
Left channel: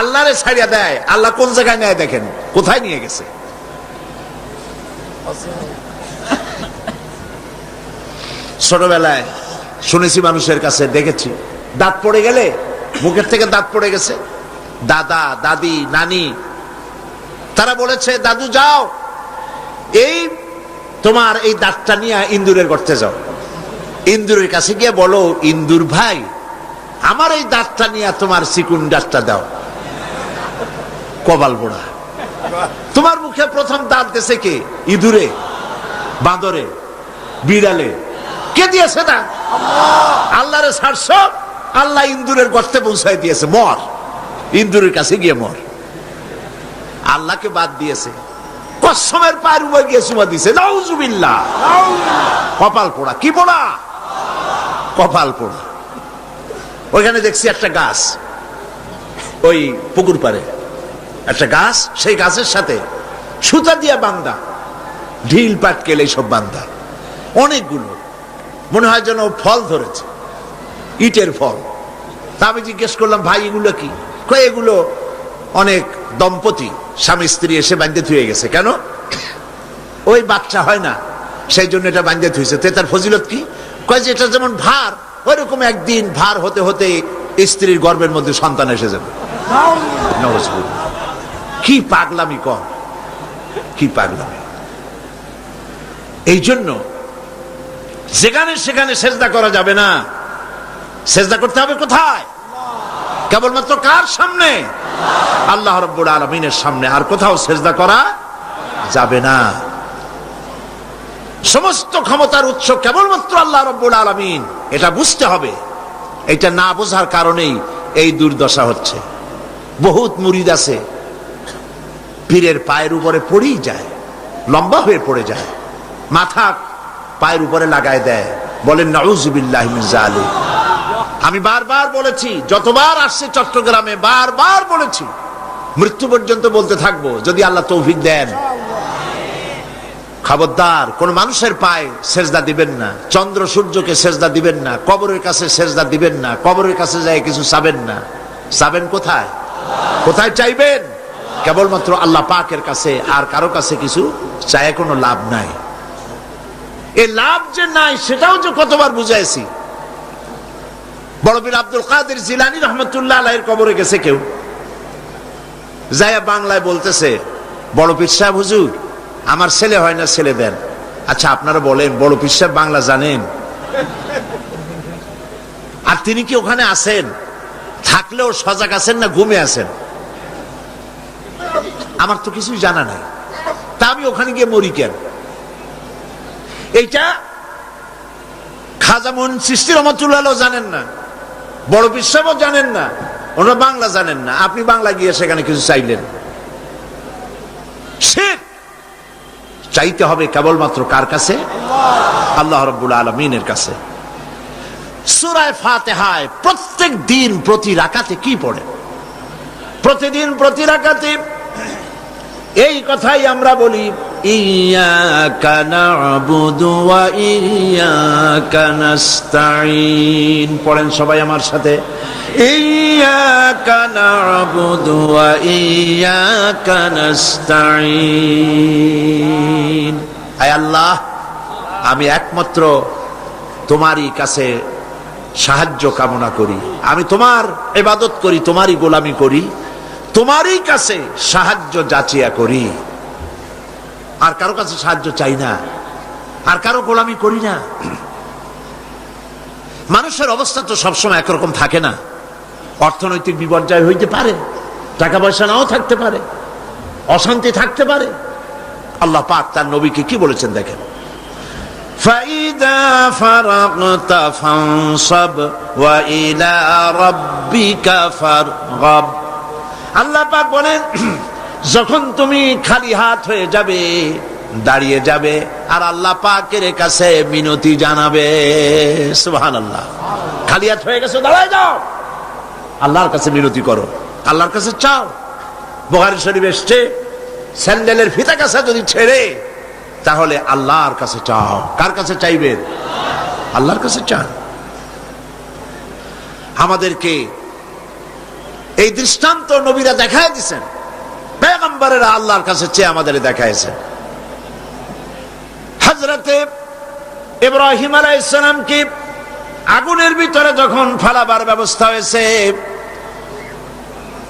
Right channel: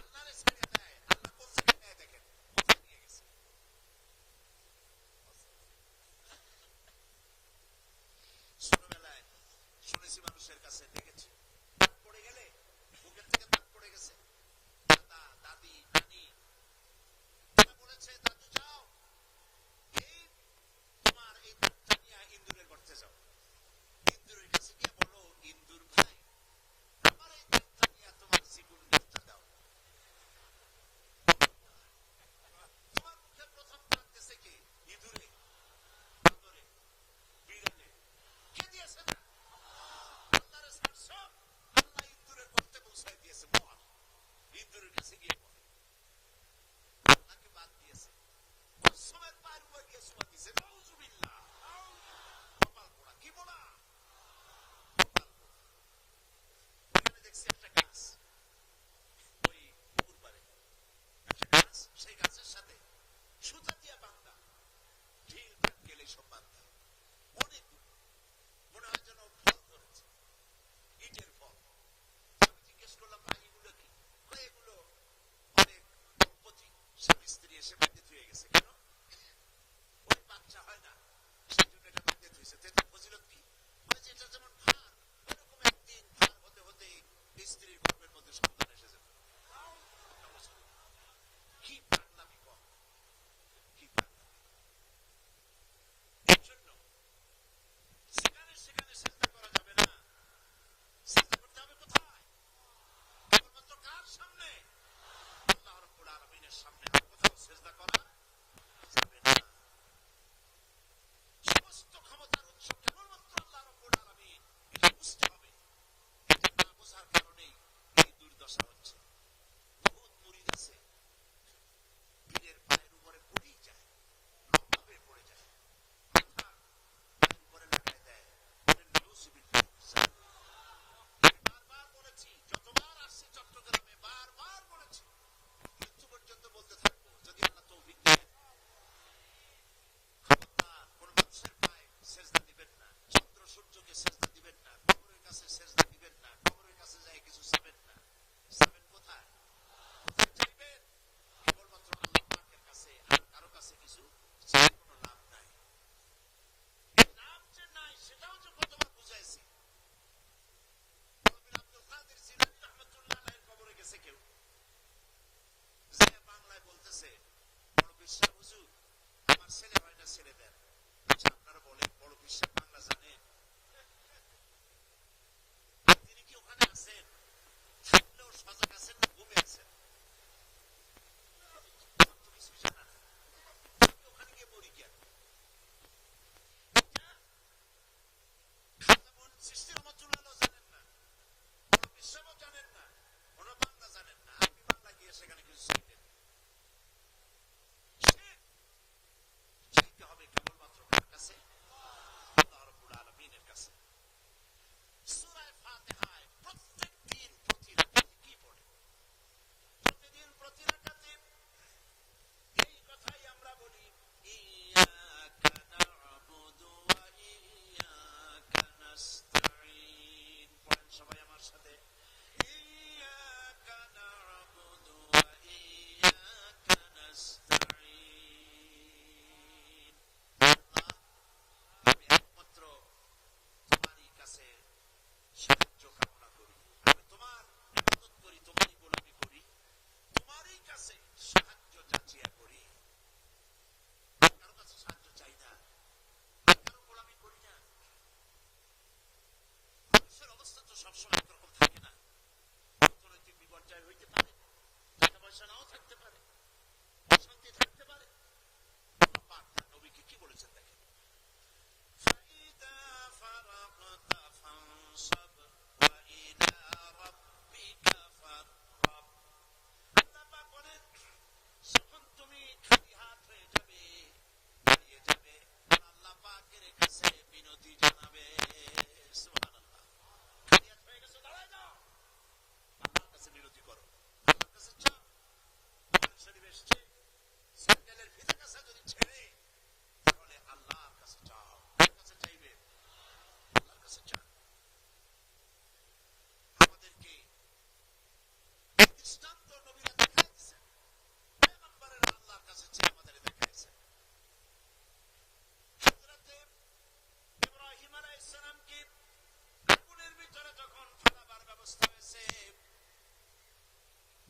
আল্লাহরে ছাড়িয়া দেয়, আল্লাহ কোন জায়গায় নেয় দেখেন, কোথায় নিয়ে গেছে। ছোটবেলায় শুনেছি মানুষের কাছে, দেখেছি, দাঁত পড়ে গেলে, মুখের থেকে দাঁত পড়ে গেছে, দাদা দাদি নানি তারা বলেছে, দাদু যাও, এই তোমার এই দাঁতটা নিয়ে ইন্দুরের গর্তে যাও, ইন্দুরের কাছে গিয়ে বলো, ইন্দুর ভাই আমার এই দাঁতটা নিয়ে তোমার চিকুন দাঁতটা দাও। কপাল পোড়া। তোমার মুখে প্রথম দাঁত দিয়েছে কে? ইঁদুরে, বাঁদরে, বিড়ালে? কে দিয়েছে না? আল্লাহরে ছাড়ছ, আল্লাহ ইন্দুরের গর্তে পৌঁছায় দিয়েছে। মর, ইন্দুরের কাছে গিয়ে মর। আল্লাহকে বাদ দিয়েছে, কসমের পায়ের উপর গিয়ে চুমা দিছে। নাউজুবিল্লাহ। কপাল পোড়া। কি পোড়া? কপাল পোড়া। ওইখানে দেখছি একটা গাছ, ওই পুকুর পাড়ে একটা গাছ, সেই গাছের সাথে সুতা দিয়া বান্ধা, ঢিল পাটকেল এইসব বান্ধা, অনেকগুলো, মনে হয় যেন ফল ধরেছে, ইটের ফল। তা আমি জিজ্ঞেস করলাম, ভাই এগুলো কি? কয় এগুলো অনেক দম্পতি স্বামী স্ত্রী এসে বান্ধে থুয়ে গেছে। কেন? ওই বাচ্চা হয় না, সেই জন্য এটা বান্ধে থুয়েছে। তার ফজিলত কি? কয় যে এটা যেমন ভার, ওইরকম একদিন ভার হতে হতে স্ত্রীর গর্ভের মধ্যে সন্তান এসে যাবে। কি পাগলামি কর, কি পাগলামি। এই জন্য যেখানে সেখানে সেজদা করা যাবে না। সেজদা করতে হবে কোথায়? কেবলমাত্র কার সামনে? আল্লাহ রাব্বুল আলামিনের সামনে। আর কোথাও সেজদা করা যাবে না। সমস্ত ক্ষমতার উৎস কেবলমাত্র আল্লাহ রাব্বুল আলামিন, এটা বুঝতে হবে। এটা না বোঝার কারণেই এই দুর্দশা হচ্ছে। বহুত মুরিদ আছে, পীরের পায়ের উপরে পড়েই যায়, লম্বা হয়ে পড়ে যায়, মাথা পায়ের উপরে লাগায় দেয়, বলেন নাউজুবিল্লাহি মিন যালিক। আমি বারবার বলেছি, যতবার আসছে চট্টগ্রামে বারবার বলেছি, মৃত্যু পর্যন্ত বলতে থাকবো, যদি আল্লাহ তৌফিক দেন। খবরদার কোন মানুষের পায়ে সেজদা দিবেন না, চন্দ্র সূর্যকে সেজদা দিবেন না, কবরের কাছে সেজদা দিবেন না, কবরের কাছে যায় কিছু চাবেন না। চাবেন কোথায়? কোথায় চাইবেন? কেবলমাত্র আল্লাহ পাকের কাছে। আর কারো কাছে কিছু চায় কোনো লাভ নাই। এই লাভ যে নাই সেটাও যে কতবার বুঝাইছি। বড় পীর আব্দুল কাদের জিলানী রহমতুল্লাহ আলাইহির কবরে গেছে কেউ, যায়া বাংলায় বলতেছে, বড় পীর সাহেব হুজুর আমার ছেলে হয় না, ছেলে দেন। আচ্ছা আপনারা বলেন, বড় পীর সাহেব বাংলা জানেন? আর তিনি কি ওখানে আছেন? থাকলেও সজাগ আছেন না ঘুমে আছেন? আমার তো কিছুই জানা নাই, তা আমি ওখানে গিয়ে মরি কেন? এইটা খাজা মুন চিশতি রহমাতুল্লাহ জানেন না, বড় পীর সাহেবও জানেন না, ওনারা বাংলা জানেন না। আপনি বাংলা গিয়ে সেখানে কিছু চাইলেন। শিরক। চাইতে হবে কেবলমাত্র কার কাছে? আল্লাহ রাব্বুল আলামিনের কাছে। সূরা ফাতিহায় প্রত্যেক দিন প্রতি রাকাতে কি পড়ে? প্রতিদিন প্রতি রাকাতে এই কথাই আমরা বলি, ইয়াকা না'বুদু ওয়া ইয়াকা নাস্তাঈন। পড়েন সবাই আমার সাথে, ইয়াকা না'বুদু ওয়া ইয়াকা নাস্তাঈন। আয় আল্লাহ, আমি একমাত্র তোমারই কাছে সাহায্য কামনা করি, আমি তোমার ইবাদত করি, তোমারই গোলামি করি, তোমারই কাছে সাহায্য যাচিয়া করি। আর কারো কাছে সাহায্য চাই না, আর কারো গোলামি করি না। মানুষের অবস্থা তো সবসময় একরকম থাকে না। অর্থনৈতিক বিপর্যয় হইতে পারে, টাকা পয়সা নাও থাকতে পারে, অশান্তি থাকতে পারে। আল্লাহ পাক তার নবীকে কি বলেছেন দেখেন, ফাইদা ফারাগতা ফানসাব ওয়া ইলা রাব্বিকা ফারগাব। আল্লাহ পাক বলেন, যখন তুমি খালি হাত হয়ে যাবে, দাঁড়িয়ে যাবে, আর আল্লাহ পাকের কাছে মিনতি জানাবে। সুবহানাল্লাহ। খালি হাত হয়ে গেছো, দাঁড়ায় যাও, আল্লাহর কাছে মিনতি করো, আল্লাহর কাছে চাও। বুখারী শরীফ এসছে, স্যান্ডেলের ফিতা কাছা যদি ছেড়ে তাহলে আল্লাহর কাছে চাও। কার কাছে চাইবেন? আল্লাহর কাছে চান। আমাদেরকে এই দৃষ্টান্ত নবীরা দেখায় দিয়েছেন, পয়গম্বরেরা আল্লাহর কাছে চেয়ে আমাদের দেখাইছেন। হযরতে ইব্রাহিম আলাইহিস সালামকে আগুনের ভিতরে যখন ফেলাবার ব্যবস্থা হয়েছে,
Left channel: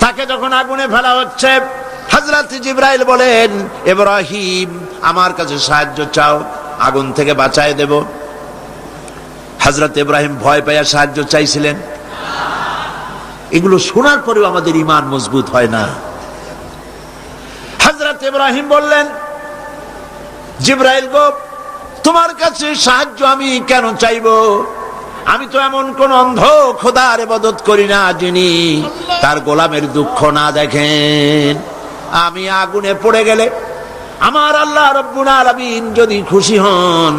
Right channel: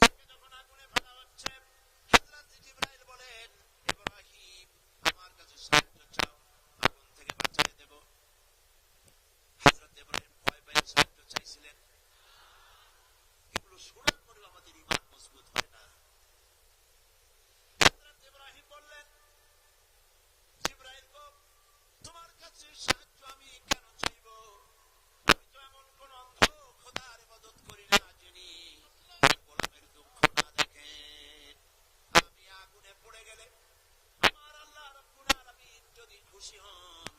তাকে যখন আগুনে ফেলা হচ্ছে, হযরত জিবরাইল বলেন, ইব্রাহিম আমার কাছে সাহায্য চাও, আগুন থেকে বাঁচায় দেব। হযরত ইব্রাহিম ভয় পেয়ে সাহায্য চাইছিলেন। এগুলো শোনার পরেও আমাদের ঈমান মজবুত হয় না। হযরত ইব্রাহিম বললেন, জিবরাইল গো, তোমার কাছে সাহায্য আমি কেন চাইবো? আমি তো এমন কোন অন্ধ খোদার ইবাদত করি না যিনি তার গোলামের দুঃখ না দেখেন। আমি আগুনে পড়ে গেলে আমার আল্লাহ রাব্বুল আলামিন যদি খুশি হন,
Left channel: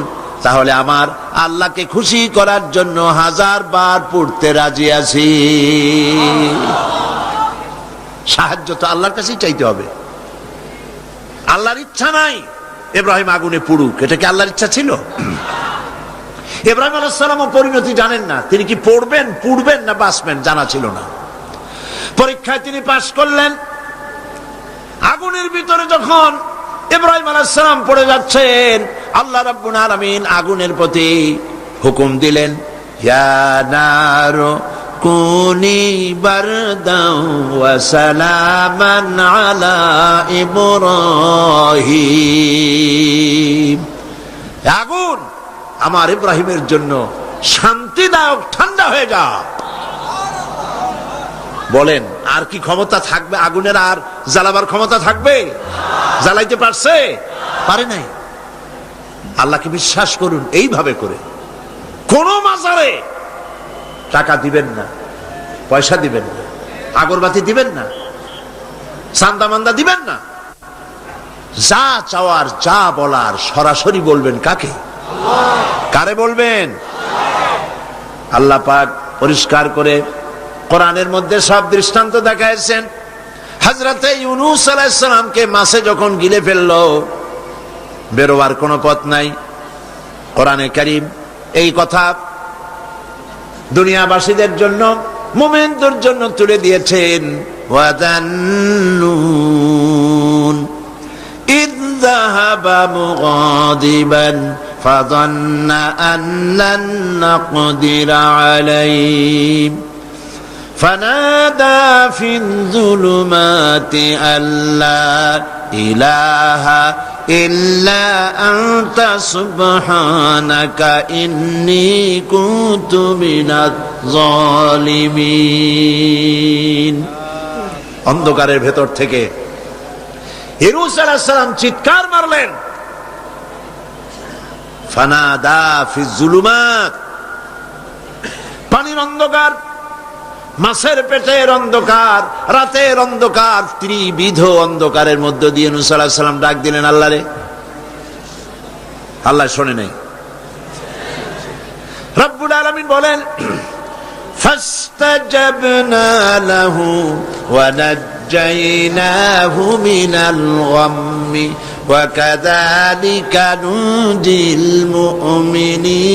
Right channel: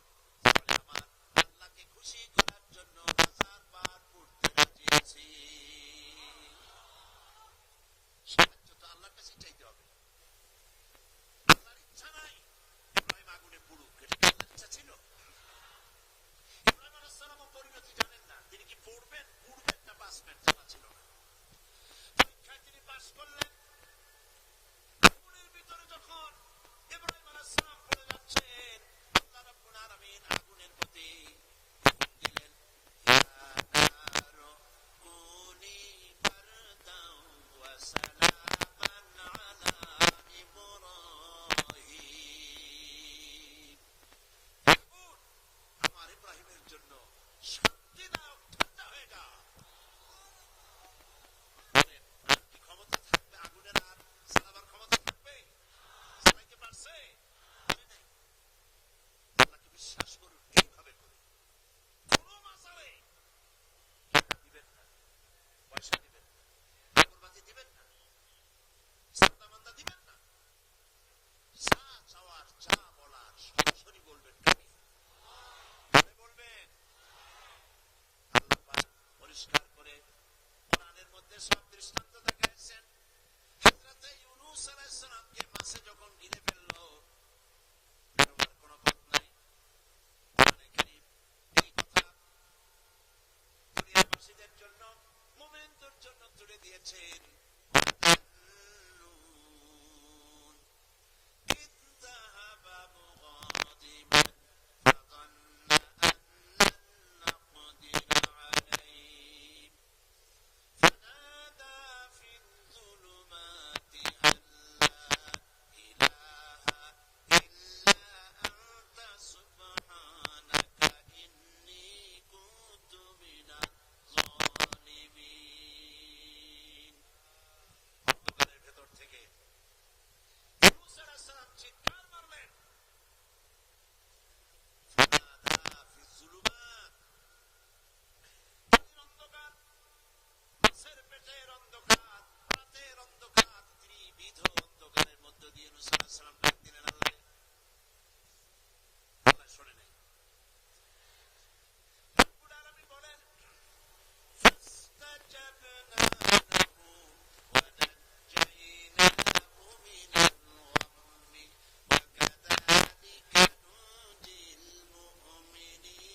তাহলে আমার আল্লাহকে খুশি করার জন্য 1000 বার পড়তে রাজি আছি। সাহায্য তো আল্লাহর কাছেই চাইতে হবে। আল্লাহর ইচ্ছা নাই ইব্রাহিম আগুনে পুড়ুক, এটা কি আল্লাহর ইচ্ছা ছিল? ইব্রাহিম আলাইহিস সালামও পরিণতি জানেন না, তিনি কি পড়বেন, পুড়বেন না বাঁচবেন জানা ছিল না। পরীক্ষায় তিনি পাশ করলেন। আগুনের ভিতরে যখন ইব্রাহিম আলাইহিস সালাম পড়ে যাচ্ছেন, আল্লাহ রাব্বুল আলামিন আগুনের প্রতি হুকুম দিলেন, ইয়া নারু কুনি বারদাও ওয়া সালামান আলা ইব্রাহিম। আগুন আমার ইব্রাহিমের জন্য শান্তিদায়ক ঠান্ডা হয়ে যা। বলেন, আর কি ক্ষমতা থাকবে? আগুনের আর জ্বালাবার ক্ষমতা থাকবে? জ্বালাইতে পারছে? পারে নাই। আল্লাহকে বিশ্বাস করুন এইভাবে করে। কোন মাজারে টাকা দিবেন না, পয়সা দিবেন না, আগরবাতি দিবেন না, চান্দা মান্দা দিবেন না। যা চাওয়ার, যা বলার সরাসরি বলবেন। কাকে? কারে বলবেন? আল্লাহ পাক পরিষ্কার করে কোরআনের মধ্যে সব দৃষ্টান্ত দেখাইছেন। হযরতে ইউনূস আলাইহিস সালামকে মাছে যখন গিলে ফেললো, বেরোবার কোনো পথ নাই, কোরআনে কারীম এই কথা দুনিয়াবাসীদের জন্য, মুমিনদের জন্য তুলে দিয়েছেন। ওয়াযান্নুন ইয যাহাবা মুগাদিবান ফাযান্না আন লান নাকদিরা আলাইহি ফানাদা ফিল যুলুমাতি আল্লা ইলাহা ইল্লা আনতা সুবহানাকা ইন্নী কুনতু মিনাজ জালিমিন। অন্ধকারের ভেতর থেকে ইউনূস আলাইহিস সালাম চিৎকার মারলেন, ফানাদা ফিজ যুলুমাত, পানির অন্ধকার, মাছের পেটের অন্ধকার, রাতের অন্ধকার, ত্রিবিধ অন্ধকারের মধ্য দিয়ে ইউনূস আলাইহিস সালাম ডাক দিলেন আল্লাহরে। আল্লাহ শোনে নাই। রব্বুল আলামিন বলেন, ফাস্তাজাবনা লাহু ওয়া নাজ্জাইনাহু মিনাল গাম্মি ওয়া কাযালিকা নুজিল মুমিনিন।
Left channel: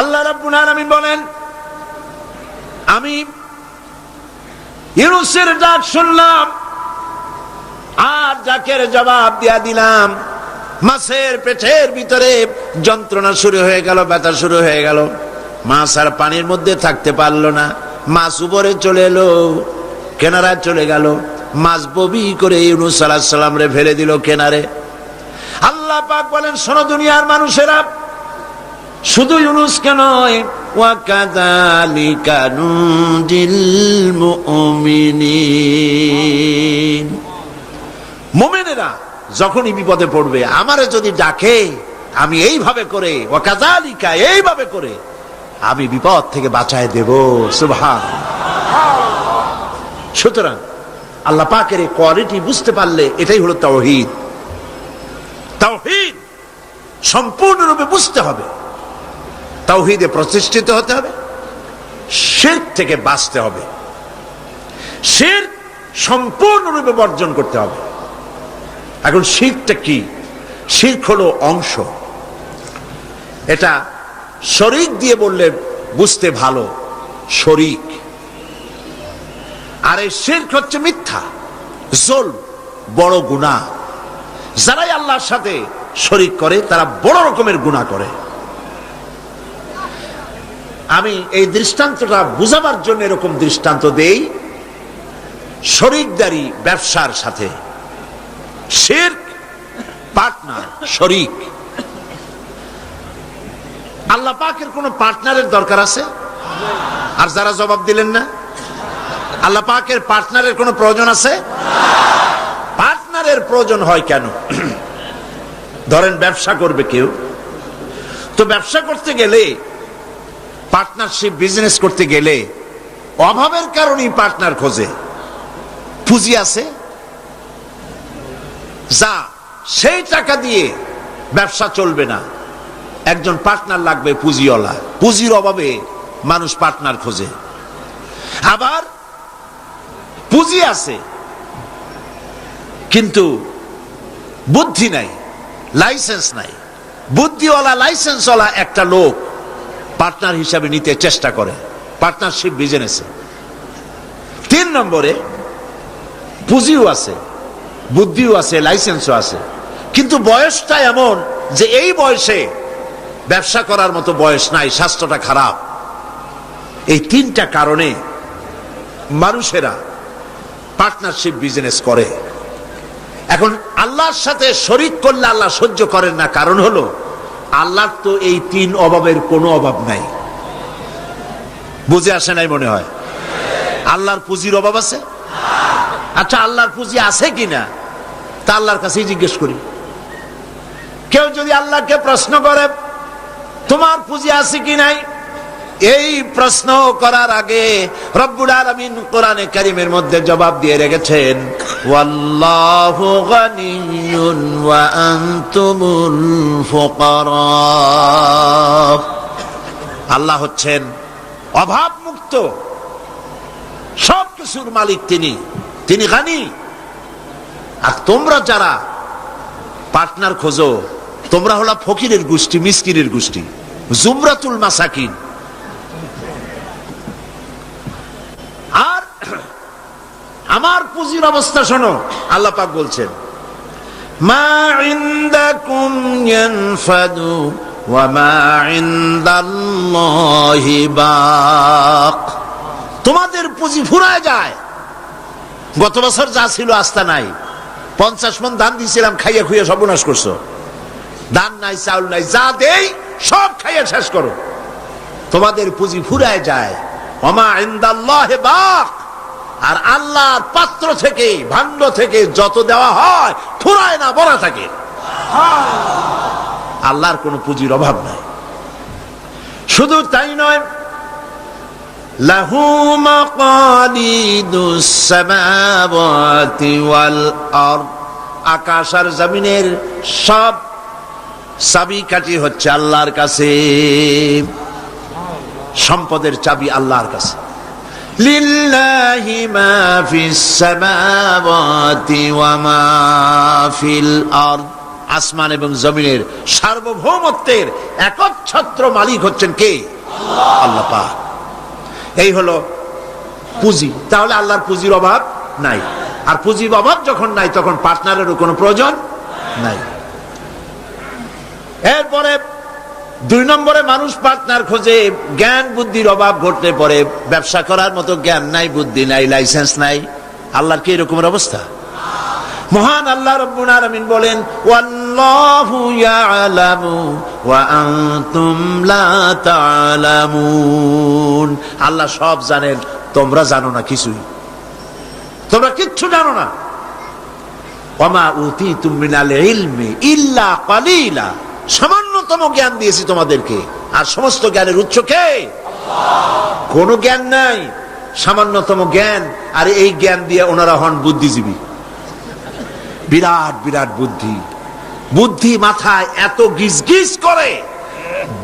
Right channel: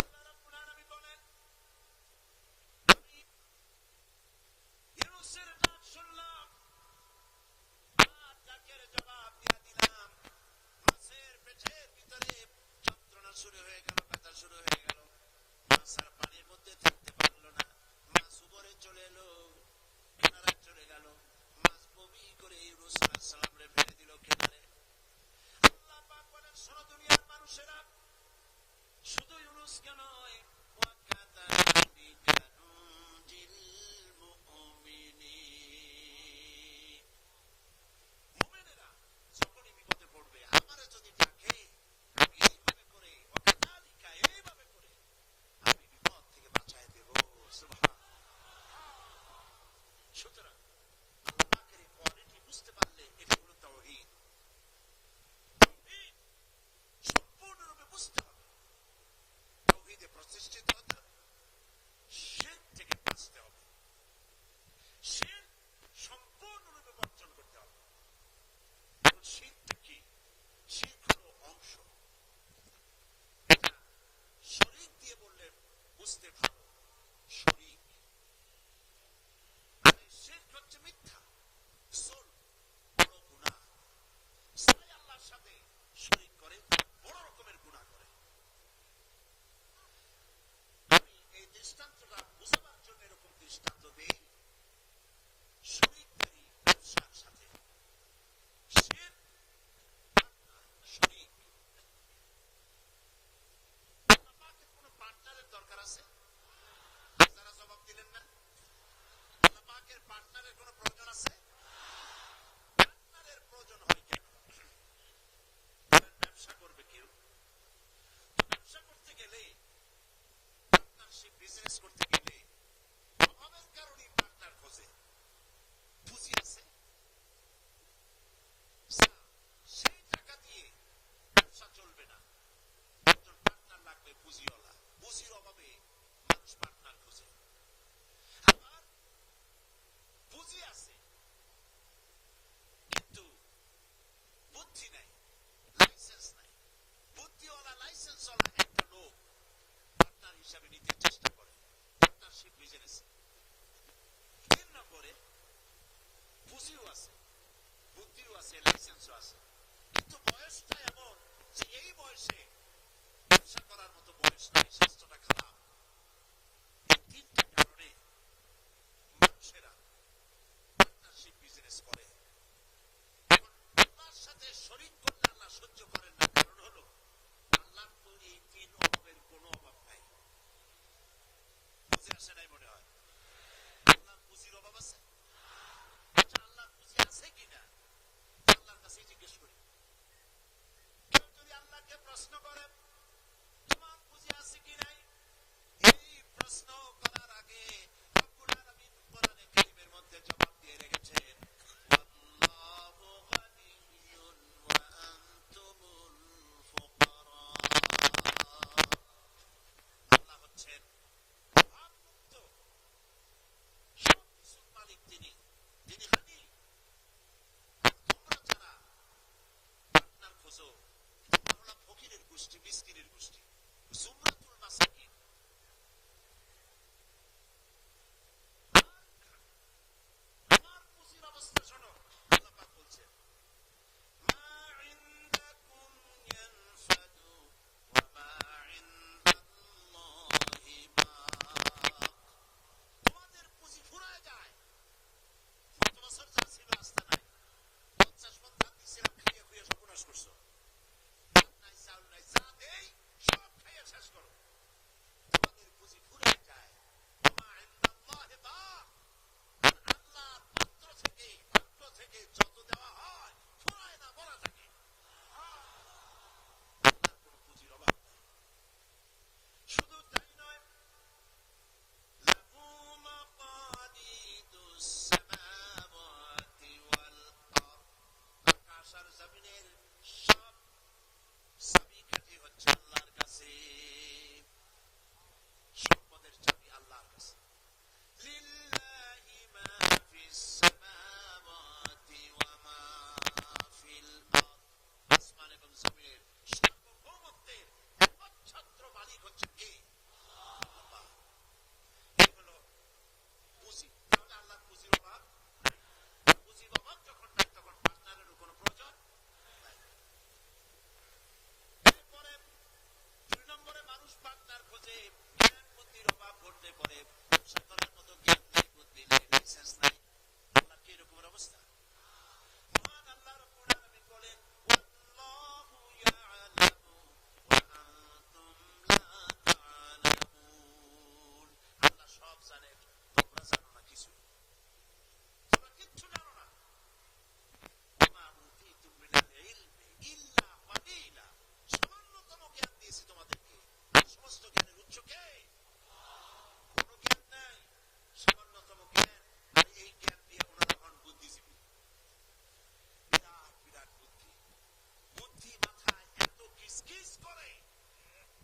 আল্লাহ রাব্বুল আলামিন বলেন, আমি ইউনূসের ডাক শুনলাম আর ডাকের জবাব দিয়া দিলাম। মাছের পেটের ভিতরে যন্ত্রণা শুরু হয়ে গেল, ব্যথা শুরু হয়ে গেল। মাছ আর পানির মধ্যে থাকতে পারলো না। মাছ উপরে চলে এলো, কেনারায় চলে গেল। মাছ ববি করে ইউনূস আলাইহিস সালাম রে ফেলে দিল কেনারে। আল্লাহ পাক বলেন, শোনো দুনিয়ার মানুষেরা, শুধু ইউনূসকে নয়, ওয়া কাযালিকা নুজিল মুমিনিন। মুমিনেরা যখনই বিপদে পড়বে, আমারে যদি ডাকে, আমি এইভাবে করে, ওয়া কাযালিকা, এইভাবে করে আমি বিপদ থেকে বাঁচায় দেব। সুবহানাল্লাহ। সুতরাং আল্লাহ পাকের এই কোয়ালিটি বুঝতে পারলে এটাই হলো তাওহীদ। তাওহীদ সম্পূর্ণরূপে বুঝতে হবে, তাওহীদে প্রতিষ্ঠিত হতে হবে, শিরক থেকে বাঁচতে হবে। শিরক সম্পূর্ণরূপে বর্জন করতে হবে। এখন শিরকটা কি? শিরক হলো অংশ। এটা শরীক দিয়ে বললে বুঝতে ভালো, শরীক। আর এই শিরক হচ্ছে মিথ্যা, জুলম, বড় গুনাহ। যারাই আল্লাহর সাথে শরীক করে তারা বড় রকমের গুনাহ করে। আমি এই দৃষ্টান্তটা বুঝাবার জন্য এরকম দৃষ্টান্ত দেই, শরীকদারি ব্যবসার সাথে। শিরক পার্টনার, শরীক। আল্লাহ পাকের কোন পার্টনারের দরকার আছে? আর যারা জবাব দিলেন না, আল্লাহ পাকের পার্টনারের কোন প্রয়োজন আছে? পার্টনারের প্রয়োজন হয় কেন? ধরেন ব্যবসা করবে কেউ, তো ব্যবসা করতে গেলে, পার্টনারশিপ বিজনেস করতে গেলে অভাবের কারণেই পার্টনার খোঁজে। পুঁজি আছে যা, সেই টাকা দিয়ে ব্যবসা চলবে না, একজন পার্টনার লাগবে পুঁজিওয়ালা। পুঁজির অভাবে মানুষ পার্টনার খোঁজে। আবার পুঁজি আছে কিন্তু বুদ্ধি নাই, লাইসেন্স নাই। বুদ্ধিওয়ালা লাইসেন্সওয়ালা একটা লোক পার্টনার হিসাবে নিতে চেষ্টা করে পার্টনারশিপ বিজনেসে। 3 নম্বরে পুঁজিও আছে, বুদ্ধিও আছে, লাইসেন্সও আছে, কিন্তু বয়সটা এমন যে এই বয়সে ব্যবসা করার মতো বয়স নাই, স্বাস্থ্যটা খারাপ। এই 3টা কারণে মানুষেরা পার্টনারশিপ বিজনেস করে। এখন আল্লাহর সাথে শরীক করলে আল্লাহ সহ্য করেন না, কারণ হলো আল্লাহর তো এই 3 অভাবের কোনো অভাব নাই। বুঝে আসে নাই মনে হয়? আল্লাহর পুঁজির অভাব আছে? আচ্ছা, আল্লাহর পুঁজি আছে কিনা তা আল্লাহর কাছেই জিজ্ঞেস করি। কেউ যদি আল্লাহকে প্রশ্ন করে তোমার পুঁজি আছে কি নাই, এই প্রশ্ন করার আগে রব্বুল আলামিন কোরআনে কারীমের মধ্যে জবাব দিয়ে রেখেছেন, ওয়াল্লাহু গানিয়্যুন ওয়া আনতুমুল ফুকারা। আল্লাহ হচ্ছেন অভাব মুক্ত, সব কিছুর মালিক তিনি গানি। আর তোমরা যারা পার্টনার খোঁজো, তোমরা হলো ফকিরের গোষ্ঠী, মিসকিনের গোষ্ঠী, জুমরাতুল মাসাকিন। আর আমার পুঁজির অবস্থা শোনো, আল্লাহ পাক বলছেন, মা ইনদাকুম ইয়ানফাদু ওয়া মা ইনদাল্লাহি বাক। তোমাদের পুঁজি ফুরায় যায়। গত বছর যা ছিল আস্থা নাই, 50 মণ ধান দিয়েছিলাম, খাইয়া খুইয়া সর্বনাশ করছো। ধান নাই, চাউল নাই, যা দেই সব খাইয়া শেষ করো। তোমাদের পুঁজি ফুরায় যায়। ওমা ইনদাল্লাহি বাক। আর আল্লাহর পাত্র থেকে, ভাণ্ড থেকে যত দেওয়া হয় ফুরায় না, ভরা থাকে। আল্লাহর কোনো পুঁজির অভাব নাই। শুধু তাই নয়, লাহু মাকালিদুস সামাওয়াতি ওয়াল আরদ। আকাশ আর জমিনের সব চাবিকাঠি হচ্ছে আল্লাহর কাছে। সম্পদের চাবি আল্লাহর কাছে। লিল্লাহি মা ফিস সামাওয়াতি ওয়া মা ফিল আরদ। আসমান এবং জমিনের সার্বভৌমত্বের একচ্ছত্র মালিক হচ্ছেন কে? আল্লাহ পাক। এই হলো পুঁজি। তাহলে আল্লাহর পুঁজির অভাব নাই। আর পুঁজির অভাব যখন নাই, তখন পার্টনারেরও কোনো প্রয়োজন নাই। এরপরে 2 নম্বরে মানুষ পার্টনার খোঁজে, জ্ঞান বুদ্ধির অভাব ঘটতে পারে। ব্যবসা করার মতো জ্ঞান নাই, বুদ্ধি নাই, লাইসেন্স নাই। আল্লাহর কি এরকমের অবস্থা? মহান আল্লাহ রাব্বুল আলামিন বলেন, ওয়াল্লাহু ইয়ালামু ওয়া আনতুম লা তা'লামুন। আল্লাহ সব জানেন, তোমরা জানো না কিছুই। তোমরা কিচ্ছু জানো না। ওয়ামা উতীতুম মিনাল ইলমি ইল্লা কালিলা। সামান্যতম জ্ঞান দিয়েছি তোমাদেরকে, আর সমস্ত জ্ঞানের উৎস কে? আল্লাহ। কোনো জ্ঞান নাই, সামান্যতম জ্ঞান। আর এই জ্ঞান দিয়ে ওনারা হন বুদ্ধিজীবী। বিরাট বিরাট বুদ্ধি। বুদ্ধি মাথায় এত গিজ গিজ করে,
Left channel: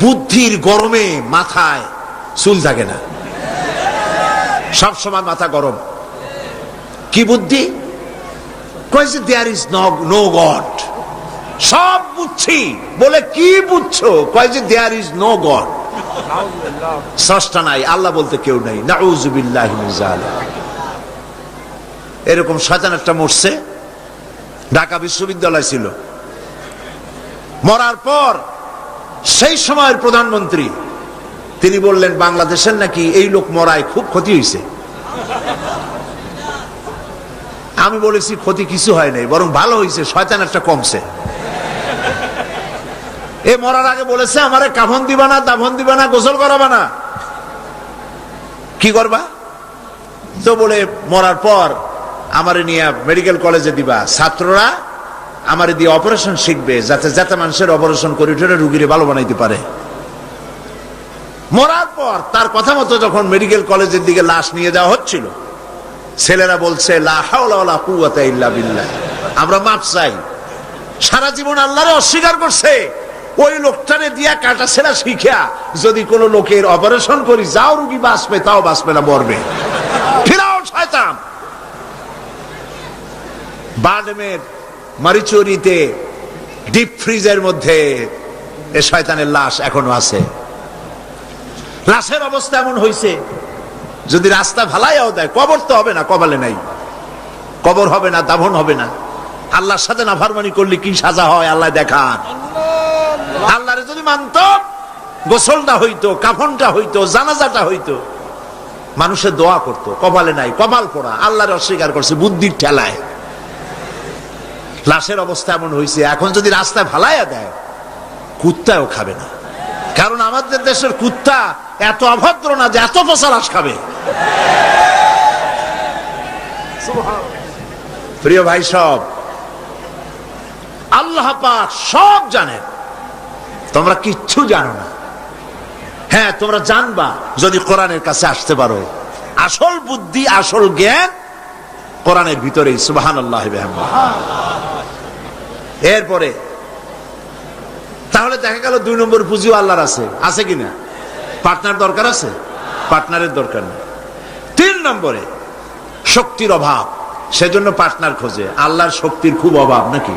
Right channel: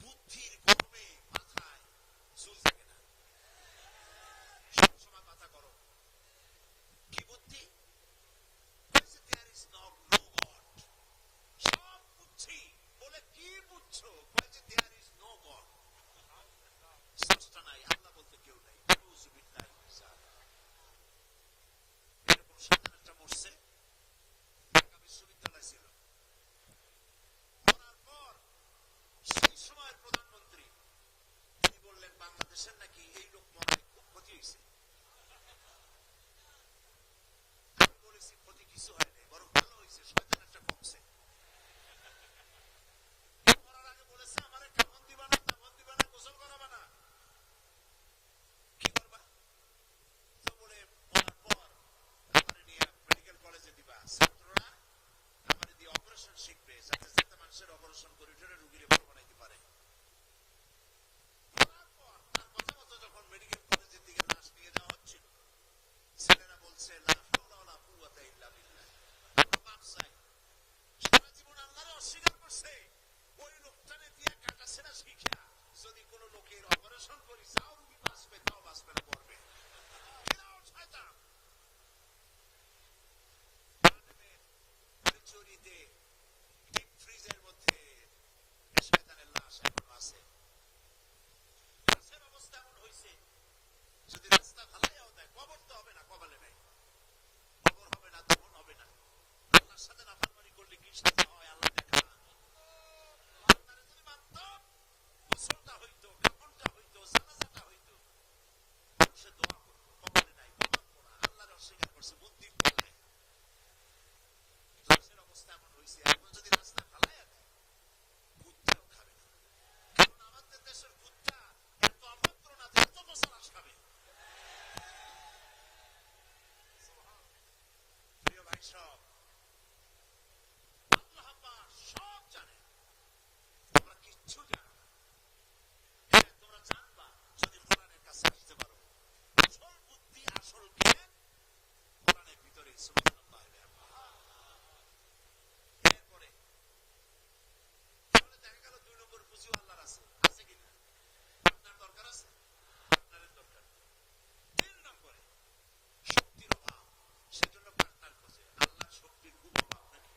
বুদ্ধির গরমে মাথায় চুল থাকে না, সব সময় মাথা গরম। কি বুদ্ধি? কয় যে দেয়ার ইজ নো গড। সব বুঝছি বলে কি বুঝছো? কয় যে দেয়ার ইজ নো গড, স্রষ্টা নাই, আল্লাহ বলতে কেউ নাই। নাউযুবিল্লাহি মিন যালিক। এরকম শয়তান একটা মরছে, ঢাকা বিশ্ববিদ্যালয় ছিল। মরার পর সেই সময়ের প্রধানমন্ত্রী তিনি বললেন, বাংলাদেশের নাকি এই লোক মরায় খুব ক্ষতি হয়েছে। আমি বলেছি ক্ষতি কিছু হয় নাই, বরং ভালো হয়েছে, শয়তান একটা কমছে। এ মরার আগে বলেছে, আমারে কাফন দিবা না, দাফন দিবা না, গোসল করাবা না। কি করবা? তো বলে মরার পর আমারে নিয়ে মেডিকেল কলেজে দিবা, ছাত্ররা আমারে দিয়ে অপারেশন শিখবে, যাতে যাতে মানুষের অপারেশন করে উঠে রুগীরে ভালো বানাইতে পারে। মরার পর তার কথা মতো যখন মেডিকেল কলেজের দিকে লাশ নিয়ে যাওয়া হচ্ছিল, ছেলেরা বলছে লা হাওলা ওয়ালা কুওয়াতা ইল্লা বিল্লাহ, আমরা মাপ চাই। সারা জীবন আল্লাহরে অস্বীকার করছে, ওই লোকটারে দিয়া কাটা ছেঁড়া শিখা যদি কোন লোকের অপারেশন করি, যাও রুগী বাঁচবে, তাও বাঁচবে না, মরবে। ফিরাও শয়তান। বাডমের মারিচুরিতে ডিপ ফ্রিজের মধ্যে এ শয়তানের লাশ এখনো আছে। লাশের অবস্থা এমন হয়েছে, যদি রাস্তা ভালাইয়াও দেয়, কবর তো হবে না, কপালে নাই, কবর হবে না, দাফন হবে না। আল্লাহর সাথে নাফরমানি করলে কি সাজা হয় আল্লাহ দেখান। আল্লাহরে যদি মানত, গোসলটা হইতো, কাফনটা হইতো, জানাজাটা হইতো, মানুষের দোয়া করতো। কপালে নাই, কপাল পোড়া, আল্লাহরে অস্বীকার করছে বুদ্ধির ঠেলায়। লাশের অবস্থা এমন হয়েছে, এখন যদি রাস্তায় ভালাইয়া দেয়, কুত্তাও খাবে না। কারণ আমাদের দেশের কুত্তা এত অভদ্র না যে এত পচা লাশ খাবে। প্রিয় ভাই, সব আল্লাহ পাক সব জানেন, তোমরা কিচ্ছু জানো না। হ্যাঁ, তোমরা জানবা যদি কোরআনের কাছে আসতে পারো। আসল বুদ্ধি, আসল জ্ঞান কোরআনের ভিতরেই। সুবহানাল্লাহ। এরপরে তাহলে দেখা গেল 2 নম্বর পুঁজিও আল্লাহর আছে, আছে কিনা? পার্টনার দরকার আছে? পার্টনারের দরকার নেই। 3 নম্বরে শক্তির অভাব, সেজন্য পার্টনার খোঁজে। আল্লাহর শক্তির খুব অভাব নাকি?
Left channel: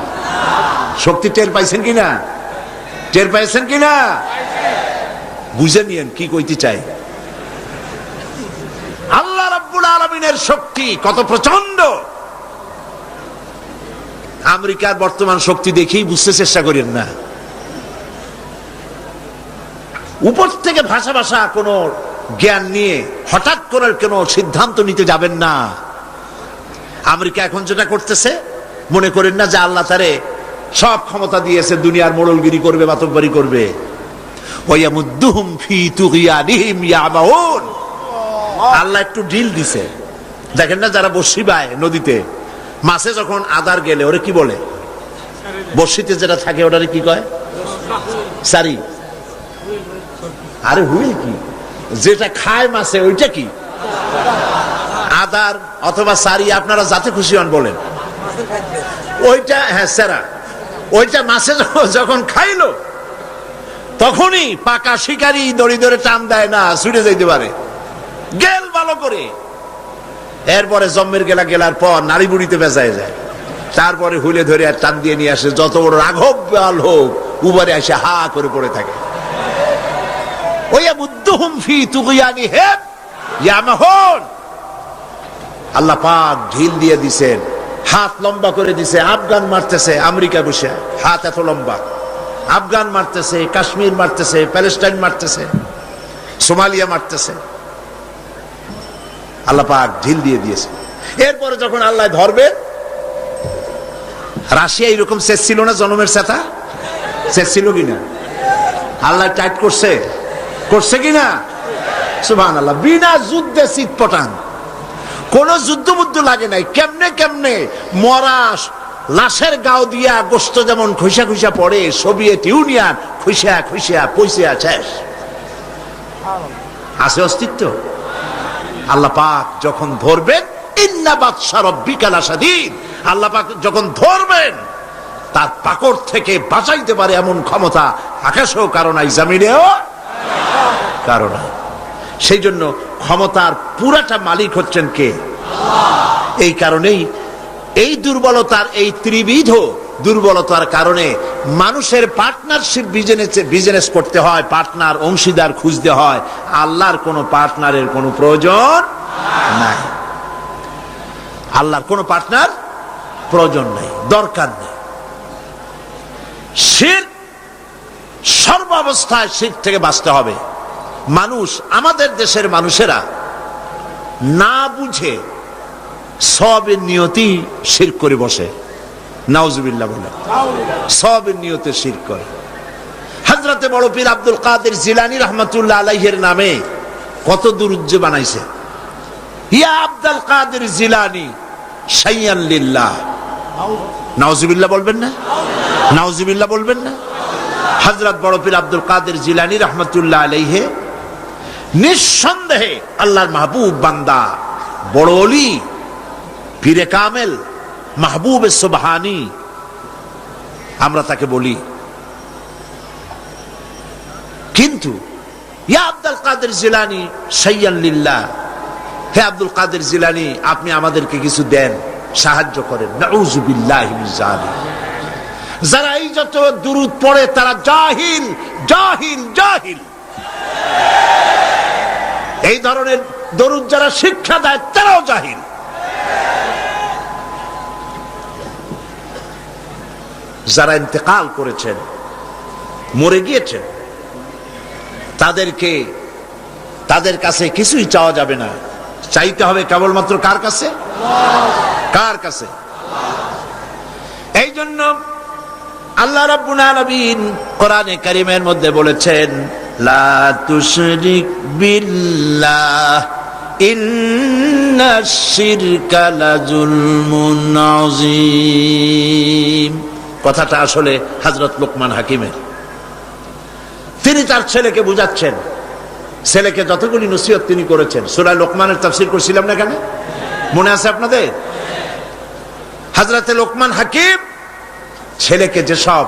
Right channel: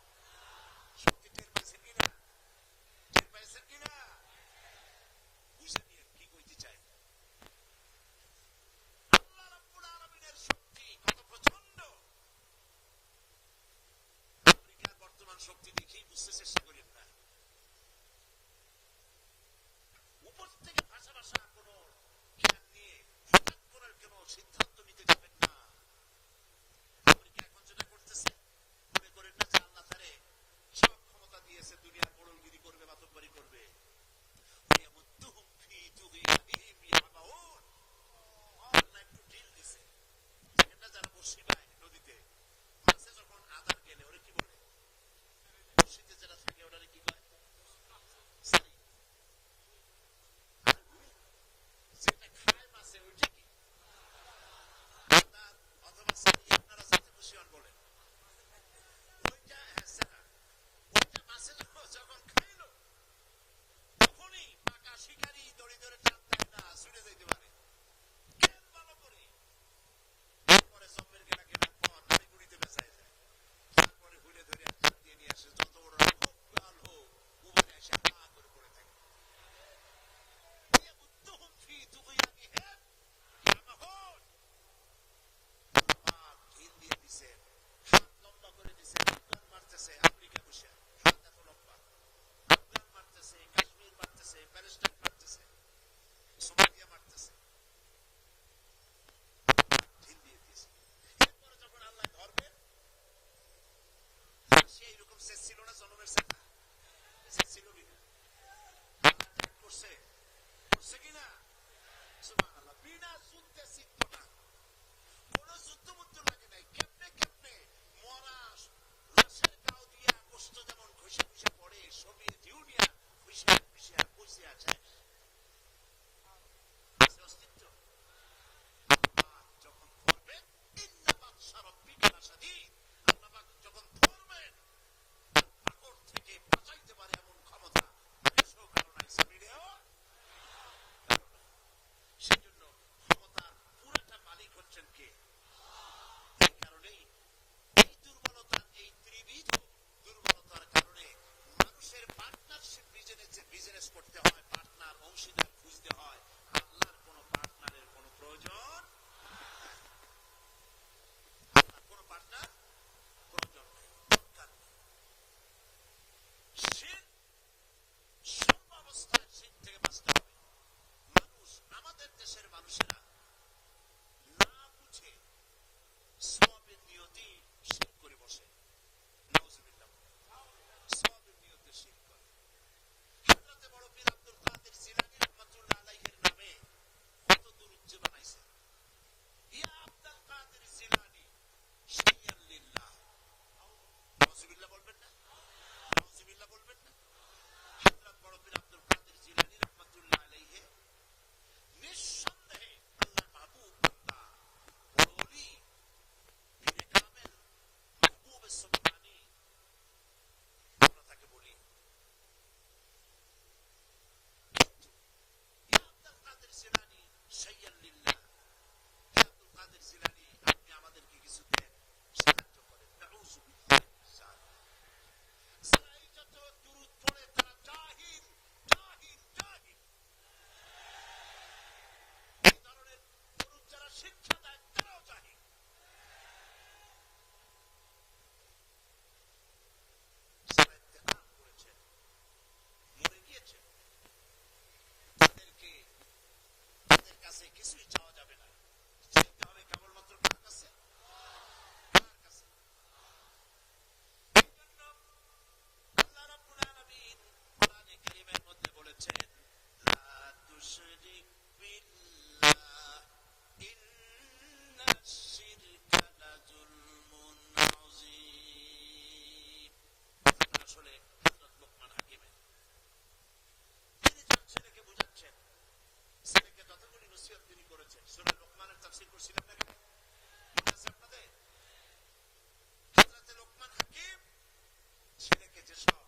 শক্তি টের পাইছেন কিনা? টের পাইছেন কিনা? বুঝে নিয়েন কি কইতে চাই। আল্লাহ রাব্বুল আলামিনের শক্তি কত প্রচন্ড। আমেরিকার বর্তমান শক্তি দেখেই বুঝতে চেষ্টা করেন না। উপর থেকে ভাষা ভাষা কোন জ্ঞান নিয়ে হঠাৎ করে কোন সিদ্ধান্ত নিতে যাবেন না। আমেরিকা এখন যেটা করতেছে, মনে করেন না যে আল্লাহ তারে সব ক্ষমতা দিয়েছে, দুনিয়ার মোড়লগিরি করবে, মাতব্বরি করবে। ওয়ায়ামুদ্দুহুম ফি তুগয়ানিহিম ইয়ামাউন। আল্লাহ একটু ঢিল দিছে। দেখেন না, যারা বড়শি বায় নদীতে, মাছে যখন আদার গেলে ওরে কি বলে? বড়শিতে যেটা থাকে ওটারে কি কয়? সারি। আরে হুইল কি? যেটা খায় মাছে ওইটা কি? আদার অথবা সারি, আপনারা যাতে খুশি হন বলেন। ওইটা, হ্যাঁ, সেরা। ওইটা মাছে যখন খাইলো, তখনই পাকা শিকারি দড়ি ধরে টান দেয় না, ছুটে যাইতে পারে, গেল ভালো করে। এরপরে জম্মের গেলার পর নারী বুড়িতে বেজায় যায়, তারপরে হুইলে ধরে আর টান দিয়ে নিয়ে আসে। যত বড় রাঘব বাল হোক, উবারে এসে হা করে পড়ে থাকে। আল্লাহ পাক ঢিল দিয়ে দিছেন, হাত লম্বা করে দিছে। আফগান মারতেছে আমেরিকা বসে, হাত এত লম্বা। আফগান মারতেছে, কাশ্মীর মারতেছে, প্যালেস্টাইন মারতেছে, সোমালিয়া মারতেছে। আল্লাহ পাক ঢিল দিয়ে দিয়েছে। এরপরে যখন আল্লাহ ধরবে, রাশিয়া এরকম শেষ ছিল না, জনমের সাথা শেষ ছিল কিনা? আল্লাহ টাইট করছে, করছে কিনা? সুবহানাল্লাহ। বিনা যুদ্ধে চিৎপটাং, কোন যুদ্ধ বুদ্ধ লাগে নাই। কেমনে কেমনে মরা লাশের গাও দিয়া গোস্ত যেমন খুইসা খুইসা পড়ে, সোভিয়েত ইউনিয়ন খুইসা খুইসা পয়সা শেষ। আছে অস্তিত্ব? আল্লাহ পাক যখন ধরবেন, ইন্না বাতশা রাব্বিকা লাশাদীদ, আল্লাহ পাক যখন ধরবেন, তার পাকড় থেকে বাঁচাইতে পারে এমন ক্ষমতা আকাশেও কারো নাই, জমিনেও কারো নাই। সেই জন্য ক্ষমতার পুরাটা মালিক হচ্ছেন কে? আল্লাহ। এই কারণেই এই দুর্বলতার, এই ত্রিবিধ দুর্বলতার কারণে মানুষের পার্টনারশিপ বিজনেস করতে হয়, পার্টনার অংশীদার খুঁজতে হয়। আল্লাহর কোনো পার্টনারের কোনো প্রয়োজন নাই, আল্লাহর কোনো পার্টনার প্রয়োজন নাই, দরকার নেই। শিরক, সর্বাবস্থায় শিরক থেকে বাঁচতে হবে। মানুষ, আমাদের দেশের মানুষেরা না বুঝে সওয়াবের নিয়তি শিরক করে বসে। নাউজুবিল্লাহ বলে সওয়াবের নিয়তে শিরক করে। হযরতে বড় পীর আব্দুল কাদের জিলানী রাহমাতুল্লাহ আলাইহির নামে কত দুরূদ বানাইছে। ইয়া আব্দুল কাদের জিলানী শাইয়ান লিল্লাহ। নাউজুবিল্লাহ বলবেন না? নাউজুবিল্লাহ বলবেন না? হযরত বড় পীর আব্দুল কাদের জিলানী রাহমাতুল্লাহ আলাইহি নিঃসন্দেহে আল্লাহর মাহবুব বান্দা, বড় ওলি, পীরে কামেল, মাহবুবে সুবহানী আমরা তাকে বলি। কিন্তু ইয়া আব্দুল কাদের জিলানী শাইয়ান লিল্লাহ, হে আব্দুল কাদের জিলানী আপনি আমাদেরকে কিছু দেন, সাহায্য করেন। নাউযুবিল্লাহি মিন যালিক। যারা এই যত দুরূদ পড়ে তারা জাহিল, জাহিল, জাহিল। এই ধরনের দরুদ যারা শিক্ষা দেয় তারাও জাহিল। যারা ইন্তেকাল করেছেন, মরে গিয়েছেন, তাদের কাছে কিছুই চাওয়া যাবে না, চাইতে হবে কেবলমাত্র কার কাছে? কার কাছে? এই জন্য আল্লাহ রাব্বুল আলামিন কোরআনে কারীমের মধ্যে বলেছেন, লা তুশরিক বিল্লাহ ইন্নাশ শিরকা লাযুলমুন আযীম। কথাটা আসলে হযরত লোকমান হাকিমের। তিনি তার ছেলেকে বুঝাচ্ছেন, ছেলেকে যতগুলি নসিহত তিনি করেছেন। সূরা লোকমানের তাফসীর করছিলাম না কেন, মনে আছে আপনাদের? হযরত লোকমান হাকিম ছেলেকে যেসব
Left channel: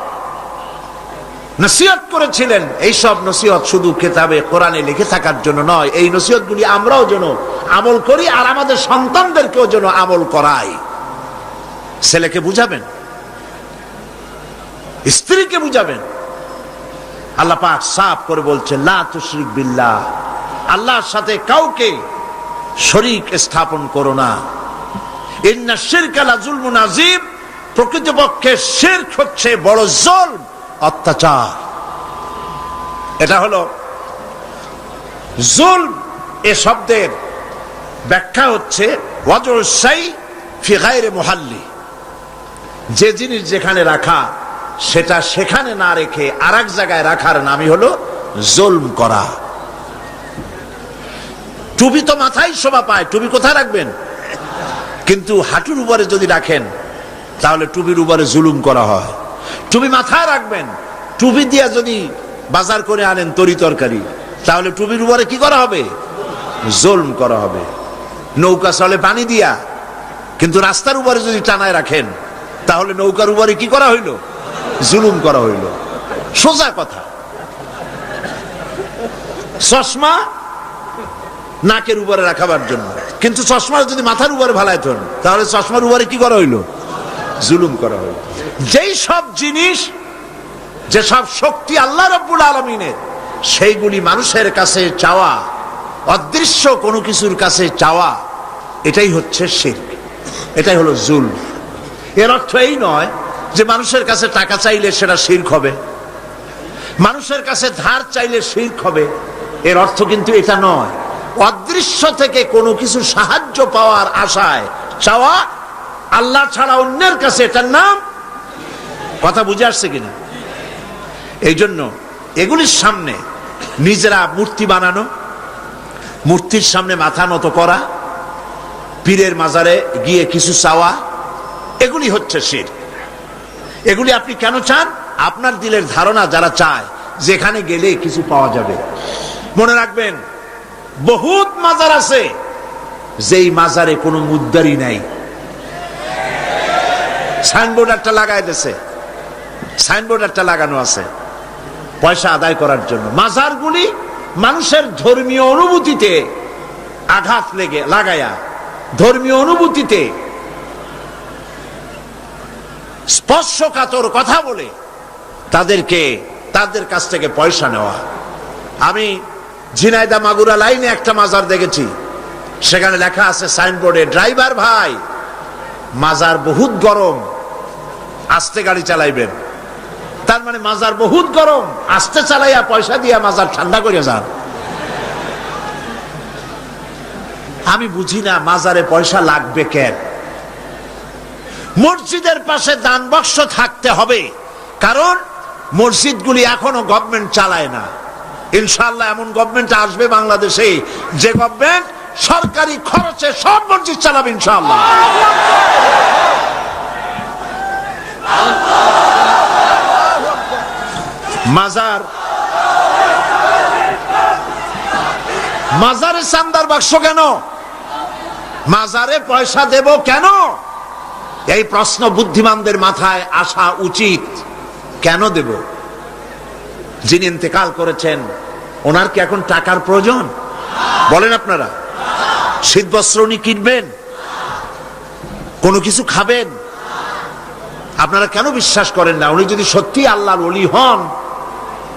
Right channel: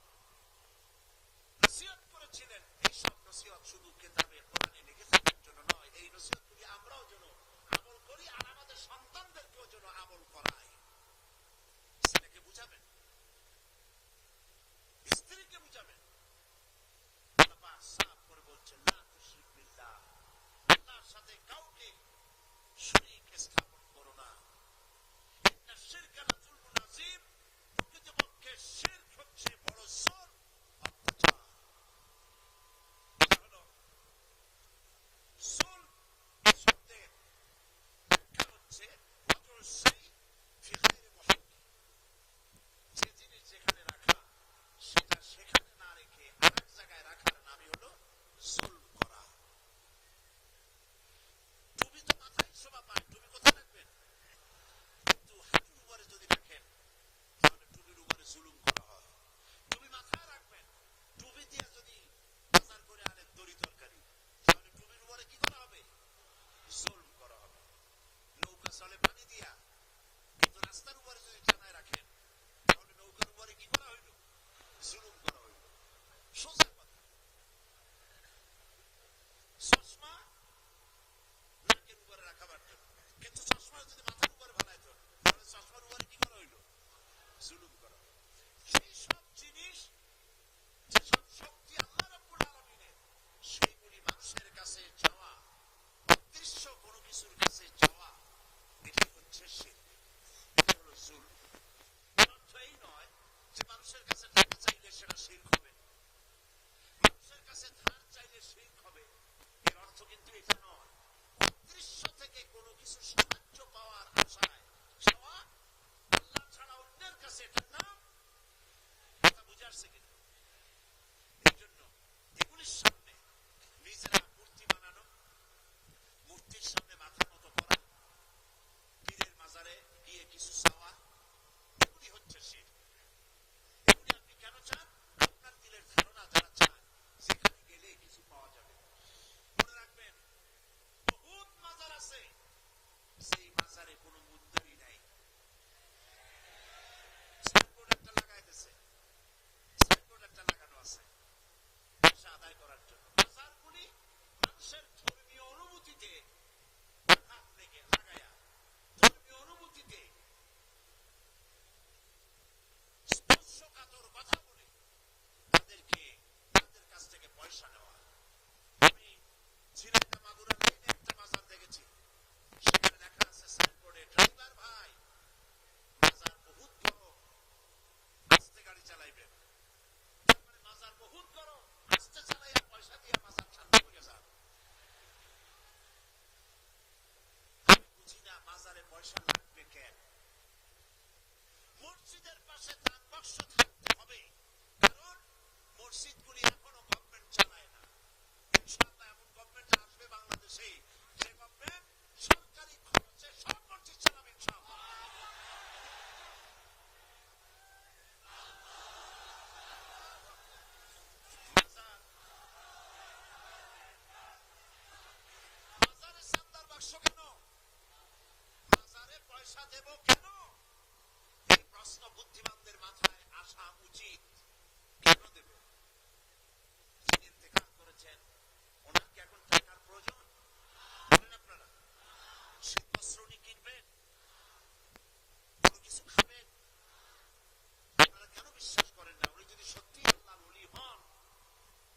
নসিহত করেছিলেন, এই সব নসিহত শুধু কিতাবে কোরআনে লিখে থাকার জন্য নয়, এই নসিহতগুলি আমরাও যেন আমল করি আর আমাদের সন্তানদেরকেও যেন আমল করাই। ছেলেকে বুঝাবেন, স্ত্রীকে বুঝাবেন। আল্লাহ পাক সাফ করে বলছেন, লা তুশরিক বিল্লাহ, আল্লাহর সাথে কাউকে শরীক স্থাপন করো না। ইন্নাশ শিরকা লাযুলমুন আযীম, প্রকৃতপক্ষে শিরক হচ্ছে বড় জুলম, অত্যাচার। এটা হলো জুলম। এ শব্দের ব্যাখ্যা হচ্ছে ওয়াজউল শাই ফি গায়রি মুহাল্লি, যে জিনিস যেখানে রাখা সেটা সেখানে না রেখে আরেক জায়গায় রাখার নামই হলো জুলম করা। টুপি তো মাথায় শোভা পায়, টুপি কোথায় রাখবেন? কিন্তু হাঁটুর উপরে যদি রাখেন তাহলে টুপির উপরে জুলুম করা হয়। টুপি মাথায় রাখবেন, টুপি দিয়া যদি বাজার করে আনেন তরি তরকারি, তাহলে টুপির উপরে কি করা হবে? জুলম করা হবে। নৌকা চলে পানি দিয়া, কিন্তু রাস্তার উপরে যদি টানায় রাখেন তাহলে নৌকার উপরে কি করা হইল? জুলুম করা হইল। সোজা কথা। চশমা নাকের উপরে রাখাবার জন্য, কিন্তু চশমা যদি মাথার উপরে ভালায় থন তাহলে চশমার উপরে কি করা হইল? জুলুম করা হইল। যেই সব জিনিস, যেসব শক্তি আল্লাহ রাব্বুল আলামিনের, সেইগুলি মানুষের কাছে চাওয়া, অদৃশ্য কোনো কিছুর কাছে চাওয়া, এটাই হচ্ছে শিরক, এটাই হলো জুলম। এর অর্থ এই নয় যে মানুষের কাছে টাকা চাইলে সেটা শিরক হবে, মানুষের কাছে ধার চাইলে শিরক হবে, এর অর্থ কিন্তু এটা নয়। অদৃশ্য থেকে কোনো কিছু সাহায্য পাওয়ার আশায় চাওয়া আল্লাহ ছাড়া অন্যের কাছে, এটার নাম, কথা বুঝে আসছে কিনা? এই জন্য এগুলির সামনে নিজেরা মূর্তি বানানো, মূর্তির সামনে মাথা নত করা, পীরের মাজারে গিয়ে কিছু চাওয়া, এগুলি হচ্ছে শিরক। এগুলি আপনি কেন চান? আপনার দিলের ধারণা যারা চায় যেখানে গেলে কিছু পাওয়া যাবে। মনে রাখবেন, বহুত মাজার আছে যেই মাজারে কোনো মুদ্দারি নাই। সাইনবোর্ড একটা লাগাই দিয়েছে, সাইনবোর্ড একটা লাগানো আছে পয়সা আদায় করার জন্য। মাজারগুলি মানুষের ধর্মীয় অনুভূতিতে আঘাত লাগায়া ধর্মীয় অনুভূতিতে স্পর্শকাতর কথা বলে তাদের কাছ থেকে পয়সা নেওয়া। আমি ঝিনাইদা মাগুরা লাইনে একটা মাজার দেখেছি, সেখানে লেখা আছে সাইনবোর্ডে, ড্রাইভার ভাই মাজার বহুত গরম, আস্তে গাড়ি চালাইবেন। তার মানে মাজার বহুত গরম, আস্তে চালাইয়া পয়সা দিয়া মাজার ঠান্ডা করে যান। আমি বুঝি না মাজারে পয়সা লাগবে কেন। মসজিদের পাশে দান বাক্স থাকতে হবে, কারণ মসজিদগুলি এখনো গভর্নমেন্ট চালায় না। ইনশাআল্লাহ এমন গভর্নমেন্ট আসবে বাংলাদেশে যে গভর্নমেন্ট সরকারি খরচে সব মসজিদ চালাবে ইনশাআল্লাহ। মাজারে চান্দার বাক্স কেন? মাজারে পয়সা দেব কেন? এই প্রশ্ন বুদ্ধিমানদের মাথায় আসা উচিত। কেন দেব? যিনি ইন্তেকাল করেছেন ওনার কি এখন টাকার প্রয়োজন? বলেন আপনারা। শীত বস্ত্র উনি কিনবেন? কোনো কিছু খাবেন? আপনারা কেন বিশ্বাস করেন না? উনি যদি সত্যি আল্লাহর ওলি হন,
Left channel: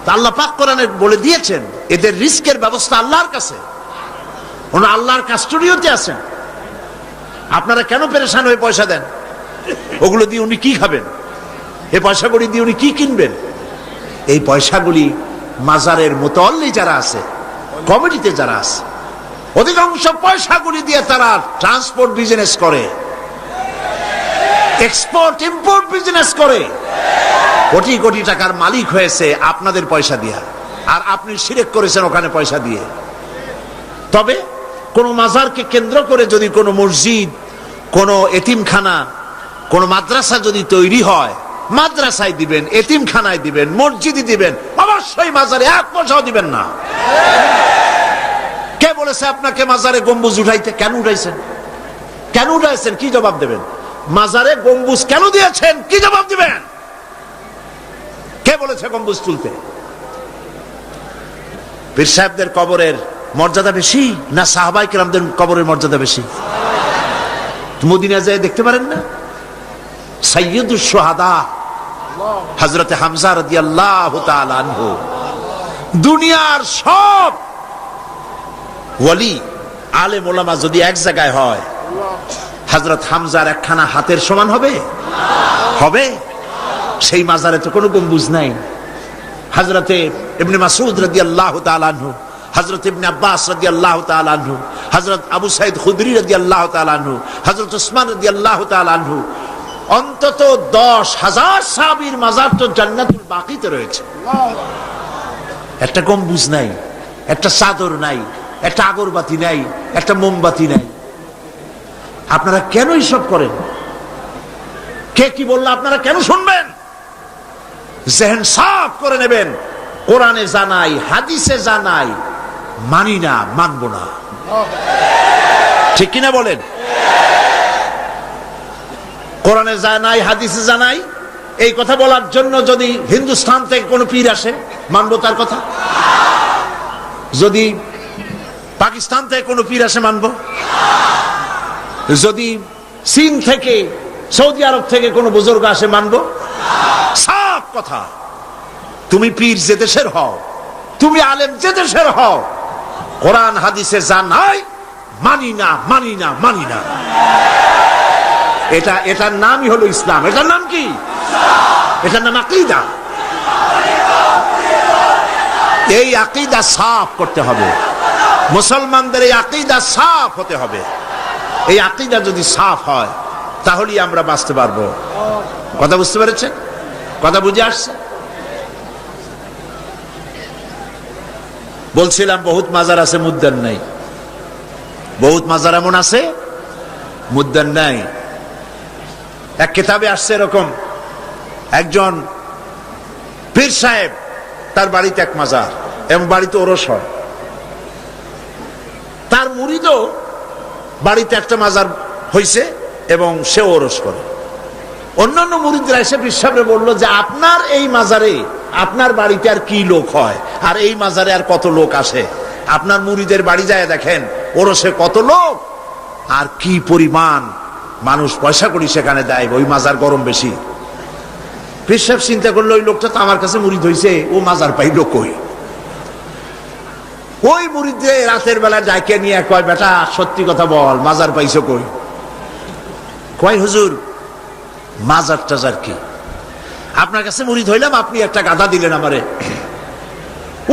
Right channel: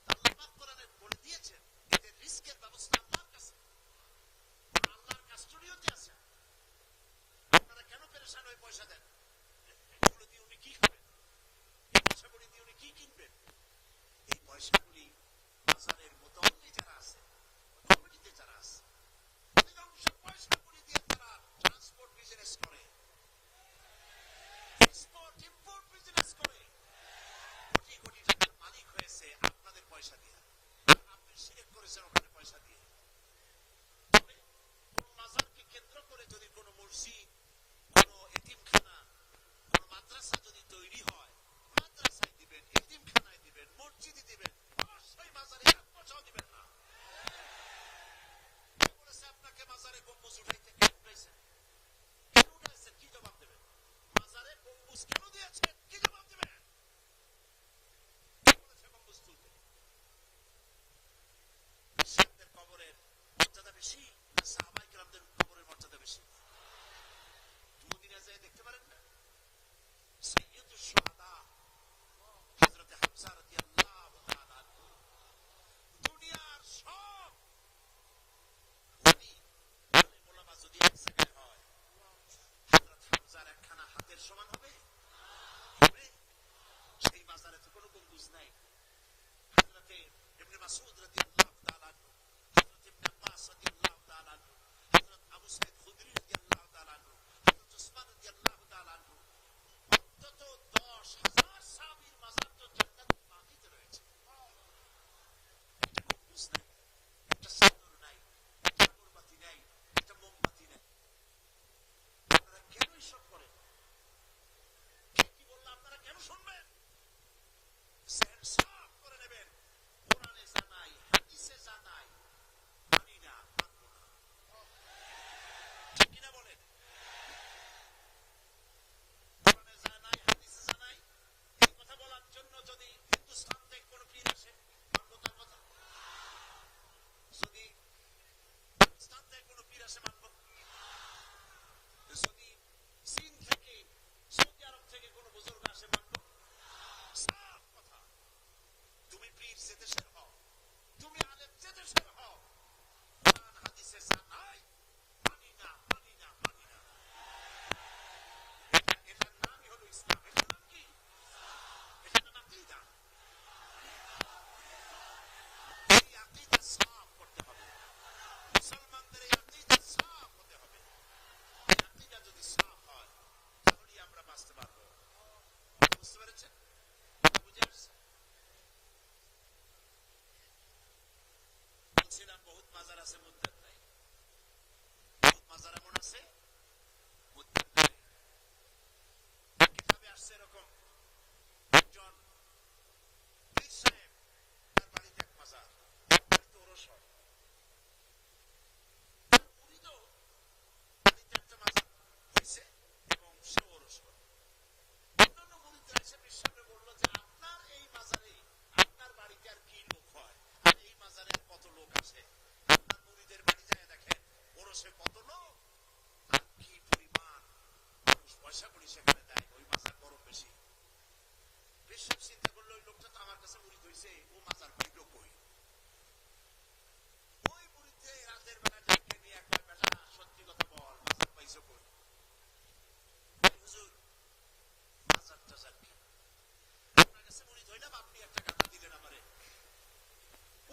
তা আল্লাহ পাক কোরআনে বলে দিয়েছেন এদের রিস্কের ব্যবস্থা আল্লাহর কাছে, ওনা আল্লাহর কাস্টোডিওতে আছেন। আপনারা কেন পেরেশান হয়ে পয়সা দেন? ওগুলো দিয়ে উনি কি খাবেন? এই পয়সাগুলি দিয়ে উনি কি কিনবেন? এই পয়সাগুলি মাজারের মুতাল্লি যারা আছে, কমিটিতে যারা আছে, অধিকাংশ পয়সাগুলি দিয়ে তারা ট্রান্সপোর্ট বিজনেস করে, এক্সপোর্ট ইম্পোর্ট বিজনেস করে, কোটি কোটি টাকার মালিক হয়েছে আপনাদের পয়সা দিয়ে। আর আপনি শিরক করেছেন ওখানে পয়সা দিয়ে। তবে কোন মাজারকে কেন্দ্র করে যদি কোনো মসজিদ, কোনো এতিমখানা, কোন মাদ্রাসা যদি তৈরি হয়, মাদ্রাসায় দিবেন, এতিমখানায় দিবেন, মসজিদে দিবেন, অবশ্যই মাজারে এক পয়সাও দিবেন না। কে বলেছে আপনাকে মাজারে গম্বুজ উঠাইতে? কেন উঠাইছেন? কেন উঠাইছেন? কি জবাব দেবেন? মাজারে গম্বুজ কেন দিয়েছেন? কি জবাব দিবেন? কে বলেছে গম্বুজ তুলতে? পীর সাহেবদের কবরের মর্যাদা বেশি না সাহাবায়ে কেরামদের কবরের মর্যাদা বেশি? মদিনা যায় দেখতে পারেন না? সাইয়্যিদুশ শুহাদা হযরত হামজা রাদিয়াল্লাহু তাআলা আনহু, দুনিয়ার সব ওয়ালি আলেম ওলামা যদি এক জায়গায় হয়, হযরত হামজার একখানা হাতের সমান হবে? হবে? সেই মাজারে তো কোনো গম্বুজ নাই। হযরতে ইবনে মাসউদ রাদিয়াল্লাহু তাআলা আনহু, হযরত ইবনে আব্বাস রাদিয়াল্লাহু তাআলা আনহু, হযরত আবু সাঈদ খুদরি রাদিয়াল্লাহু তাআলা আনহু, হযরত উসমান রাদিয়াল্লাহু তাআলা আনহু, অন্তত 10,000 সাহাবীর মাজার তো জান্নাতুল বাকিতে রয়েছে। একটা গম্বুজ নাই, একটা চাদর নাই, একটা আগরবাতি নাই, একটা মোমবাতি নাই। আপনারা কেন এইসব করেন? কে কি বললো আপনারা কেন শুনবেন? জেহেন সাফ করে নেবেন। কোরআনে জানাই, হাদিসে জানাই, মানি না, মানবো না। ঠিক কিনা বলেন? কোরআনে জানাই, হাদিসে জানাই, এই কথা বলার জন্য যদি হিন্দুস্তান থেকে কোনো পীর আসে, মানবো তার কথা? যদি পাকিস্তান থেকে কোনো পীর আসে, মানবো? যদি চীন থেকে, সৌদি আরব থেকে কোনো বুজুর্গ আসে, মানবো? সাফ কথা। তুমি পীর যে দেশের হও, তুমি আলেম যে দেশের হও, কোরআন হাদিসে জানাই, মানি না, মানি না, মানি না। এটার নামই হলো ইসলাম। এটার নাম কি? এটার নাম আকীদা। এই আকীদা সাফ করতে হবে। মুসলমানদের এই আকীদা সাফ হতে হবে। এই আকীদা যদি সাফ হয় তাহলেই আমরা বাঁচতে পারবো। কথা বুঝতে পেরেছেন? কথা বুঝে আসছে? বলছিলাম বহুত মাজার আছে, মুদ্দান নাই। বহুত মাজার এমন আছে, মুদ্দান নাই। এক কিতাবে আসছে এরকম, একজন পীর সাহেব, তার বাড়িতে এক মাজার এবং বাড়িতে ওরস হয়। তার মুরিদও বাড়িতে একটা মাজার হইছে এবং সে ওরস করে। অন্যান্য মুরিদরা এসে পীর সাহেবরে বললো যে আপনার এই মাজারে, আপনার বাড়িতে আর কি লোক হয়, আর এই মাজারে আর কত লোক আসে? আপনার মুরিদের বাড়ি যায় দেখেন, ওরসে কত লোক, আর কি পরিমাণ মানুষ পয়সা করি সেখানে দেয়, ওই মাজার গরম বেশি। পীর সাহেব চিন্তা করলো ওই লোকটা তো আমার কাছে মুরিদ হয়েছে, ও মাজার পাইল কই? ওই মুরিদে রাতের বেলা ডাইকে নিয়ে কয়, বেটা সত্যি কথা বল, মাজার পাইছো কই? কয় হুজুর মাজার টাজার কি, আপনার কাছে মুরিদ হইলাম, আপনি একটা গাধা দিলেন আমারে,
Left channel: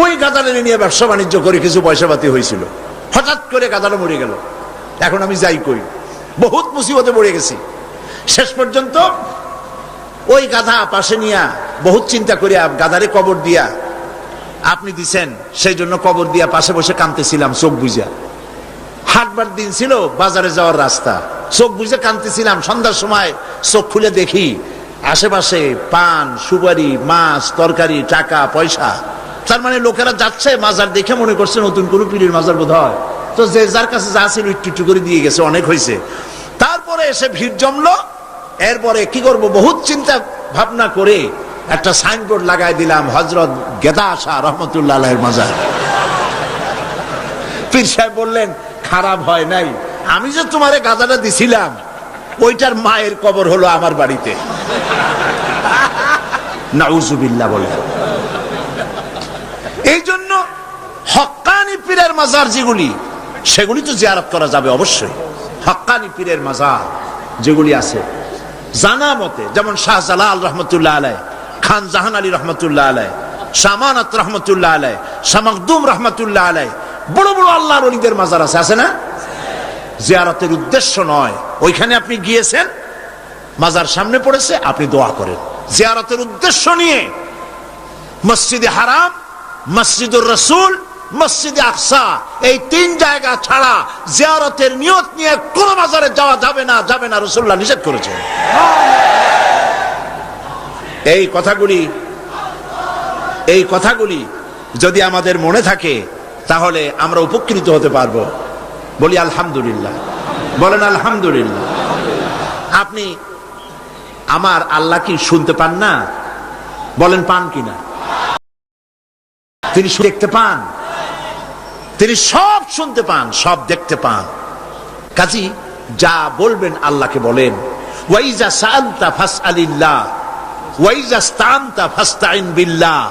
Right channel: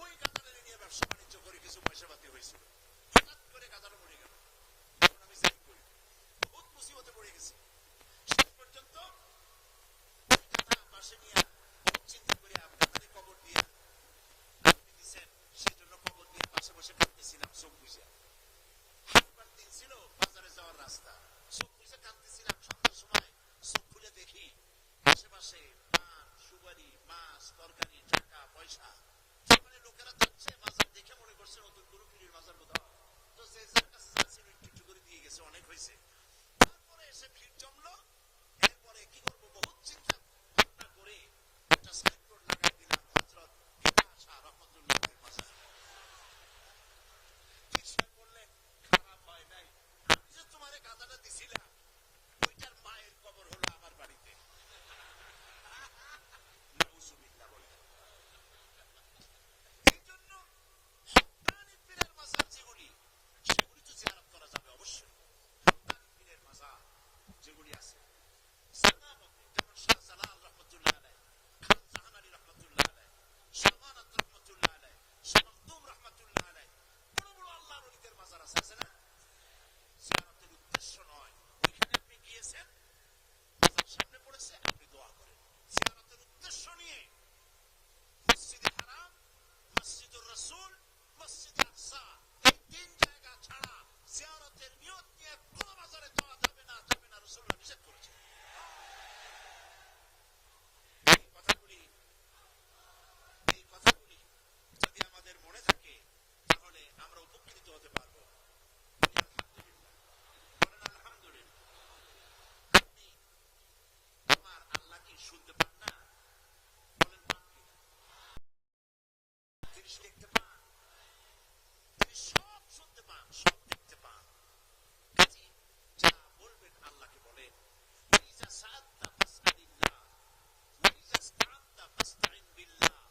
ওই গাধাটা নিয়ে ব্যবসা বাণিজ্য করে কিছু পয়সা পাতি হয়েছিল, হঠাৎ করে গাধাটা মরে গেল, এখন আমি যাই কই? বহুত মুসিবতে পড়ে গেছি। শেষ পর্যন্ত ওই গাধা পাশে নিয়া বহুত চিন্তা করিয়া গাধারে কবর দিয়া, আপনি দিছেন সেই জন্য কবর দিয়া পাশে বসে কাঁদতেছিলাম চোখ বুঝা। হাটবার দিন ছিল, বাজারে যাওয়ার রাস্তা, চোখ বুঝে কাঁদতেছিলাম। সন্ধ্যার সময় চোখ খুলে দেখি আশেপাশে পান, সুপারি, মাছ, তরকারি, টাকা পয়সা। তার মানে লোকেরা যাচ্ছে, মাজার দেখে মনে করছে নতুন কোন পীরের মাজার বোধ হয়, তো যে যার কাছে যা ছিল একটু একটু করে দিয়ে গেছে, অনেক হয়েছে। তারপরে এসে ভিড় জমলো। এরপরে কি করব, বহুত চিন্তা ভাবনা করে একটা সাইনবোর্ড লাগাই দিলাম, হযরত গেদা শাহ রহমতুল্লাহ আলাইহির মাজার। পীর সাহেব বললেন, খারাপ হয় নাই, আমি যে তোমারে গাদাটা দিছিলাম ওইটার মায়ের কবর হলো আমার বাড়িতে। নাউজুবিল্লাহ বলে। এই জন্য হক্কানি পীরের মাজার যেগুলি, সেগুলি তো জিয়ারত করা যাবে অবশ্যই। হক্কানি পীরের মাজার যেগুলি আছে জানা মতে, যেমন শাহজালাল রহমতুল্লাহ আলাই, খান জাহান আলী রহমতুল্লাহ আলাই, শামানাত রহমতুল্লাহ আলাই, শামাকদুম রহমতুল্লাহ আলাই, বড় বড় আল্লাহর ওলিদের মাজার আছে, আছে না? জিয়ারতের উদ্দেশ্য নয়, ওইখানে আপনি গিয়েছেন, মাজার সামনে পড়েছে, আপনি দোয়া করেন। জিয়ারতের উদ্দেশ্য নিয়ে মসজিদে হারাম, মসজিদুর রাসূল, মসজিদে আকসা, এই তিন জায়গা ছাড়া জিয়ারতের নিয়ত নিয়ে কোন মাজারে যাওয়া যাবে না, যাবে না, রাসূলুল্লাহ নিষেধ করেছেন। এই কথাগুলি যদি আমাদের মনে থাকে তাহলে আমরা উপকৃত হতে পারবো। বলি আলহামদুলিল্লাহ, বলেন আলহামদুলিল্লাহ। আপনি আমার আল্লাহ কি শুনতে পান না? বলেন পান কিনা? তিনি দেখতে পান, তিনি সব শুনতে পান, সব দেখতে পান। কাজী যা বলবেন আল্লাহকে বলেন। ওয়াইজা সাআলতা ফাসআলিল্লাহ ওয়াইজা ইসতাআনতা ফাসতাইন বিল্লাহ।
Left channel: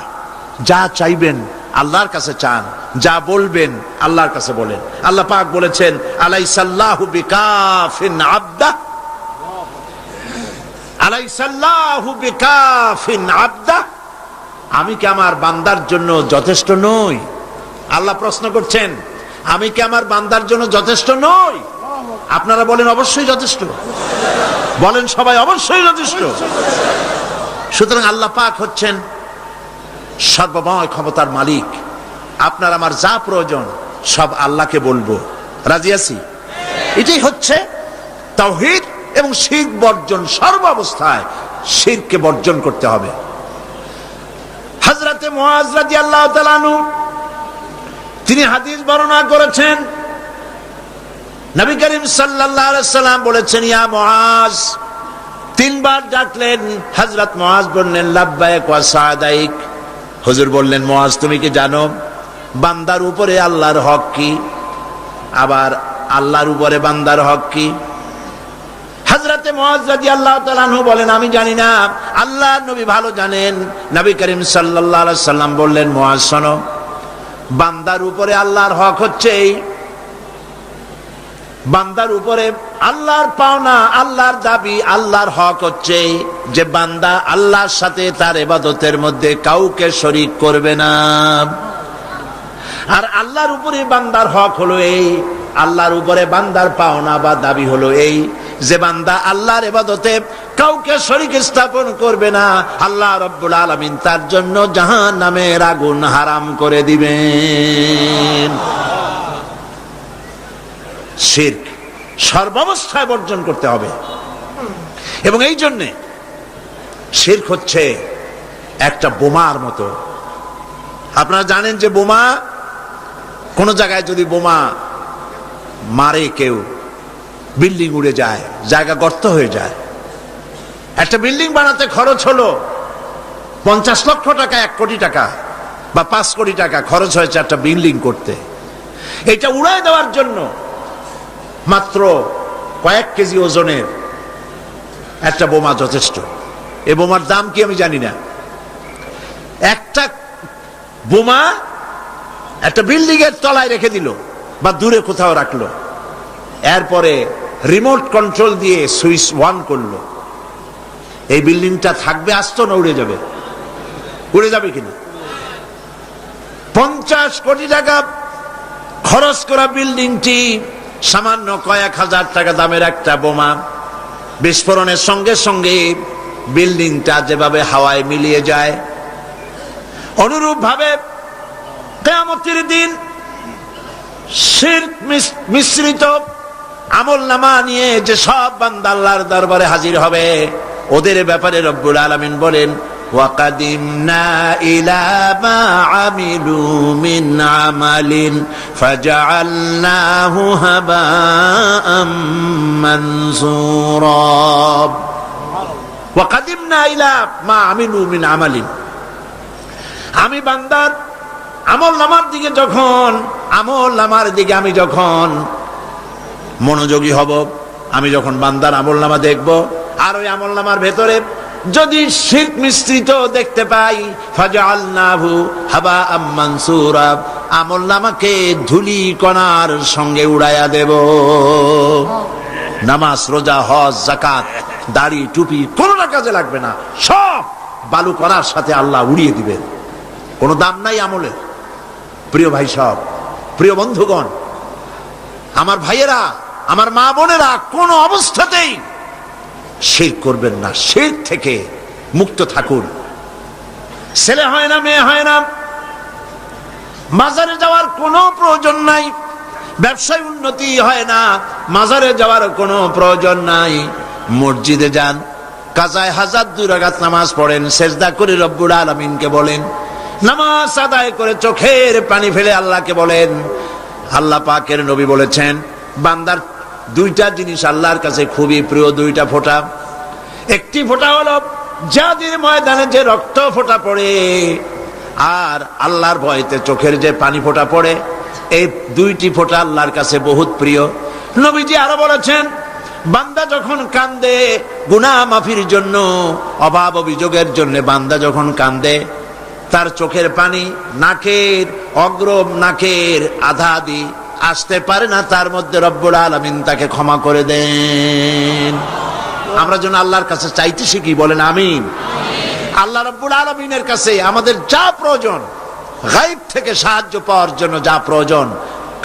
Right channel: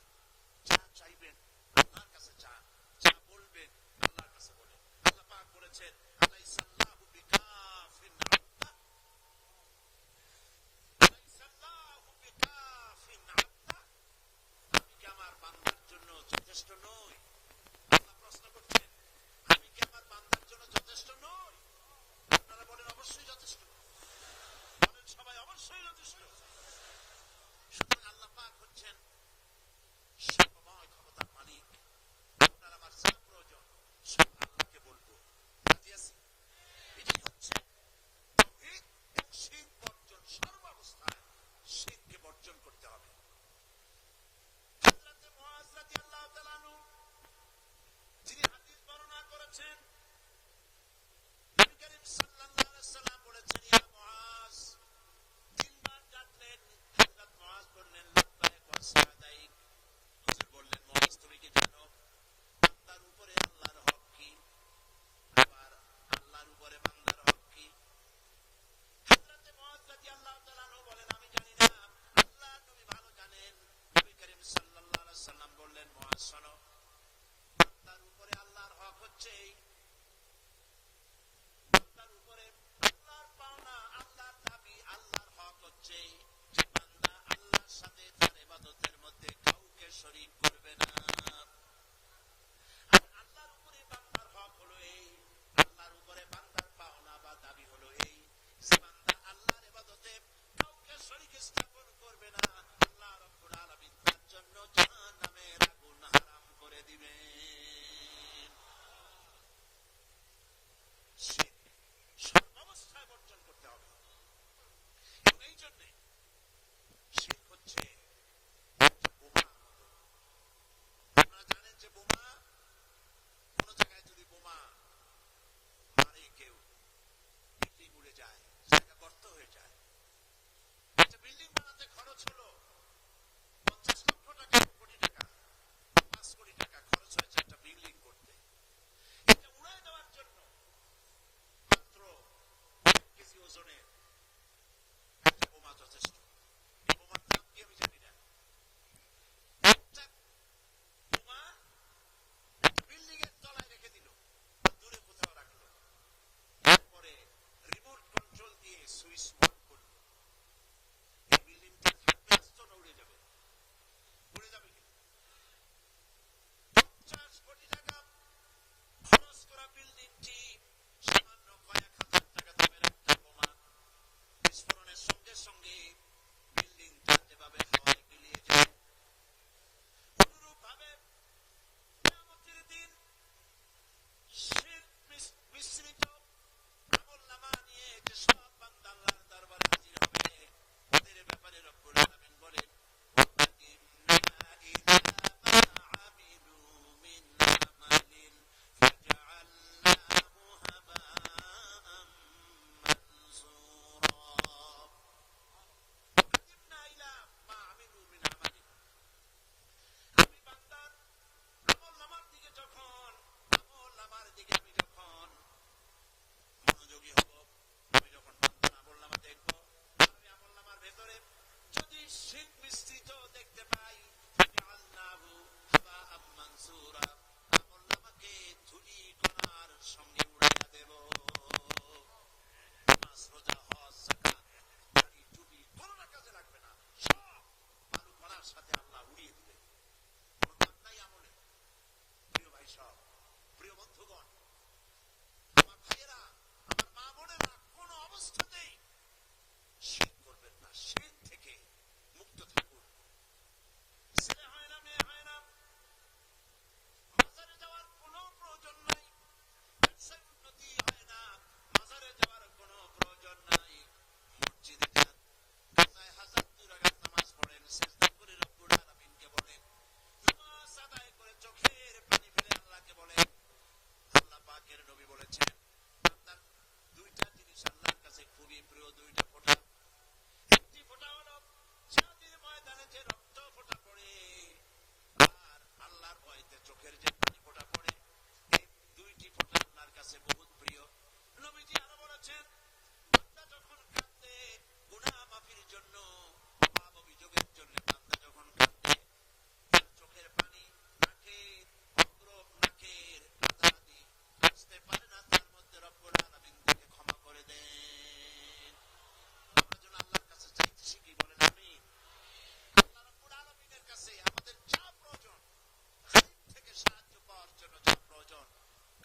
যা চাইবেন আল্লাহর কাছে চান, যা বলবেন আল্লাহর কাছে বলেন। আল্লাহ পাক বলেছেন, আলাইসাল্লাহু বিকাফিন আবদা, আলাইসাল্লাহু বিকাফিন আবদা। আমি কি আমার বান্দার জন্য যথেষ্ট নই? আল্লাহ প্রশ্ন করছেন, আমি কি আমার বান্দার জন্য যথেষ্ট নই? আপনারা বলেন অবশ্যই যথেষ্ট, বলেন সবাই অবশ্যই যথেষ্ট। সুতরাং আল্লাহ পাক হচ্ছেন সর্বময় ক্ষমতার মালিক। আপনার আমার যা প্রয়োজন সব আল্লাহকে বলবো, রাজি আছি? এটাই হচ্ছে তাওহীদ এবং শিরক বর্জন। সর্বাবস্থায় শিরককে বর্জন করতে হবে। হযরতে মুআজ রাদিয়াল্লাহু তাআলা আনহু তিনি হাদিস বর্ণনা করেছেন, নবী করিম সাল্লাল্লাহু আলাইহি সাল্লাম বলেছেন, ইয়া মুআজ, তিনবার ডাকলেন। হযরত মুআজ বললেন, লাব্বাইক ওয়া সাদাইক। হুজুর বললেন, মুআজ তুমি কি জানো বান্দার উপরে আল্লাহর হক কি, আবার আল্লাহর উপরে বান্দার হক কি? হযরতে মুআজ রাদিয়াল্লাহু তাআলা আনহু বলেন, আমি জানি না, আল্লাহর নবী ভালো জানেন। নবী করিম সাল্লাল্লাহু আলাইহি সাল্লাম বললেন, মুআজ শোনো, বান্দার উপরে আল্লাহর হক হচ্ছে এই, বান্দার উপরে আল্লাহর পাওনা, আল্লাহর দাবি, আল্লাহর হক হচ্ছে যে বান্দা আল্লাহর সাথে তার ইবাদতের মধ্যে কাউকে শরীক করবে না। আর আল্লাহর উপরে বান্দার হক হলো এই, আল্লাহর উপরে বান্দার পাওনা বা দাবি হলো এই যে বান্দা আল্লাহর ইবাদতে কাউকে শরীক স্থাপন করবে না। আল্লাহ রাব্বুল আলামিন তার জন্য জাহান্নামের আগুন হারাম করে দিবেন। শিরক সর্বাবস্থায় বর্জন করতে হবে। এবং এই জন্যে শিরক হচ্ছে একটা বোমার মতো। আপনারা জানেন যে বোমা, কোন জায়গায় যদি বোমা মারে কেউ, বিল্ডিং উড়ে যায়, জায়গা গর্ত হয়ে যায়। একটা বিল্ডিং বানাতে খরচ হলো 50 লক্ষ টাকা, 1 কোটি টাকা বা 5 কোটি টাকা খরচ হয়েছে একটা বিল্ডিং করতে। এটা উড়ায় দেওয়ার জন্য মাত্র কয়েক কেজি ওজনের একটা বোমা যথেষ্ট। এই বোমার দাম কি আমি জানি না। একটা বোমা একটা বিল্ডিং এর তলায় রেখে দিল বা দূরে কোথাও রাখলো, এরপরে রিমোট কন্ট্রোল দিয়ে সুইচ অন করলো। এই বিল্ডিংটা থাকবে আস্ত না উড়ে যাবে? উড়ে যাবে কিনা? 50 কোটি টাকা খরচ করা বিল্ডিংটি সামান্য কয়েক হাজার টাকা দামের একটা বোমা বিস্ফোরণের সঙ্গে সঙ্গে বিল্ডিংটা যেভাবে হাওয়ায় মিলিয়ে যায়, অনুরূপ ভাবে কিয়ামতের দিন শিরক মিশ্রিত আমলনামা নিয়ে যে সব বান্দা আল্লাহর দরবারে হাজির হবে, ওদের ব্যাপারে রব্বুল আলামিন বলেন, ওয়াকাদিমনা ইলা মা আমিলু মিন আমালিন ফাজআলনাহু হাবাআম মানসুরা। ওয়াকাদিমনা ইলা মা আমিলু মিন আমালিন, আমি বান্দার আমলনামার দিকে আমি যখন মনোযোগী হব, আমি যখন বান্দার আমলনামা দেখব, আর ওই আমলনামার ভেতরে যদি শিরক মিশ্রিত দেখতে পাই, ফাজআলনাহু হাবাআম মানসুরা, আমলনামাকে ধুলি কণার সঙ্গে উড়াইয়া দেব। নামাজ, রোজা, হজ, যাকাত, দাড়ি, টুপি কোনটা কাজে লাগবে না, সব বালু কণার সাথে আল্লাহ উড়িয়ে দিবেন। কোনো দাম নাই আমলের। প্রিয় ভাই সব, প্রিয় বন্ধুগণ, আমার ভাইয়েরা, আমার মা বোনেরা, কোন অবস্থাতেই শিরক করবেন না। শিরক থেকে মুক্ত থাকুন। ছেলে হয় না, মেয়ে হয় না, মাজারে যাওয়ার কোনো প্রয়োজন নাই। ব্যবসায় উন্নতি হয় না, মাজারে যাওয়ার কোনো প্রয়োজন নাই। মসজিদে যান, কাজায় হাজার 2 রাকাত নামাজ পড়েন, সেজদা করে রব্বুল আলামিনকে বলেন, নামাজ আদায় করে চোখের পানি ফেলে আল্লাহকে বলেন। আল্লাহ পাকের নবী বলেছেন, বান্দার 2টা জিনিস আল্লাহর কাছে খুবই প্রিয়, 2টা ফোঁটা। একটি ফোঁটা হলো জিহাদের ময়দানে যে রক্ত ফোঁটা পড়ে, আর আল্লাহর ভয়তে চোখের যে পানি ফোঁটা পড়ে, এই 2টি ফোঁটা আল্লাহর কাছে বহুত প্রিয়। নবীজি আরো বলেছেন, বান্দা যখন কান্দে গুনাহ মাফির জন্য, অভাব অভিযোগের জন্য বান্দা যখন কান্দে, তার চোখের পানি নাকের অগ্রম নাকের আধা আধি আসতে পারে না, তার মধ্যে রব্বুল আলামিন তাকে ক্ষমা করে দেন। আমরা যেন আল্লাহর কাছে চাইতে শিখি, বলেন আমিন। আল্লাহ রব্বুল আলামিনের কাছে আমাদের যা প্রয়োজন, গায়ব থেকে সাহায্য পাওয়ার জন্য যা প্রয়োজন,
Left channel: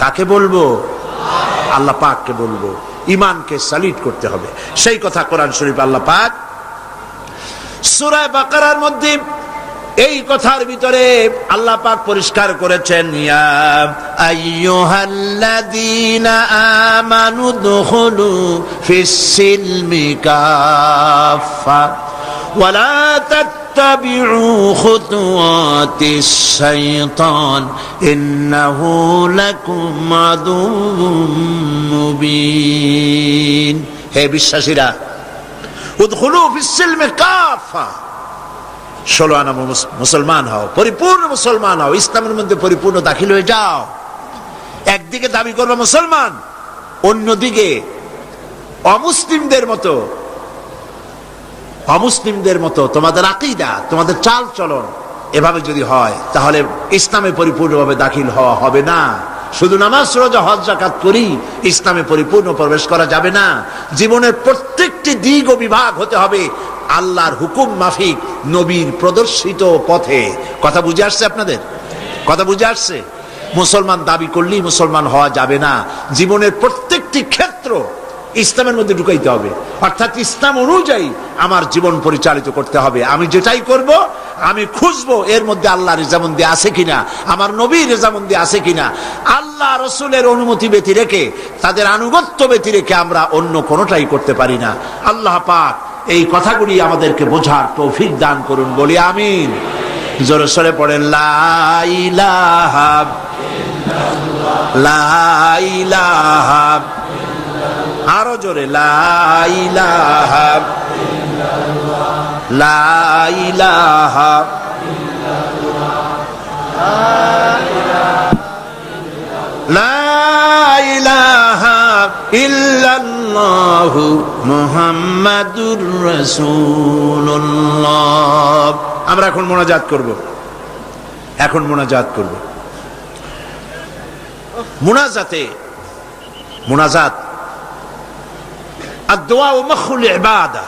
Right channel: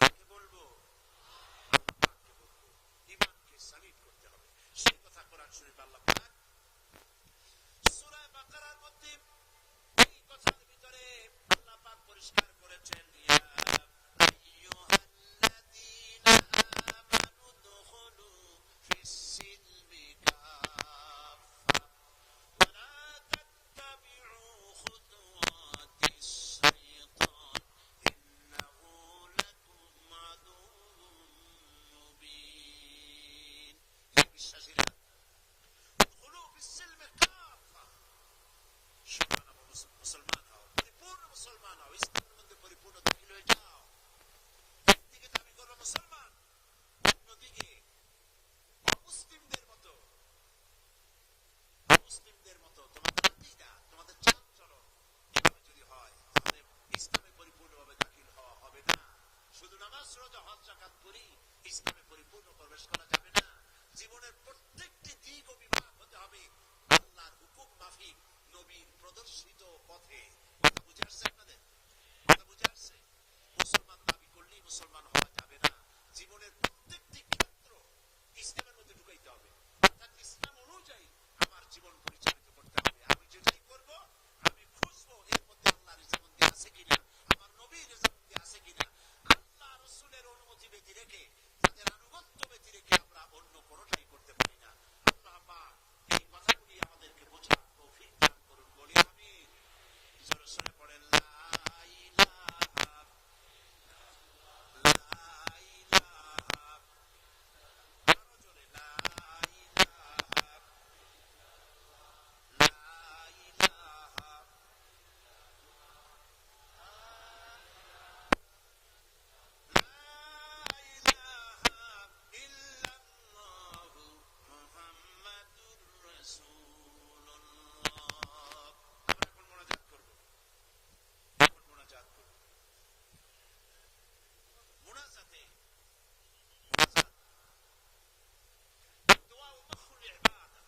কাকে বলবো? আল্লাহ পাককে বলবো। ঈমানকে সালিট করতে হবে। সেই কথা কোরআন শরীফ আল্লাহ পাক সূরা বাকারার মধ্যে এই কথার ভিতরে আল্লাহ পাক পরিষ্কার করেছেন, ইয়া আইয়ুহাল্লাযীনা আমানু দুখুলু ফিস-সিলমি কাফা ওয়া লা তাত্তাবিউ খুতুওয়াতিশ শাইতান ইন্নাহু লাকুম আদুউম মুবিন। হে বিশ্বাসীরা, উদখুলু ফিস-সিলমি কাফা, 16 আনা মুসলমান হও, পরিপূর্ণ মুসলমান হও, ইসলামের মধ্যে পরিপূর্ণ দাখিল হয়ে যাও। একদিকে দাবি করবে মুসলমান, অন্যদিকে অমুসলিমদের মতো তোমাদের আকীদা, তোমাদের চাল চলন এভাবে যদি হয়, তাহলে ইসলামে পরিপূর্ণভাবে দাখিল হওয়া হবে না। শুধু নামাজ, রোজা, হজ, যাকাত করি ইসলামে পরিপূর্ণ প্রবেশ করা যাবে না। জীবনের প্রত্যেকটি দিক ও বিভাগ হতে হবে আল্লাহর হুকুম মাফিক, নবীর প্রদর্শিত পথে। কথা বুঝে আসছে আপনাদের? কথা বুঝে আসছে? মুসলমান দাবি করলেই মুসলমান হওয়া যাবে না। জীবনের প্রত্যেকটি ক্ষেত্র ইসলামের মধ্যে ঢুকাইতে হবে, অর্থাৎ ইসলাম অনুযায়ী আমার জীবন পরিচালিত করতে হবে। আমি যেটাই করব আমি খুঁজবো এর মধ্যে আল্লাহর রেজামন্দি আছে কিনা, আমার নবীর রেজামন্দি আছে কিনা। আল্লাহ রসুলের অনুমতি ব্যতি রেখে, তাদের আনুগত্য ব্যতি রেখে আমরা অন্য কোনোটাই করতে পারি না। আল্লাহ পাক এই কথাগুলি আমাদেরকে বোঝার তৌফিক দান করুন, বলি আমিন। জোরে সরে পড়েন, লা ইলাহা ইল্লাল্লাহ, লা ইলাহা, আরো জোরে, লা ইলাহা ইল্লাল্লাহ, লা ইলাহা ইল্লাল্লাহ, লা ইলাহা ইল্লাল্লাহ। ইল্লাল্লাহু মুহাম্মাদুর রাসূলুল্লাহ। আমরা এখন মোনাজাত করব, এখন মোনাজাত করব। মোনাজাত ad-du'a mukhul ইবাদা,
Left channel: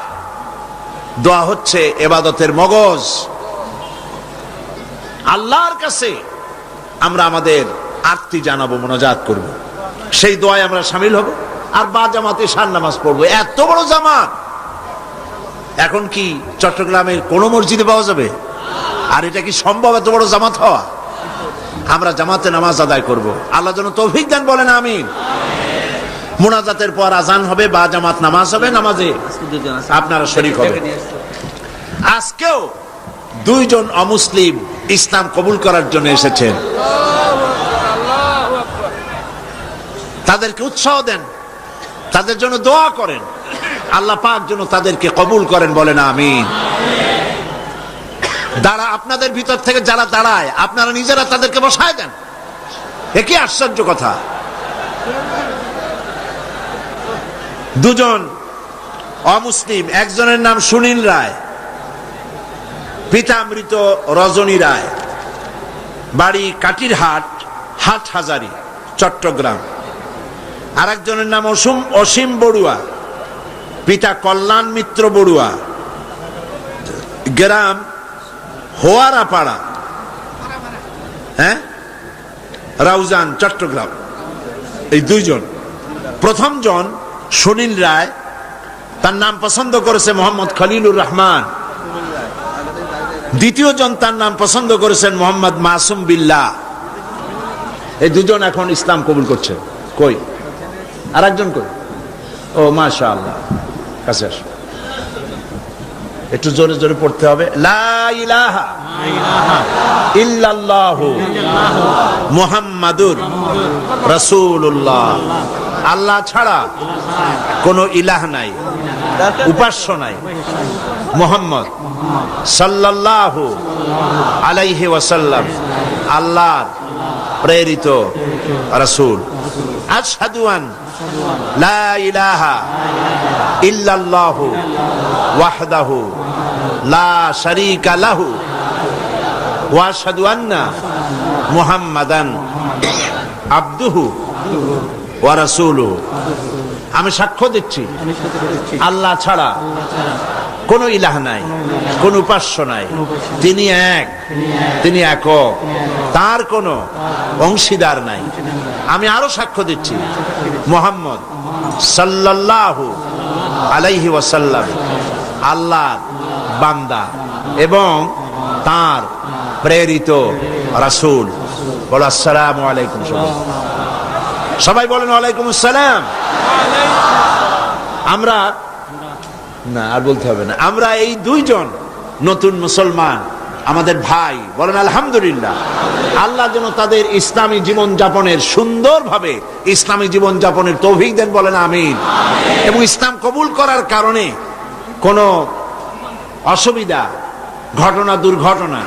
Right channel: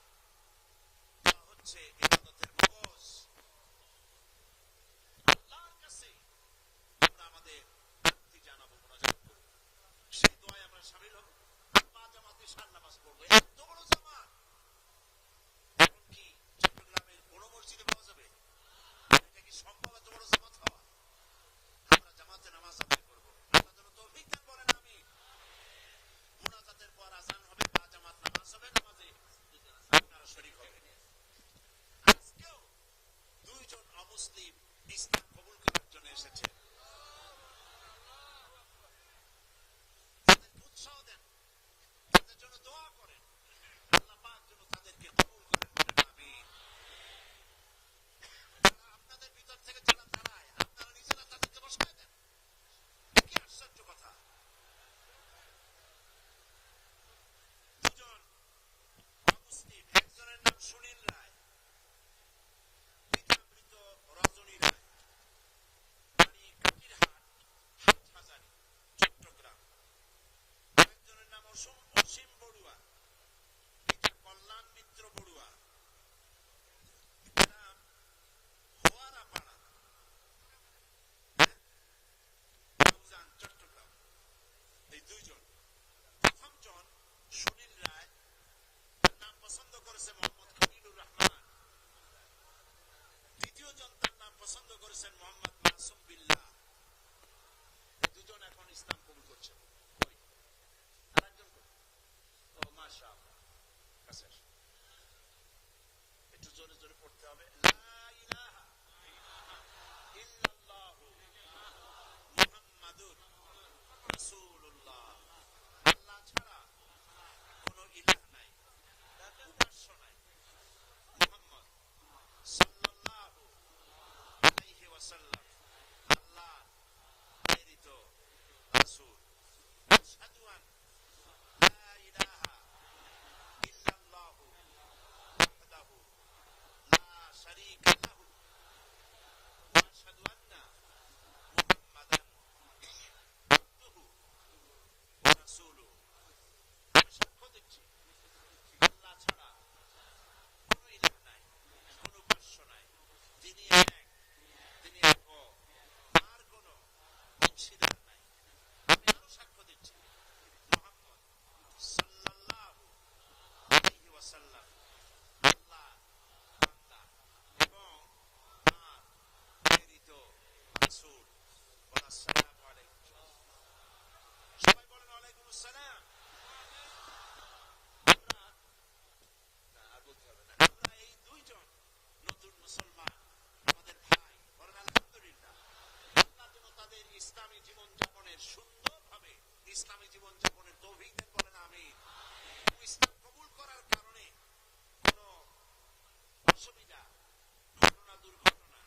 দোয়া হচ্ছে ইবাদতের মগজ। আল্লাহর কাছে আমরা আমাদের আরতি জানাবো, মোনাজাত করব, সেই দোয়ায় আমরা শামিল হব, আর বা জামাতে শান নামাজ পড়বো। এত বড় জামাত এখন কি চট্টগ্রামের কোন মসজিদে পাওয়া যাবে? আর এটা কি সম্ভব এত বড় জামাত হওয়া? আমরা জামাতে নামাজ আদায় করব, আল্লাহ যেন তৌফিক দেন, বলেন আমিন। মোনাজাতের পর আজান হবে, বা জামাত নামাজ হবে, নামাজে আপনারা শরীক হবেন। আজকেও দুইজন অমুসলিম ইসলাম কবুল করার জন্য এসেছেন, তাদেরকে উৎসাহ দেন, তাদের জন্য দোয়া করেন, আল্লাহ পাক যেন তাদেরকে কবুল করেন, বলেন আমিন। আপনাদের ভিতর থেকে যারা দাঁড়ায়, আপনারা নিজেরা তাদেরকে বসায় দেন। একই আশ্চর্য কথা, দুজন অমুসলিম, একজনের নাম সুনীল রায়, পিতা মৃত রজনী রায়, বাড়ি কাটিরহাট, হাটহাজারী, চট্টগ্রাম। আর একজনের নাম অসীম বড়ুয়া, পিতা কল্যাণ মিত্র বড়ুয়া, গ্রাম হোয়ারাপাড়া, রাউজান, চট্টগ্রাম। এই দুইজন, প্রথম জন সুনীল রায়, তার নাম পছন্দ করেছে মোহাম্মদ খলিলুর রহমান। দ্বিতীয় জন, তার নাম পছন্দ করেছেন মোহাম্মদ মাসুম বিল্লাহ। এই দুজন এখন ইসলাম কবুল করছে। কই আর একজন? কই? ও মাশাআল্লাহ, কাছে আসো, একটু জোরে জোরে পড়তে হবে। লা ইলাহা ইল্লাল্লাহু মুহাম্মাদুর রাসূলুল্লাহ। আল্লাহ ছাড়া কোনো ইলাহ নাই, উপাস্য নাই। মুহাম্মদ সাল্লাল্লাহু আলাইহি ওয়াসাল্লাম আল্লাহর প্রেরিত রাসূল। আশহাদু আন লা ইলাহা ইল্লাল্লাহু ওয়াহদাহু লা শারীকা লাহু ওয়া আশহাদু আন্না মুহাম্মাদান আবদুহু ওয়া রাসূলুহু। আমি সাক্ষ্য দিচ্ছি আল্লাহ ছাড়া কোন ইলাহ নাই, কোন উপাস্য নাই, তিনি এক, তিনি একক, তার কোনো অংশীদার নাই। আমি আরো সাক্ষ্য দিচ্ছি মুহাম্মদ সাল্লাল্লাহু আলাইহি ওয়াসাল্লাম আল্লাহর বান্দা এবং তার প্রেরিত রাসূল। বলো আসসালামু আলাইকুম। সবাই বলেন ওয়ালাইকুম আসসালাম। আমরা না, আর বলতে হবে না, আমরা এই দুইজন নতুন মুসলমান আমাদের ভাই, বলেন আলহামদুলিল্লাহ। আল্লাহ যেন তাদের ইসলামী জীবন যাপনের, সুন্দরভাবে ইসলামী জীবন যাপনের তৌফিক দেন, বলেন আমিন। এবং ইসলাম কবুল করার কারণে কোনো অসুবিধা, ঘটনা, দুর্ঘটনা,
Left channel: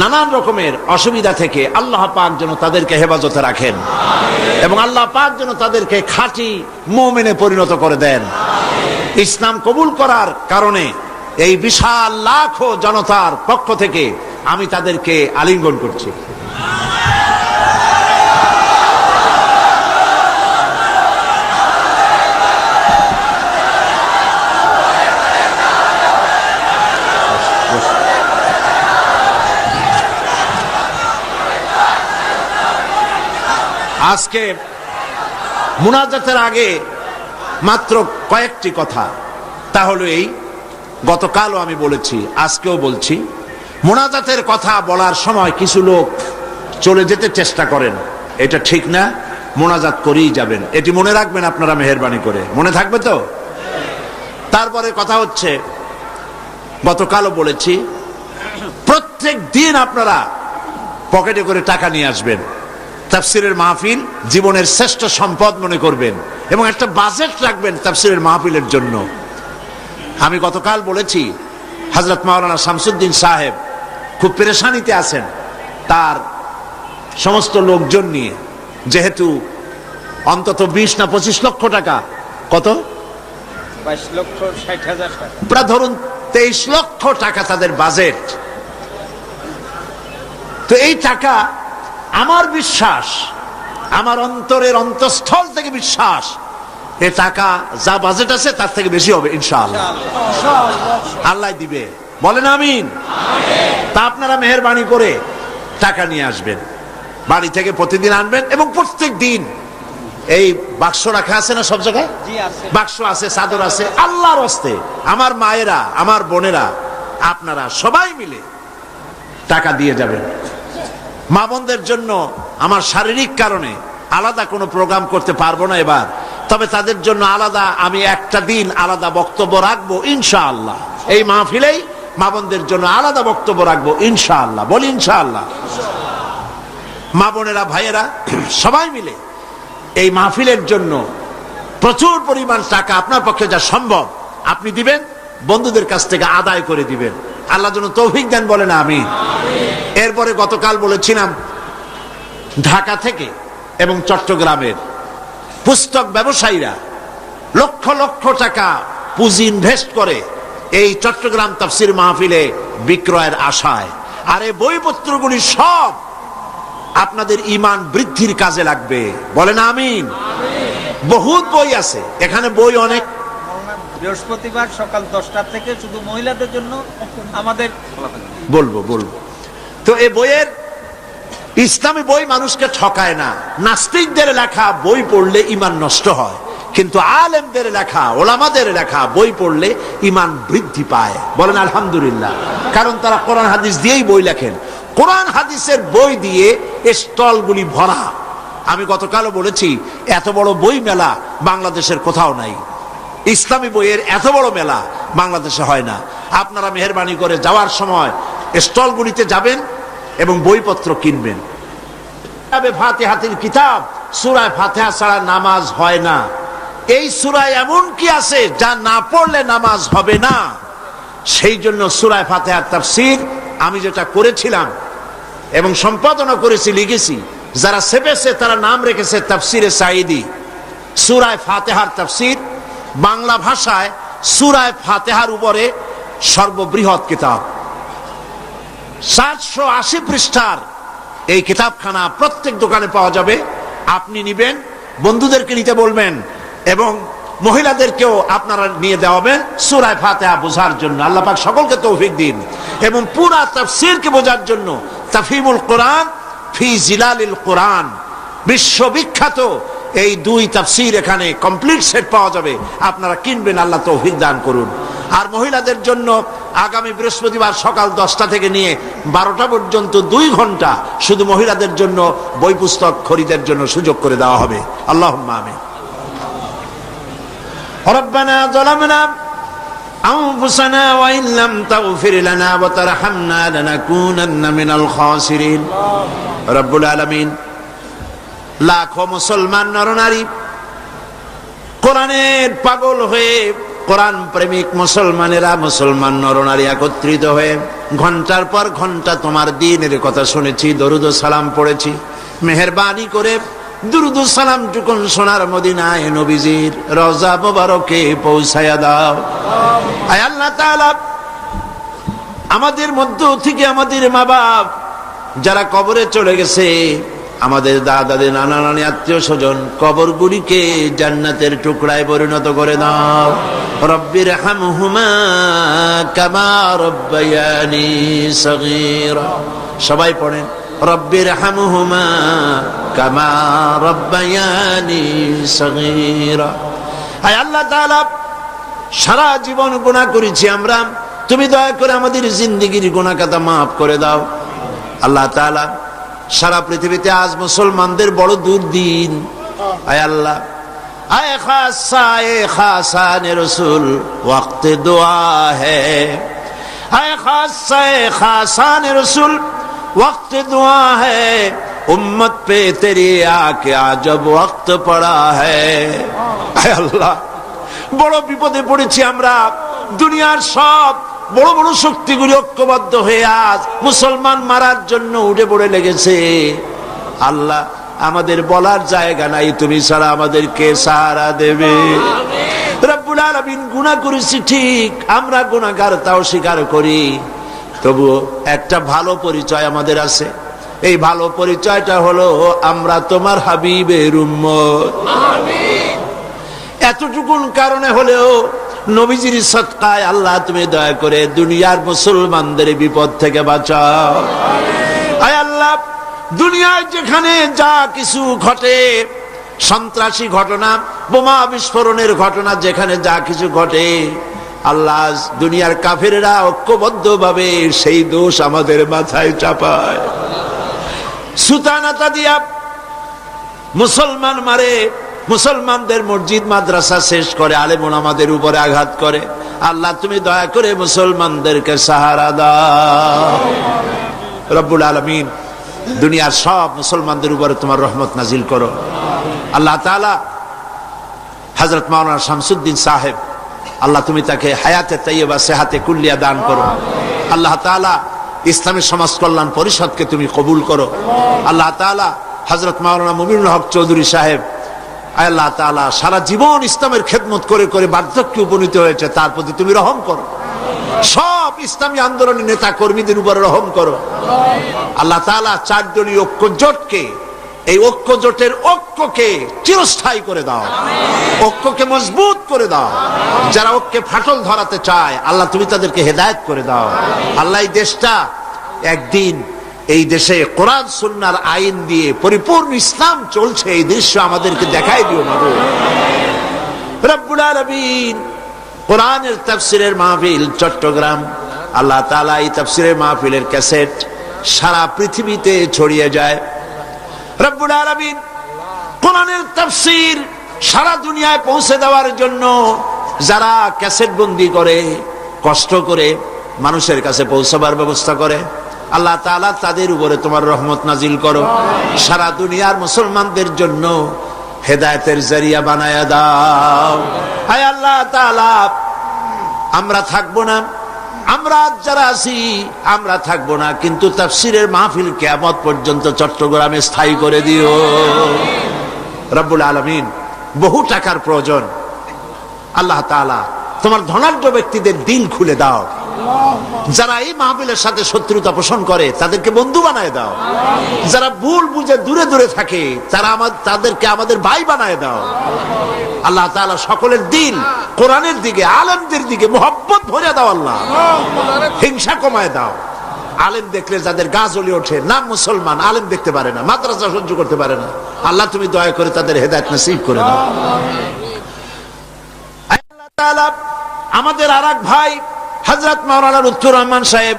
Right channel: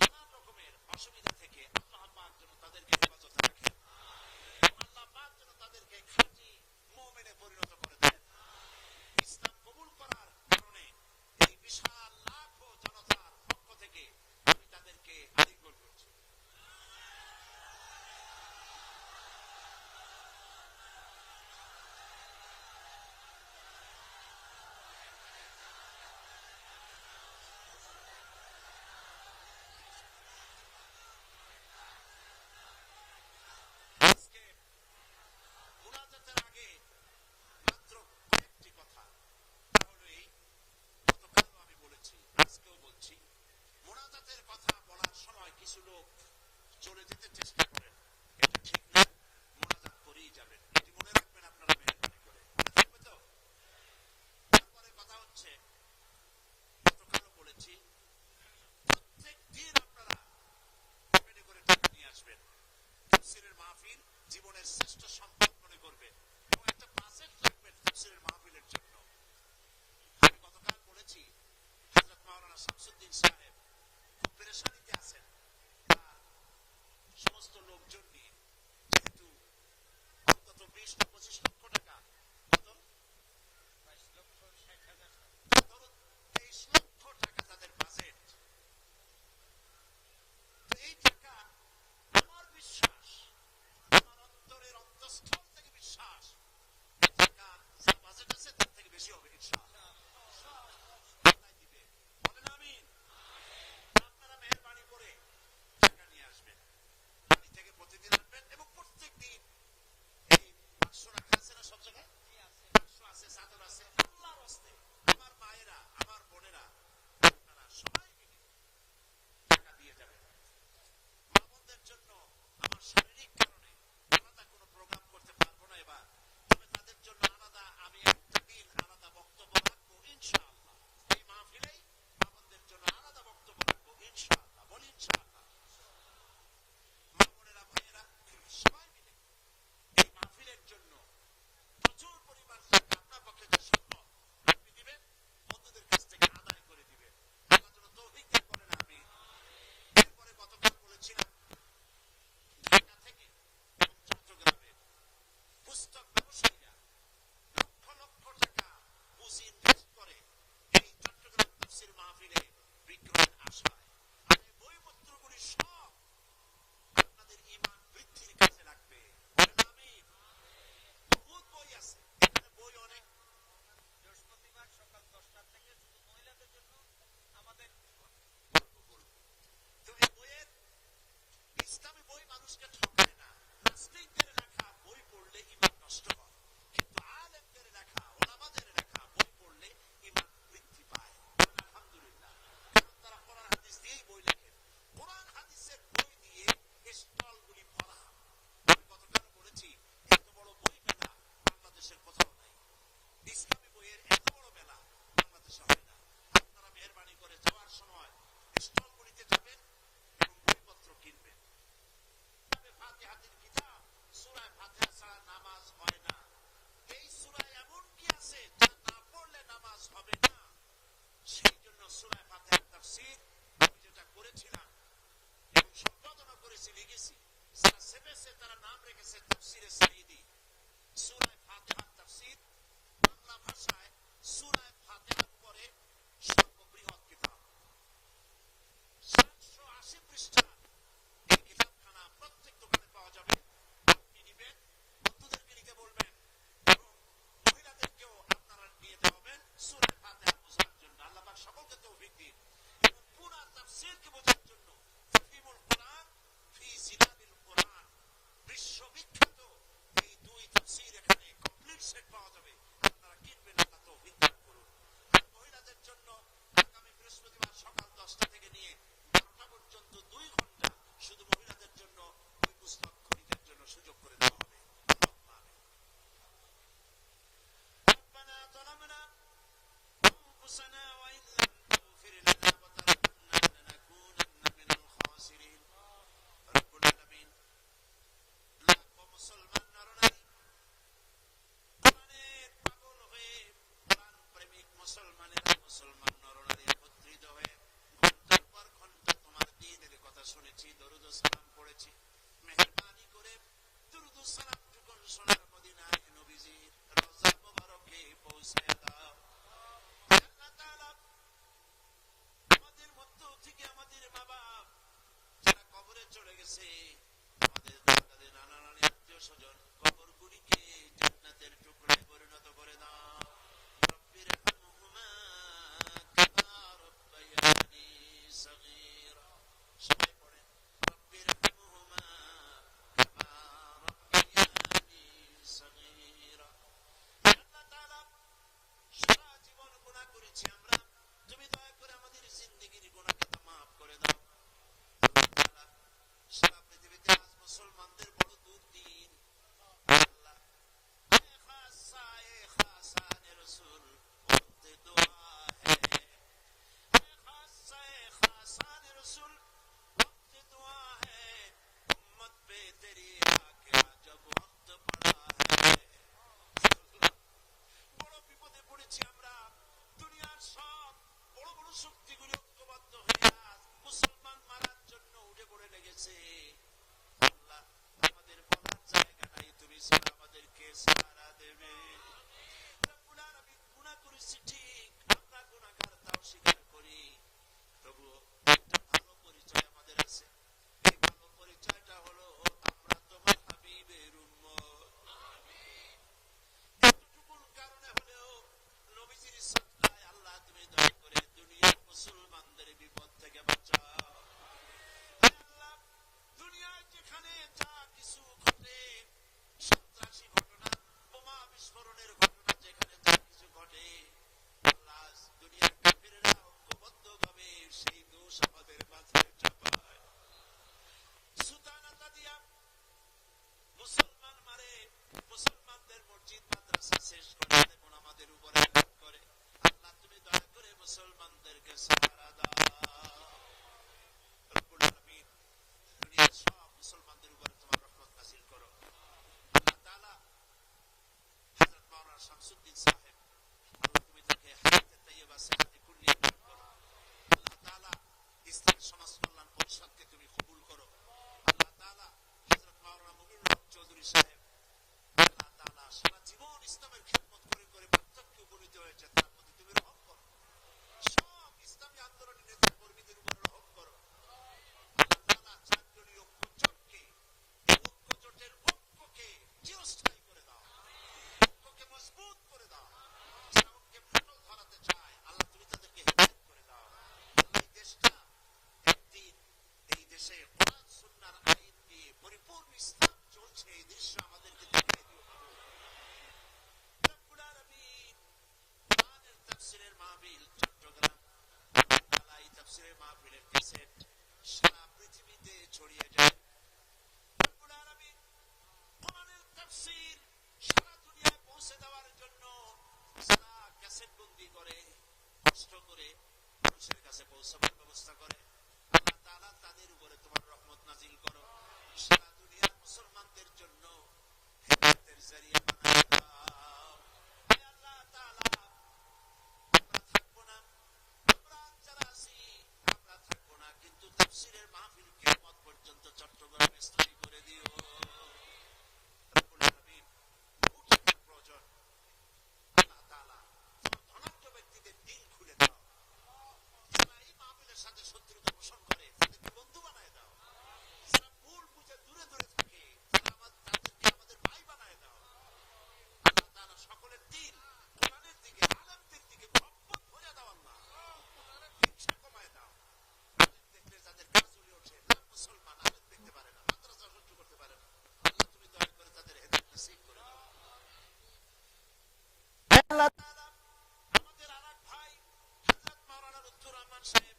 নানান রকমের অসুবিধা থেকে আল্লাহ পাক যেন তাদেরকে হেফাজতে রাখেন এবং আল্লাহ পাক যেন তাদেরকে খাঁটি মুমিনে পরিণত করে দেন। ইসলাম কবুল করার কারণে এই বিশাল লাখো জনতার পক্ষ থেকে আমি তাদেরকে আলিঙ্গন করছি। আজকে মুনাজাতের আগে মাত্র কয়েকটি কথা, তা হলো এই, গতকালও আমি বলেছি, আজকেও বলছি, মুনাজাতের কথা বলার সময় কিছু লোক চলে যেতে চেষ্টা করেন, এটা ঠিক না। মুনাজাত করেই যাবেন, এটি মনে রাখবেন আপনারা, মেহেরবানি করে। মনে থাকবে তো? তারপরে কথা হচ্ছে, গতকালও বলেছি, প্রত্যেক দিন আপনারা পকেটে করে টাকা নিয়ে আসবেন। তাফসিরের মাহফিল জীবনের শ্রেষ্ঠ সম্পদ মনে করবেন এবং একটা বাজেট রাখবেন তাফসিরের মাহফিলের জন্য। আমি গতকাল বলেছি, হযরত মাওলানা শামসুদ্দিন সাহেব খুব পেরেশানিতে আছেন তার সমস্ত লোকজন নিয়ে, যেহেতু অন্তত 20 না 25 লক্ষ টাকা কত? 22,60,000 টাকা। প্রায় ধরুন 23 লক্ষ টাকা তাদের বাজেট। তো এই টাকা, আমার বিশ্বাস, আমার অন্তরের অন্তঃস্থল থেকে বিশ্বাস, এই টাকা যা বাজেট আছে তার থেকে বেশি হবে ইনশাআল্লাহ। আল্লাহ দিবে, বলেন আমিন। তা আপনারা মেহেরবানি করে টাকা নিয়ে আসবেন, বাড়ি থেকে প্রতিদিন আনবেন, এবং প্রত্যেক দিন এই বাক্স রাখা আছে না সব জায়গায়? বাক্স আছে, চাদর আছে। আল্লাহর হস্তে আমার মায়েরা, আমার বোনেরা, আপনারা সবাই মিলে টাকা দিয়ে যাবেন। মা বোনদের জন্য আমার শারীরিক কারণে আলাদা কোনো প্রোগ্রাম করতে পারবো না এবার, তবে তাদের জন্য আলাদা আমি একটা দিন আলাদা বক্তব্য রাখবো ইনশাআল্লাহ। এই মাহফিলেই মা বোনদের জন্য আলাদা বক্তব্য রাখবো ইনশাআল্লাহ। বলি ইনশাআল্লাহ। মা বোনেরা, ভাইয়েরা, সবাই মিলে এই মাহফিলের জন্য প্রচুর পরিমাণ টাকা আপনার পক্ষে যা সম্ভব আপনি দিবেন, বন্ধুদের কাছ থেকে আদায় করে দিবেন। আল্লাহ যেন তৌফিক দেন, বলেন আমিন। এরপরে গতকাল বলেছিলাম ঢাকা থেকে এবং চট্টগ্রামের পুস্তক ব্যবসায়ীরা লক্ষ লক্ষ টাকা পুঁজি ইনভেস্ট করে এই চট্টগ্রাম তাফসীর মাহফিলে বিক্রয়ের আশায়। আর এই বইপত্রগুলি সব আপনাদের ঈমান বৃদ্ধির কাজে লাগবে, বলেন আমিন। বহুত বই আছে এখানে, বই অনেক। বৃহস্পতিবার সকাল 10টা থেকে শুধু মহিলাদের জন্য আমাদের বলবো। তো এই বইয়ের, ইসলামী বই মানুষকে ঠকায় না। নাস্তিকদের লেখা বই পড়লে ঈমান নষ্ট হয়, কিন্তু আলেমদের লেখা, ওলামাদের লেখা বই পড়লে ঈমান বৃদ্ধি পায়, বলেন আলহামদুলিল্লাহ। কারণ তারা কোরআন হাদিস দিয়েই বই লেখেন। কোরআন হাদিসের বই দিয়ে স্টলগুলি ভরা। আমি গতকালও বলেছি, এত বড় বই মেলা বাংলাদেশের কোথাও নাই। ইসলামী বইয়ের এত বড় মেলা বাংলাদেশে হয় না। আপনারা মেহেরবানি করে যাওয়ার সময় স্টলগুলিতে যাবেন এবং বইপত্র কিনবেন। ফাতিহাতুল কিতাব, সূরা ফাতিহা ছাড়া নামাজ হয় না। এই সূরায় এমন কি আছে যা না পড়লে নামাজ হবে না? সেই জন্য সূরা ফাতিহার তাফসীর আমি যেটা করেছিলাম এবং সম্পাদনা করেছি, লিখেছি, যারা সেপেছে তারা নাম রেখেছে তাফসীরে সাঈদী। সূরা ফাতিহার তাফসীর বাংলা ভাষায় সূরা ফাতিহার উপরে সর্ববৃহৎ কিতাব, 780 পৃষ্ঠার এই কিতাবখানা প্রত্যেক দোকানে পাওয়া যাবে। আপনি নিবেন, বন্ধুদেরকে নিতে বলবেন, এবং মহিলাদেরকেও আপনারা নিয়ে দেওয়াবেন সূরা ফাতিহা বোঝার জন্য। আল্লাহ পাক সকলকে তৌফিক দিন। এবং পুরা তাফসীরকে বোঝার জন্য তাফহিমুল কোরআন ফি জিলালিল কোরআন, বিশ্ববিখ্যাত এই 2 তাফসীর এখানে কমপ্লিট সেট পাওয়া যাবে। আপনারা কিনবেন, আল্লাহ তৌফিক দান করুন। আর মহিলাদের জন্য আগামী বৃহস্পতিবার সকাল 10টা থেকে নিয়ে 12টা পর্যন্ত 2 ঘন্টা শুধু মহিলাদের জন্য বই পুস্তক খরিদের জন্য সুযোগ করে দেওয়া হবে। আল্লাহুম্মা আমিন। রব্বানা যালামনা আনফুসানা ওয়া ইন লাম তাগফির লানা ওয়া তারহামনা লানাকুনান্না মিনাল খাসিরিন। রব্বুল আলামিন, লাখো মুসলমান নরনারী কোরআনের পাগল হয়ে, কোরআন প্রেমিক মুসলমানেরা, মুসলমান নরনারী একত্রিত হয়ে ঘন্টার পর ঘন্টা তোমার দ্বীনের কথা শুনেছি, দরুদ ও সালাম পড়েছি। মেহেরবানি করে দুরুদ ও সালাম টুকুন সোনার মদিনায় নবীজির রওজা মোবারকে পৌঁছায়া দাও। আয় আল্লাহ তাআলা, আমাদের মধ্য থেকে আমাদের মা বাপ যারা কবরে চলে গেছে, আমাদের দাদাদের, নানা নানি, আত্মীয় স্বজন, কবরগুলিকে জান্নাতের টুকরায় পরিণত করে দাও। রব্বির হামহুমা কামা রব্বায়ানি সগীরা। সবাই পড়েন, রব্বির হামহুমা কামা রব্বায়ানি সগীরা। আয় আল্লাহ তাআলা, সারা জীবন গুনাহ করেছি আমরা, তুমি দয়া করে আমাদের জিন্দেগির গুনাহ খাতা মাফ করে দাও। আল্লাহ তাআলা, সারা পৃথিবীতে আজ মুসলমানদের বড় দুর্দিন। আয় আল্লাহ, আয় খাসা, এ খাসানে রসুল ওয়াক্তে দোয়া হ্যায়। আয় খাসা, এ খাসানে রসুল ওয়াক্তে দোয়া হ্যায়। উম্মত পে তেরি আকে আজব ওয়াক্ত পড়া হ্যায়। আয় আল্লাহ, বড় বিপদে পড়েছি আমরা। দুনিয়ার সব বড় বড় শক্তিগুলি ঐক্যবদ্ধ হয়ে আজ মুসলমান মারার জন্য উঠে পড়ে লেগেছে। আল্লাহ, আমাদের বলার জায়গা নাই, তুমি ছাড়া আমাদেরকে সাহারা দেবে। রব্বুল আলামিন, গুনাহ করেছি ঠিক, আমরা গুনাহগার তাও স্বীকার করি, তবুও একটা ভালো পরিচয় আমাদের আছে। এই ভালো পরিচয়টা হলো আমরা তোমার হাবিবের উম্মত। এতটুকুন কারণে হলেও নবীজির সদকায় আল্লাহ তুমি দয়া করে দুনিয়ার মুসলমানদের বিপদ থেকে বাঁচাও। আয় আল্লাহ, দুনিয়ায় যেখানে যা কিছু ঘটে, সন্ত্রাসী ঘটনা, বোমা বিস্ফোরণের ঘটনা, যেখানে যা কিছু ঘটে, আল্লাহ দুনিয়ার কাফেরেরা ঐক্যবদ্ধ ভাবে সেই দোষ আমাদের মাথায় চাপায়, সুতানাতা দিয়া মুসলমান মারে, মুসলমানদের মসজিদ মাদ্রাসা শেষ করে, আলেম ওলামাদের উপরে আঘাত করে। আল্লাহ তুমি দয়া করে মুসলমানদেরকে সাহারা দাও। রব্বুল আলামিন, দুনিয়ার সব মুসলমানদের উপরে তোমার রহমত নাজিল করো। আল্লাহ তাআলা হযরত মাওলানা শামসুদ্দিন সাহেব, আল্লাহ তুমি তাকে হায়াতে তাইয়্যিবা সেহাতে কুল্লিয়া দান করো। আল্লাহ তাআলা ইসলামী সমাজ কল্যাণ পরিষদকে তুমি কবুল করো। আল্লাহ তাআলা হযরত মাওলানা মুমিনুল হক চৌধুরী সাহেব, আল্লাহ তাআলা সারা জীবন ইসলামের খেদমত করে করে বার্ধক্যে উপনীত হয়েছে, তার প্রতি তুমি রহম করো। সব ইসলামী আন্দোলনের নেতা কর্মীদের উপরে রহম করো। আল্লাহ তাআলা চার দলীয় ঐক্য জোটকে, এই ঐক্য জোটের ঐক্যকে চিরস্থায়ী করে দাও, ঐক্যকে মজবুত করে দাও। যারা ঐক্যে ফাটল ধরাতে চায়, আল্লাহ তুমি তাদেরকে হেদায়েত করে দাও। আল্লাহ এই দেশটা একদিন, এই দেশে কোরআন সুন্নাহর আইন দিয়ে পরিপূর্ণ ইসলাম চলছে, এই দৃশ্য আমাদেরকে দেখাই দিও মাবুদ। রব্বুল আলামিন, কোরআনের তাফসীরের মাহফিল চট্টগ্রাম, আল্লাহ তাআলা এই তাফসীরের মাহফিলের ক্যাসেট সারা পৃথিবীতে ছড়িয়ে যায়। রব্বুল আলামিন, কোরআনের তাফসীর সারা দুনিয়ায় পৌঁছে দেওয়ার জন্য যারা ক্যাসেট বন্দি করে, কষ্ট করে মানুষের কাছে পৌঁছাবার ব্যবস্থা করে, আল্লাহ তাআলা তাদের উপরে তোমার রহমত নাজিল করো। সারা দুনিয়ার মুসলমানদের জন্য হেদায়েতের জরিয়া বানায়া দাও। হায় আল্লাহ তাআলা, আমরা থাকবো না, আমরা যারা আছি আমরা থাকবো না, কিন্তু তাফসীরের মাহফিল কিয়ামত পর্যন্ত চট্টগ্রামে স্থায়ী করে দিও। রব্বুল আলামিন, বহু টাকার প্রয়োজন, আল্লাহ তাআলা তোমার ধনাঢ্য ব্যক্তিদের দিল খুলে দাও। যারা এই মাহফিলের সাথে শত্রুতা পোষণ করে তাদেরকে বন্ধু বানায় দাও। যারা ভুল বুঝে দূরে দূরে থাকে তাদেরকে আমাদের ভাই বানায় দাও। আল্লাহ তাআলা সকলের দিল কোরআনের দিকে, আলেমদের দিকে মুহাব্বত ভরে দাও। আল্লাহ হিংসা কমায় দাও। আলেম দেখলে যাদের গা জ্বলে ওঠে, নাম মুসলমান, আলেম দেখতে পারে না, মাদ্রাসা সহ্য করতে পারে না, আল্লাহ তুমি দয়া করে তাদের হেদায়েত নসিব করে দাও। আল্লাহ তাআলা, আমাদের আরেক ভাই হযরত মাওলানা লুৎফুর রহমান সাহেব,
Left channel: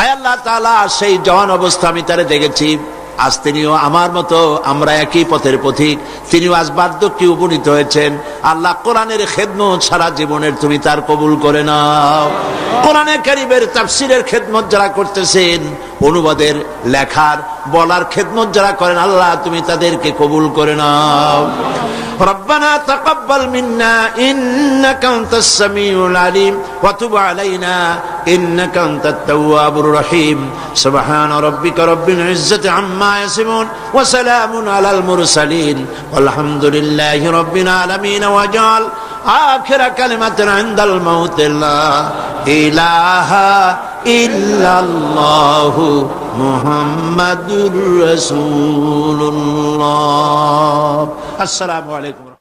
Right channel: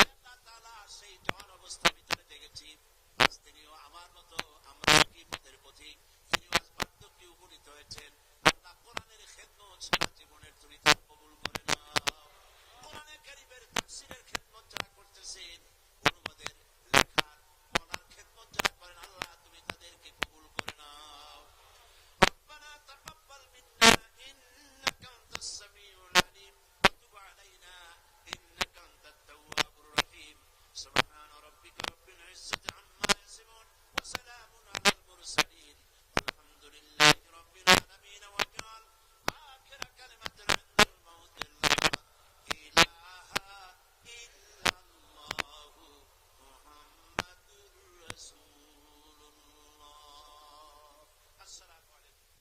আয় আল্লাহ তাআলা, সেই জওয়ান অবস্থা আমি তারে দেখেছি, আজ তিনিও আমার মতো, আমরা একই পথের পথিক, তিনিও আজ বার্ধক্যে উপনীত হয়েছেন। আল্লাহ কোরআনের খেদমত সারা জীবনের তুমি তার কবুল করে নাও। কোরআনে কারীমের তাফসীরের খেদমত যারা করতেছেন, অনুবাদের, লেখার, বলার খেদমত যারা করেন, আল্লাহ তুমি তাদেরকে কবুল করে নাও। ربنا تقبل منا إنك أنت السميع العليم وتب علينا إنك أنت التواب الرحيم سبحان ربك رب العزة عما يصفون وسلام على المرسلين والحمد لله رب العالمين وجعل آخر كلمة عند الموت لا إله إلا الله محمد رسول الله. السلام عليكم.